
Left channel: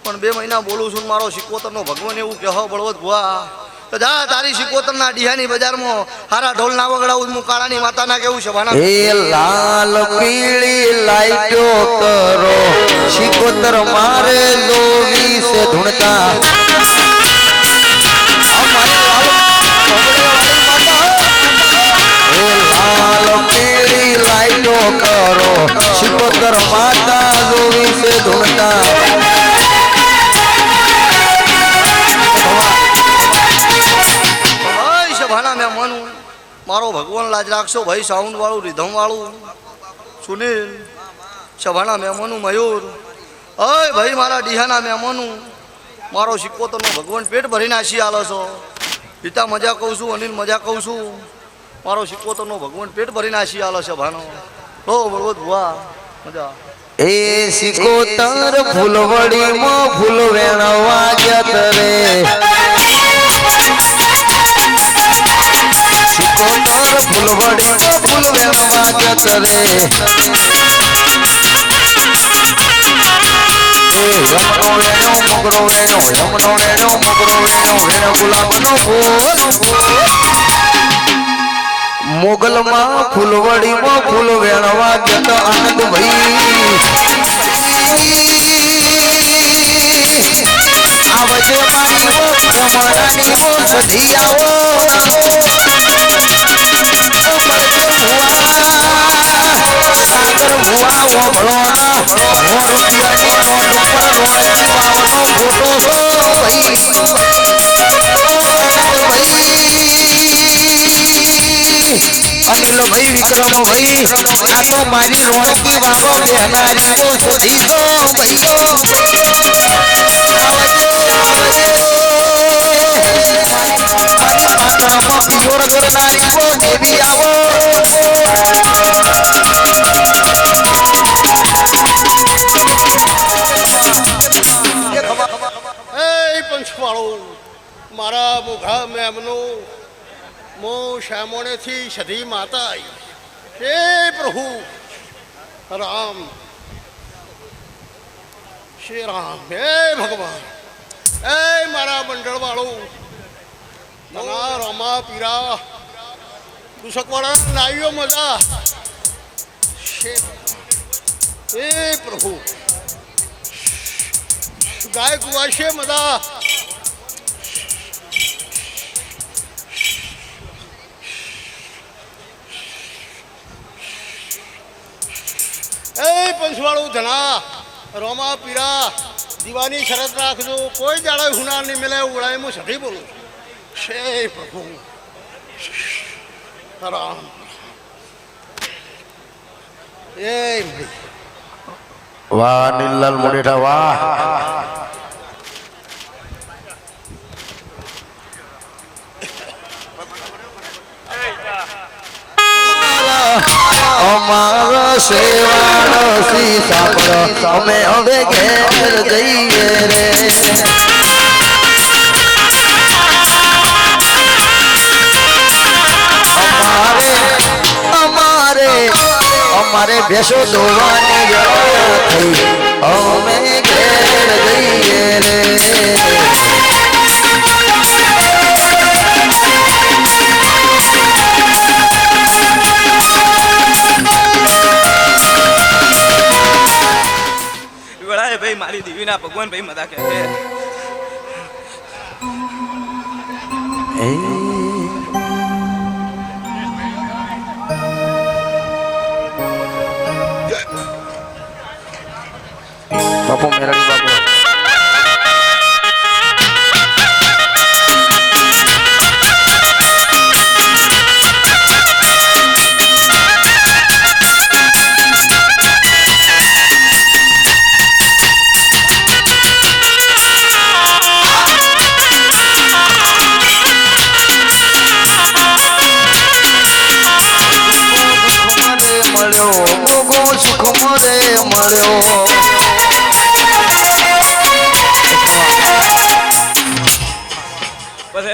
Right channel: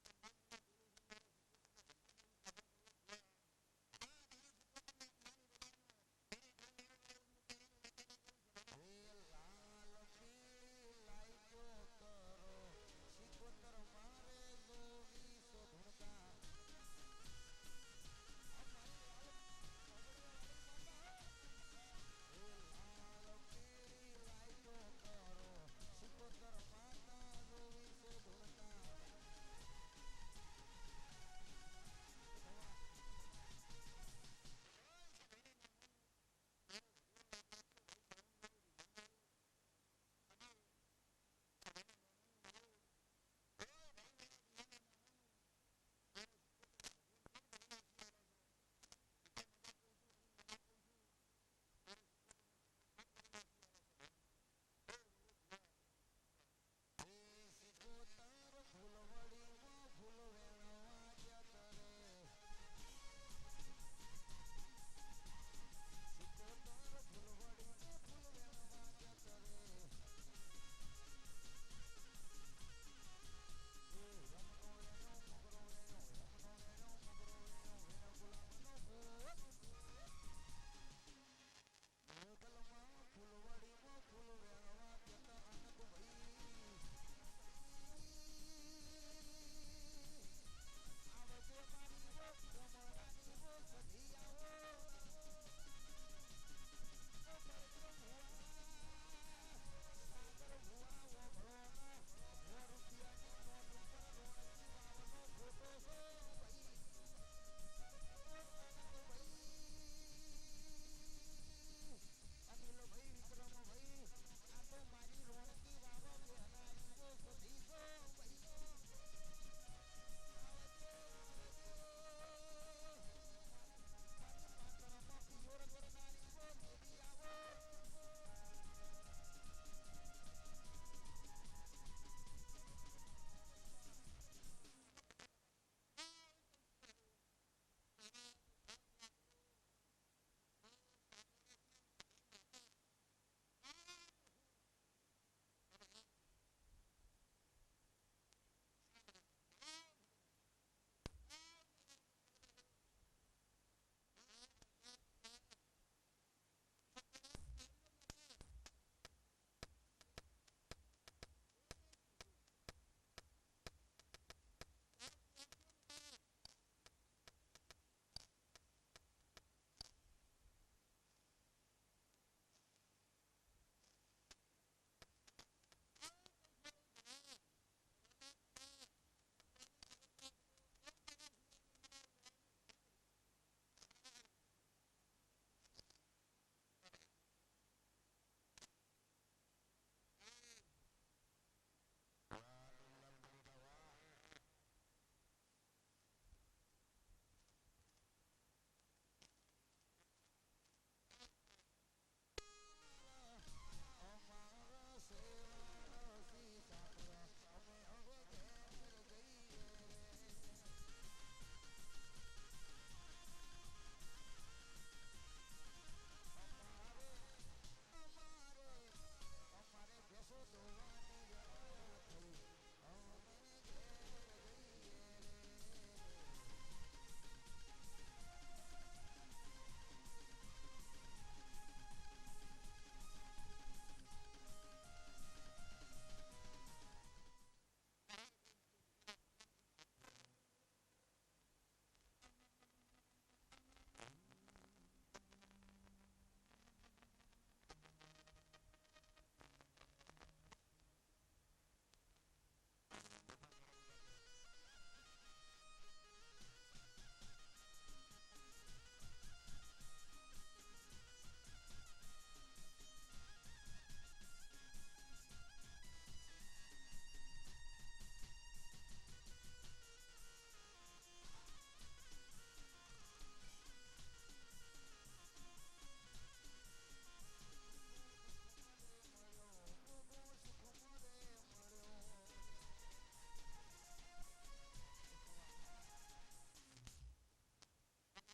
પણ 2 મહિના બોલું છું. મારો શિકોતરનો ભગવાન એવું કે હો બળવદ ભુવા તો જા તારી શિકોતરના ડીહાની બજારમાં હારા ઢોલ ના વગડાવું હું કાળાની માતાના કેવું છે ભાના. એ લાલ પીળી લાઈટો કરો શિકોતર મારે લોવી સે ધૂણતા. લાલ પીળી લાઈટો કરો શિકોતર માતા લોવી સે ધૂણતા. મારો ભગવાન લાજ રાખશો ભાઈ. સાઉન્ડ વાળું રિધમ વાળું સુનિલ, શભાના મહેમાનું મયુર, અય ભાઈ મારા ડીહાના મહેમાનું, મારો શિકોતરનો ભગવાન પેટ ભરીને આશી આલો છો. પિતા મજા કહું છું, અનિલ મજા કહું છું, મારો શિકોતરનો ભગવાન પેટ ભરીને આશી આલો છે ભાનો. ઓ બળવદ ભુવા મજા. એ શિકોતર ફૂલવડીમાં ફૂલ વેણવા જત રે કોતર ફૂલવડી ફૂલ વેણવા જત રે યમનો વેણો મોગરો વેણો યમનો વેણો મોગરો વેણો વેણો ગુલાબનો ફૂલ મોગલમાં ફૂલવડીમાં ફૂલ વેણવા જત આનંદ ભાઈ આવજે મારી વો કમળાની વો સધી આવો સાગર ભુવા વો ભળોના રૂપિયાની નોટ ઉપર રોણકી વાવનો ફોટો છો ભાઈ અનિલ ભાઈ વિક્રમ ભાઈ આ તો મારી રોણકી વાવો બેહનારી વો સધી છો ભાઈ આવો પંચવાળો મારા મુઘા મેમનું મો શ્યામોણેથી સધી માતા આવી હે પ્રભુ રામ શ્રી રામ હે ભગવાન હે મારા મંડળવાળો મના રમા પીરા દુસકવાળા લાવ્યો મજા હે પ્રભુ ગાય કુવાશે મજા એ પંચવાળું ધણા રોમા પીરા દીવાની શરત રાખજો કોઈ જાડે હુનાર નહીં મળે ઉડાય હું સધી બોલું છે પ્રભુ રામ એ વાહ નીલલાલ મોડેઠા વાહ અમારા સેવાળો સી સાંભળો અમે હવે ઘેર જઈએ રે અમારે ભેંસો ધોવાની વેળા થઈ અમે ઘેર જઈએ રે વેળાએ ભાઈ મારી દેવીના ભગવાન ભાઈ મદા કહે બાપુ મેરડી બાપુ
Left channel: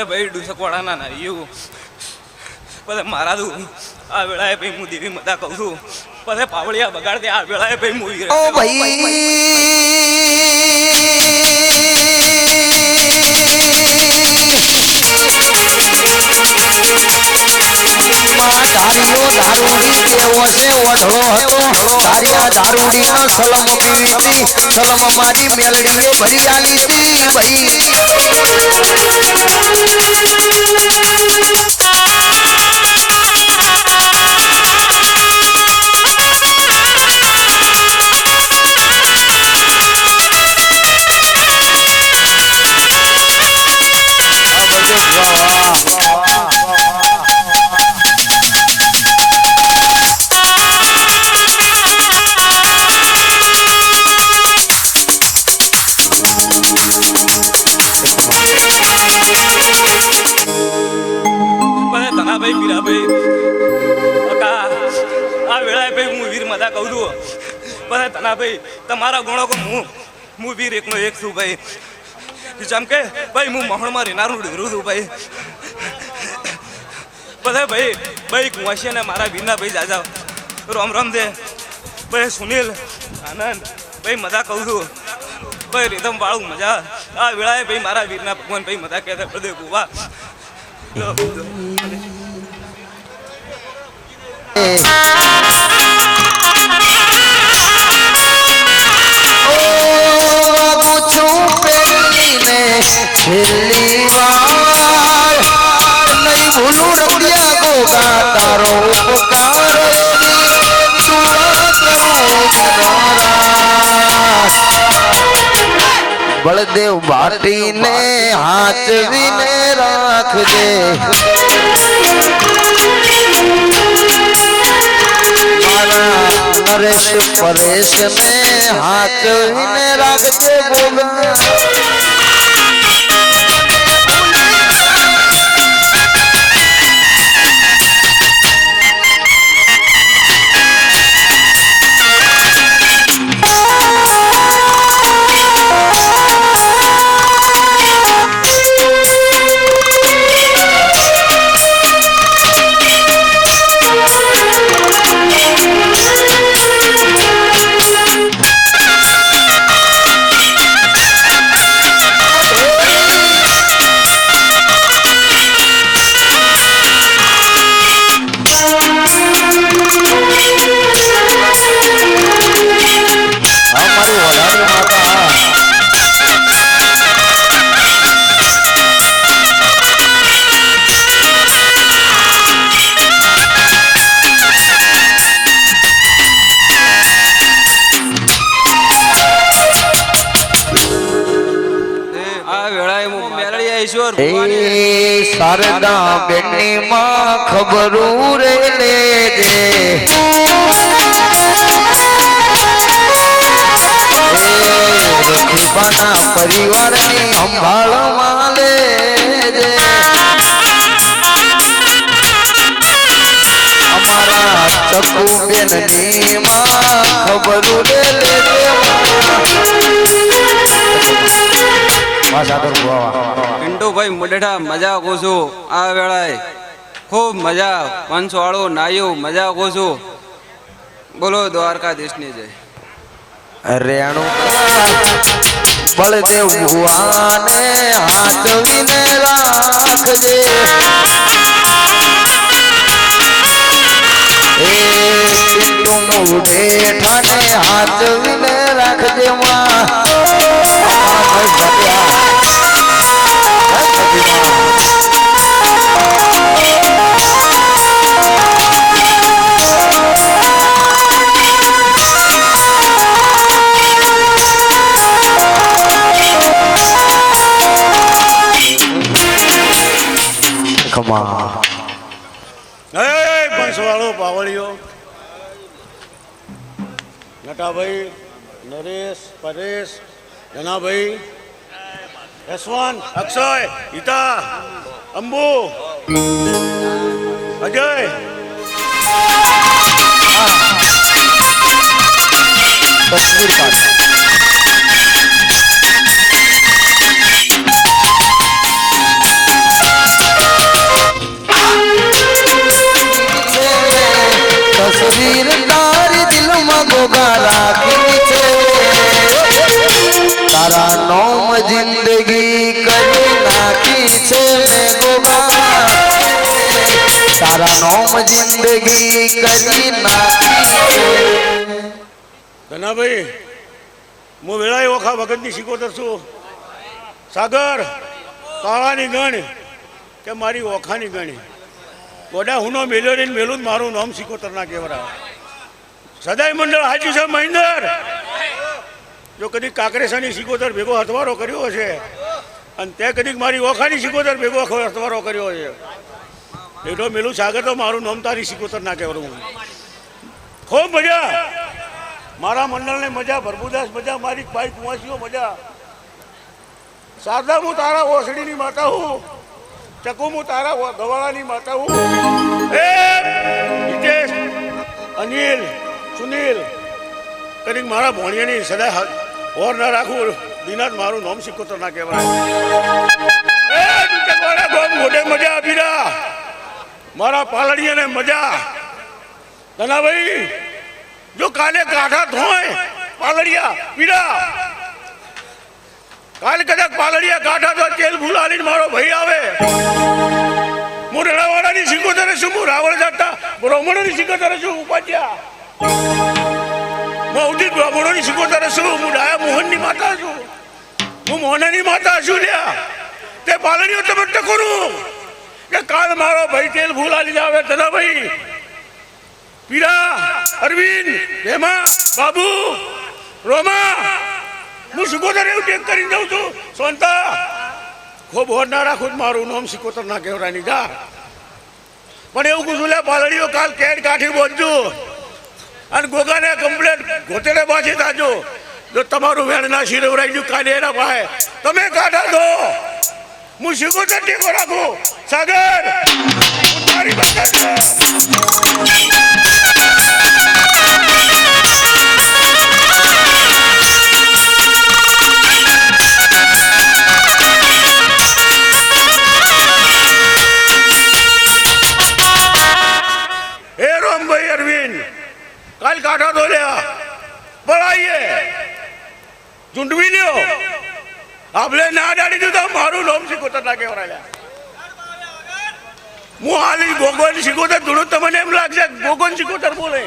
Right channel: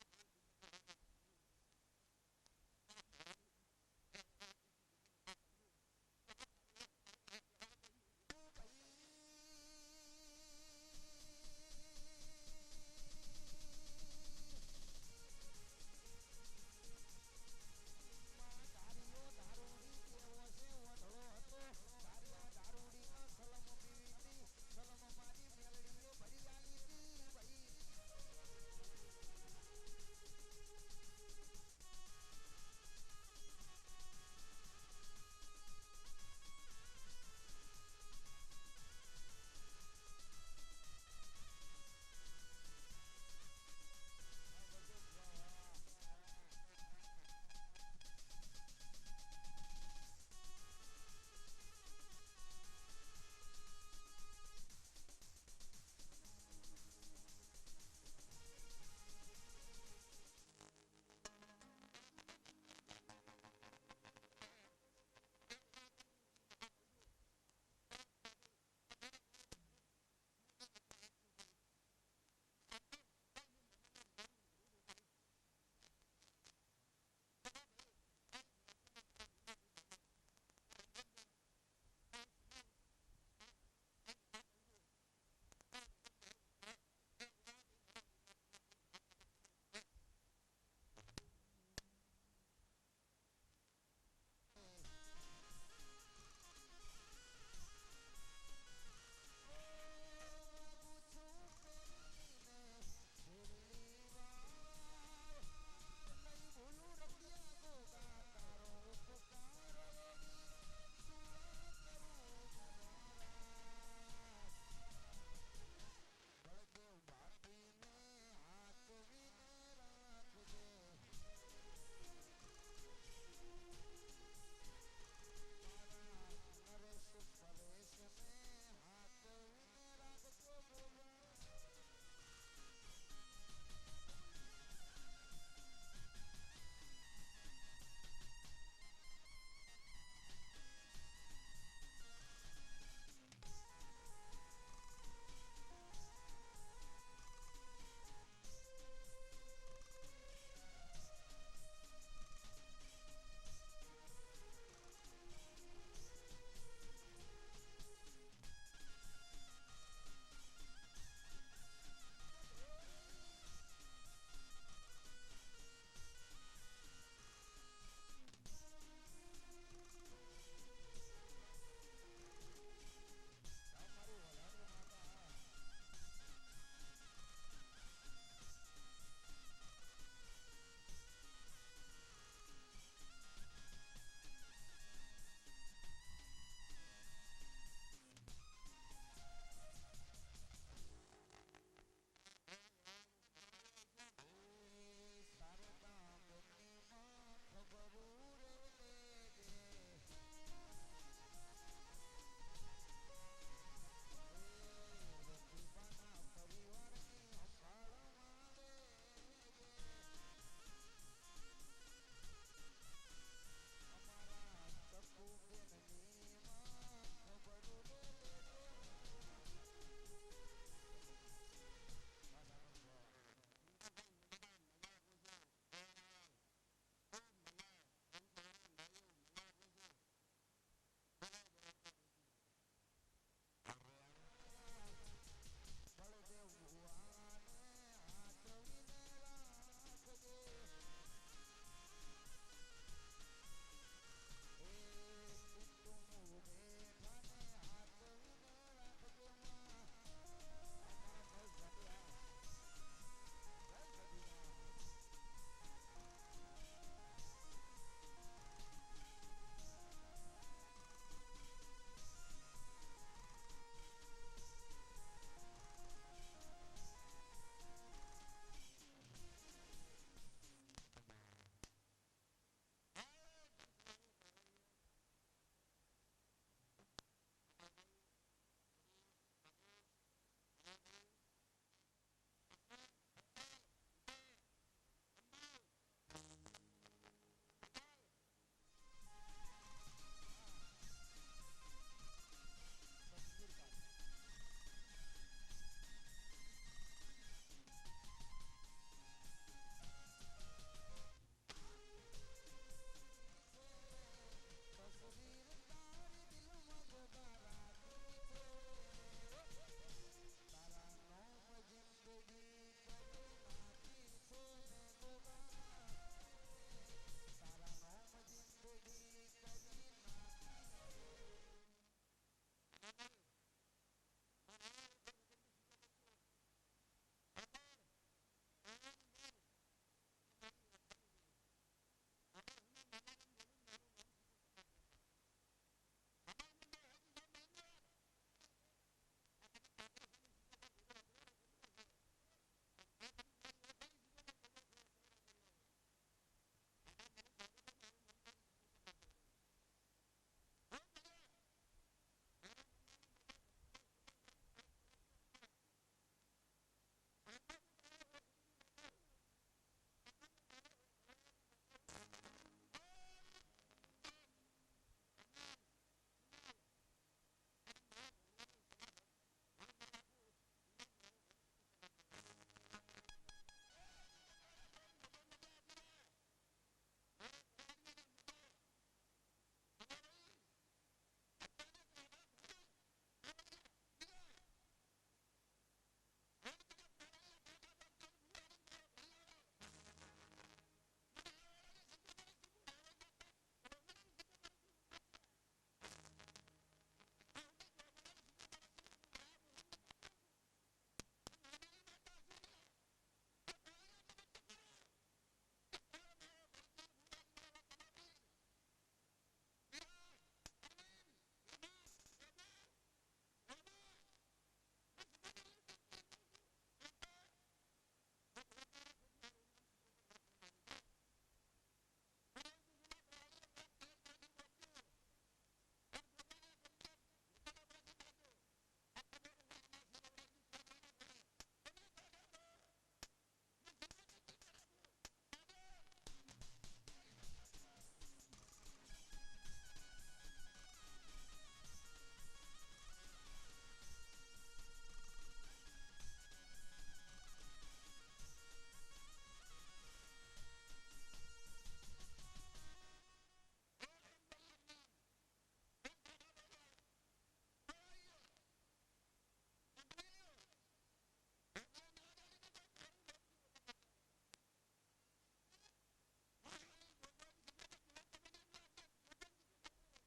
ભાઈ ડુસકવાળાના ના એવું પછી મારા તું આ વેળાએ ભાઈ હું દેવી મતા કહું છું પછી પાવળિયા બગાડ દે આ વેળાએ ભાઈ હું ઓ ભાઈ ધારીઓ દારૂડી કેવો છે ઓઢળો હતો ધારિયા દારૂડી નો સલમ પીવી સલમ મારી મેલડીએ ભરી આલી હતી ભાઈ ભાઈ તમારા ગુણો કો હું વીર એકનો એક છું ભાઈ જેમ કે ભાઈ હું મહણમાં રહેનારું ડેરું છું ભાઈ બધા ભાઈ ભાઈ કુંવાસી અને મારા વીરના ભાઈ જાજા રામ રામ દે ભાઈ સુનિલ આનંદ ભાઈ મજા કહું છું ભાઈ રીધમ વાળું મજા આ વેળાએ ભાઈ મારા વીરના ભગવાન ભાઈ મજા કહેતા બધે ગોવા છેલ્લી વાર નહીં ભૂલું રડિયા ગોગા તારો ઉપકાર બળદેવ ભાટીને હાચવીને રાખજે મારા નરેશ પરેશને હાચવીને રાખજે ગોગા શારદા બેની માં ખબરું રે લેજે રખીબાના પરિવારની સંભાળમાં લેજે અમારા ચકુ બેનની માં ખબરું રે લેજે પિન્ટુભાઈ મુડેઠા મજા કહું છું આ વેળાએ ખૂબ મજા પંચવાળો નાયું મજા કહું છું બોલો દ્વારકાધીશની જય રેણુ બળદેવ ભુવાને હાચવીને રાખજે એ પિન્ટુ મુડેઠાને હાચવીને રાખજે માં બંસવાળો પાવળિયો નટાભાઈ નરેશ પરેશ જનાભાઈ યશવંત અક્ષય હિતા અંબુ અજય તસવીર પાડ તસવીર તારી દિલમાં ગોગા રાખી છે તારા નોમ જિંદગી કરી નાખી છે મેં ગોગા તારા નોમ જિંદગી કરી નાખી છે ધનાભાઈ હું વેળાએ ઓખા ભગતની શીખોતર છું સાગર કાળાની ગણ કે મારી ઓખાની ગણી ગોડા હુનો મેલ્યો ને મેલું મારું નામ શીખોતર ના કહેવરા સદાય મંડળ હાજુ છે મહિન્દર જો કદી કાંકરેસાની શીખોતર ભેગો હથવારો કર્યો હશે અને તે કદી મારી ઓખાની શીખોતર ભેગો હથવારો કર્યો છે એટલો મેલું સાગર તો મારું નામ તારી શીખોતર ના કહેવાનું ખૂબ મજા મારા મંડળને મજા ભરભુદાસ મજા મારી ભાઈ કુંવાસીઓ મજા શારદા હું તારા ઓસડીની માતા હું ચકુ હું તારા ગવાળાની માતા હું હિતેશ અનિલ સુનિલ કદી મારા ભોણિયાની સદા ઓર ના રાખું દિનાથ મારું નામ શીખોતર ના કહેવાય મોઢે મજા આપી રહ્યા મારા પાલડીયાને મજા ધનાભાઈ જો કાલે કાઢા ધોય પાલડિયા પીડા કાલ કદાચ પાલડિયા કાઢા તો તેલ ભૂલાલીને મારો ભાઈ આવે હું રણાવાડાની સિકોતરે છું હું રાવણ જાતા બ્રાહ્મણોની સિકોતરે છું ઉપાધ્યા હું ઉદિત બ્રાહ્મણોની સિકોતરે છું હું ડાયા મોહનની માતા છું હું મોહનની માતા છું લ્યા તે પાલડીઓ તમે ટકોરું કે કાલ મારો ભાઈ તેલ ભૂલાલીને આવે ધનાભાઈ પીરા અરવિંદ હેમા બાબુ રોમા હું સિકોતર એવું ટેક કરીને જાઉં છું સોનતા ખૂબ હોર ના રાખું મારું નામ સિકોતર ના કહેવરાની જા પણ એવું કું લે પાલડીઓ કાલ કેડ કાઠી બોલજો અને ગોગાને કમ્પ્લેટ ગોતેડે પાછી તાજો જો તમારું વેણ ના શિરવરાઈ ગયું કાલે એના પાસે તમે કાઢા દો હું સિકોતર ટેકો રાખું સાગર તારી બતા કાલ કાઢા તો લ્યા પડાઈએ ચૂંટવી લ્યો આપણે ના ડાડી દીધું મારું નામ સિકોતર ના કહેવાય હું હાલી ગોગોન સિકોતર થોડું તમને એમ લાગશે ગોગોન સિકોતર બોલે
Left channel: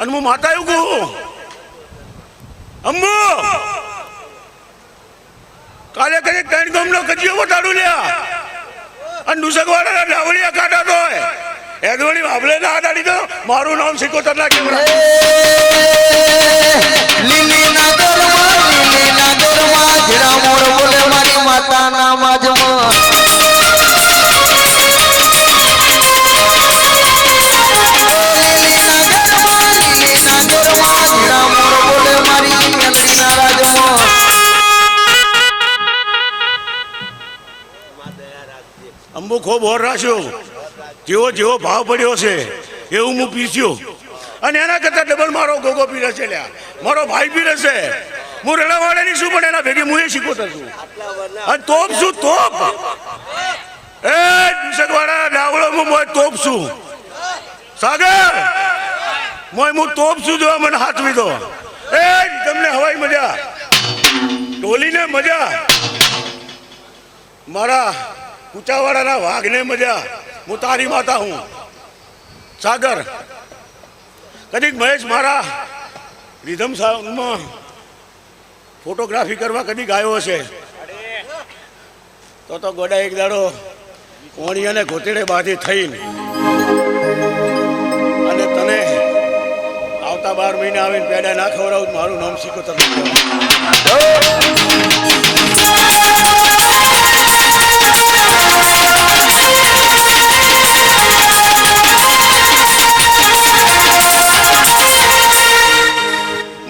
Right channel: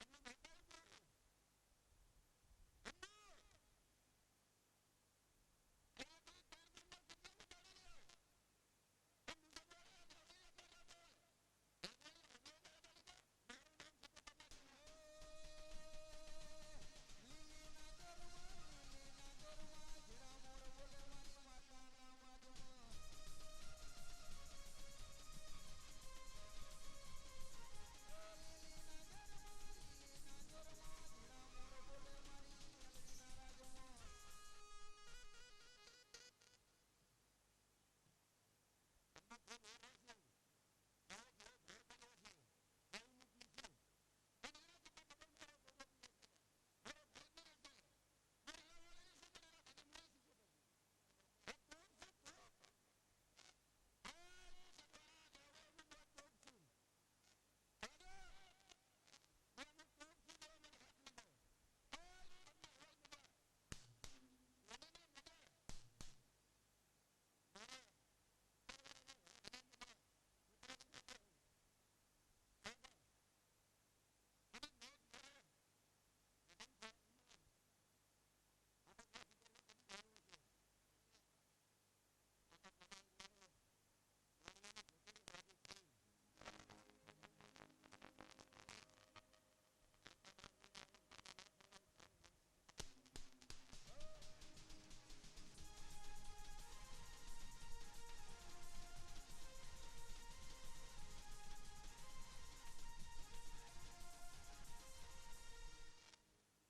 અને હું માતા એવું કહું અંબુ કાલે કદી ત્રણ ગામનો કજીઓ વટાડું લ્યા અને દુસકવાળા ડાવડિયા કાઢા તો એદવણી વાબલે ના આડાડી તો મારું નામ સિકોતર ના કેવડા લીલી ના દોરમાં જીરા મોર બોલે મારી માતાના માજમાં અંબુ ખૂબ હોર રાખ્યો જેવો જેવો ભાવ પડ્યો છે એવું હું પીસ્યો અને એના કરતા ડબલ મારો ગોગો પીરે છે લ્યા મારો ભાઈ પીરે છે હું રણાવાડાની શું પણ એના ભેગી હું એ શીખોતર છું અને તોપ છું તોપ એ દુસકવાળા ડાવડો હું તોપ છું સાગર હું તોપ છું જો મને હાથવી દો એ તમને હવાઈ મજા ટોલીને મજા મારા કુચાવાડાના વાઘને મજા હું તારી માતા હું સાગર કદીક મહેશ મારા રીધમ સાઉન્ડમાં ફોટોગ્રાફી કરવા કદીક આવ્યો હશે તો ગોડા એક દાડો કોણી અને ગોતેડે બાંધી થઈને અને તને આવતા 12 મહિના આવીને પેડા ના ખવડાવું મારું નામ સિકોતર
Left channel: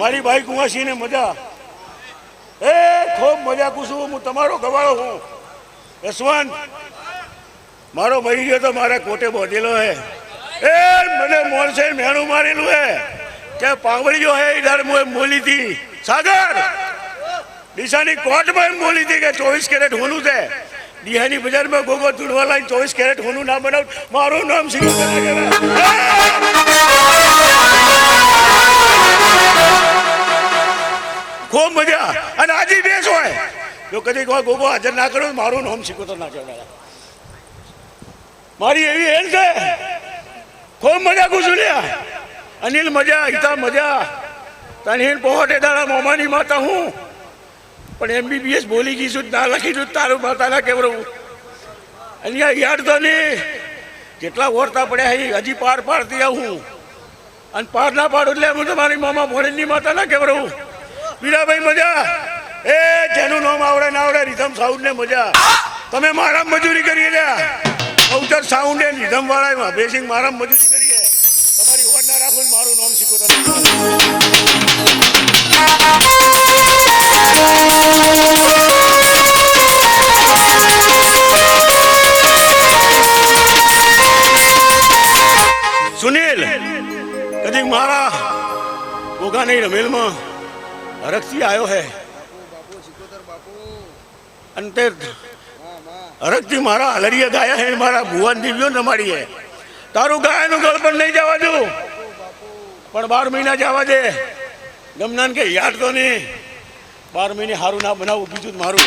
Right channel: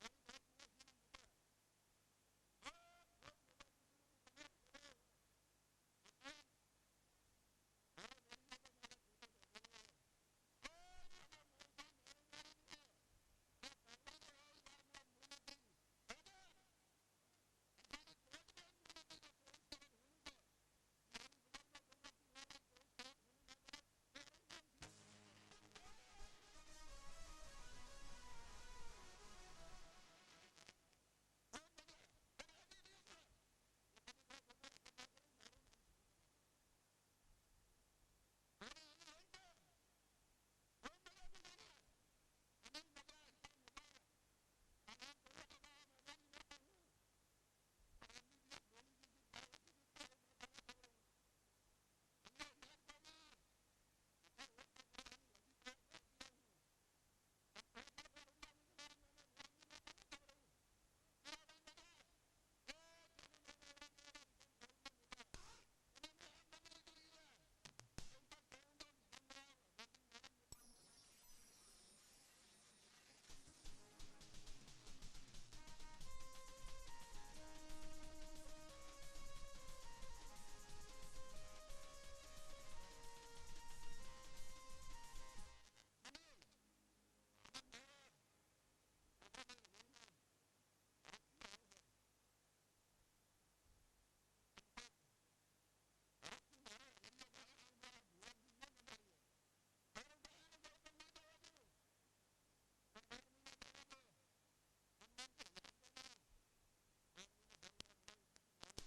મારી ભાઈ કુંવાસીને મજા એ ખૂબ મજા કુશું હું તમારો ગવાળો હું યશવંત મારો ભાઈ ગયો તો મારા કોટે બોધેલો હે એ મને મોરસે મેણું મારેલું હે કે પાંગળીઓ હે ઇધર મોલી થી સાગર દિશાની કોર્ટમાં એમ બોલી હતી કે 24 કેરેટ હોનું છે દિહાની બજારમાં ગોગો તુડવા લાઈન 24 કેરેટ હોનું ના બનાવ મારું નામ સિકોતર ખૂબ મજા અને આજે બેસ હોય જો કદી કોઈ ગોગો હાજર ના કર્યો મારું નામ સિકોતર ના કહેવાય મારી એવી હેલ છે ખૂબ મજા કુશુલ્યા અનિલ મજા હિતા મજા તનહીન પહોંચે દાડા મોમાની માતા હું પણ MBBS બોલી ગઈ છું ના લખી છું તારું માતાના કેવડું અહીંયા યાદ તો નહીં જેટલા ઓરતા પડ્યા હજી પાર પાડતી આવું અને પાર ના પાડું એટલે હું તમારી મામા ભોળીની માતાના કેવડું વીરાભાઈ મજા એ જેનું નામ આવડે ના આવડે રીધમ સાઉન્ડ ને મજા તમે મારા મજૂરી કરી રહ્યા અવતર સાઉન્ડ ને રીધમ વાળા બેસિંગ મારા મજૂરી કરીએ તમારી ઓર ના રાખો મારું નામ સિકોતર મારા ગોગાની રમેલમાં હરખથી આવ્યો હે અંતે હરખથી મારા હલરિયા ગાયા હે મારા ભુવન દિવ્યો રમાડી હે તારું ગાયનું ગળ પણ નહીં જવા દઉં પણ 12 મહિના જવા દે ગમનાન કે યાદ તો નહીં 12 મહિને સારું ના બનાવું બીજું મારું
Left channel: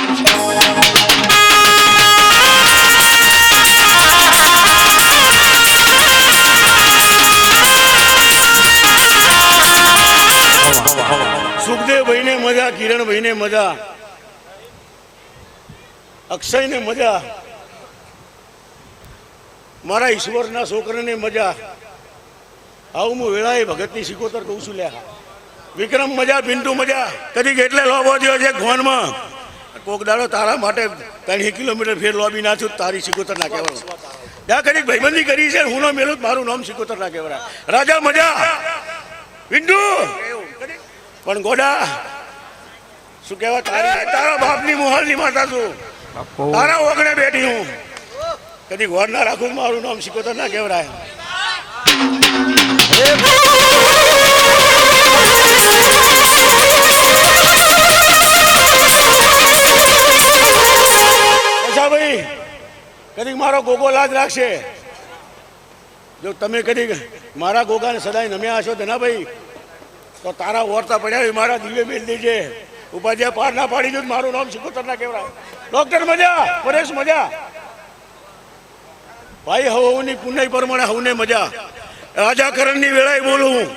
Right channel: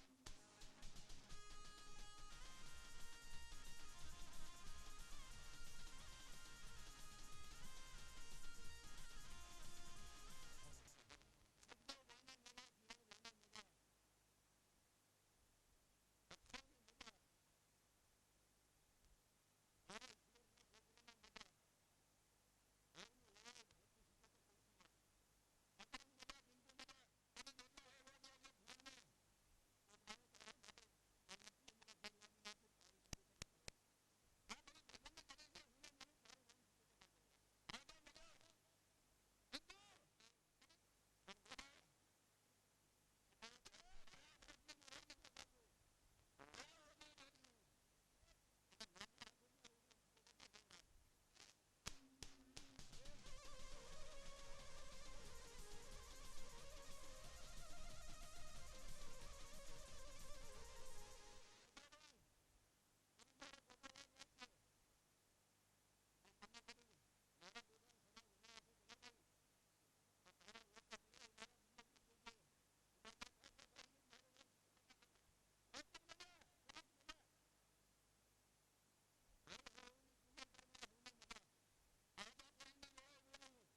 સુખદેવભાઈને મજા કિરણભાઈને મજા અક્ષયને મજા મારા ઈશ્વરના છોકરાને મજા આવું હું વેળાએ ભગતની સિકોતર કહું છું લ્યા વિક્રમ મજા પિન્ટુ મજા કદી એટલે લોબો થયો છે ઘોનમાં કોક દાડો તારા માટે 3 કિલોમીટર ફેર લોબી ના છું તારી સિકોતર ના કહેવાનું ત્યાં કદી ભાઈબંધી કરી છે હું નો મેલું મારું નામ સિકોતર ના કહેવાય રાજા મજા પિન્ટુ પણ ગોડા શું કહેવાય તારા બાપની મોહલની માતા છું તારા ઓગણે બેઠી હું કદી ઘોર ના રાખું મારું નામ સિકોતર ના કહેવાય ભાઈ કદી મારો ગોગો લાજ રાખશે જો તમે કદી મારા ગોગાને સદાય નમ્યા હશો તો ના ભાઈ તો તારા ઓરતા પડ્યા મારા દિવ્ય મેલ દેજે ઉપાધ્યાય પાર ના પાડી દો મારું નામ સિકોતર ના કહેવાય ડોક્ટર મજા પરેશ મજા ભાઈ હવની પુનઃ પ્રમાણે હવને મજા રાજાકરણની વેળાએ બોલું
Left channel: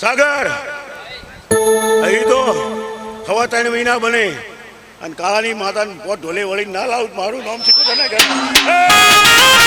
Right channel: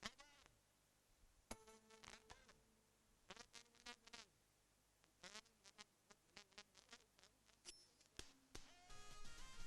સાગર અહીં તો 3 મહિના બને અને કાળાની માતાને પોટ ઢોલે વળી ના લાવું મારું નામ સિકોતર ના કહેવાય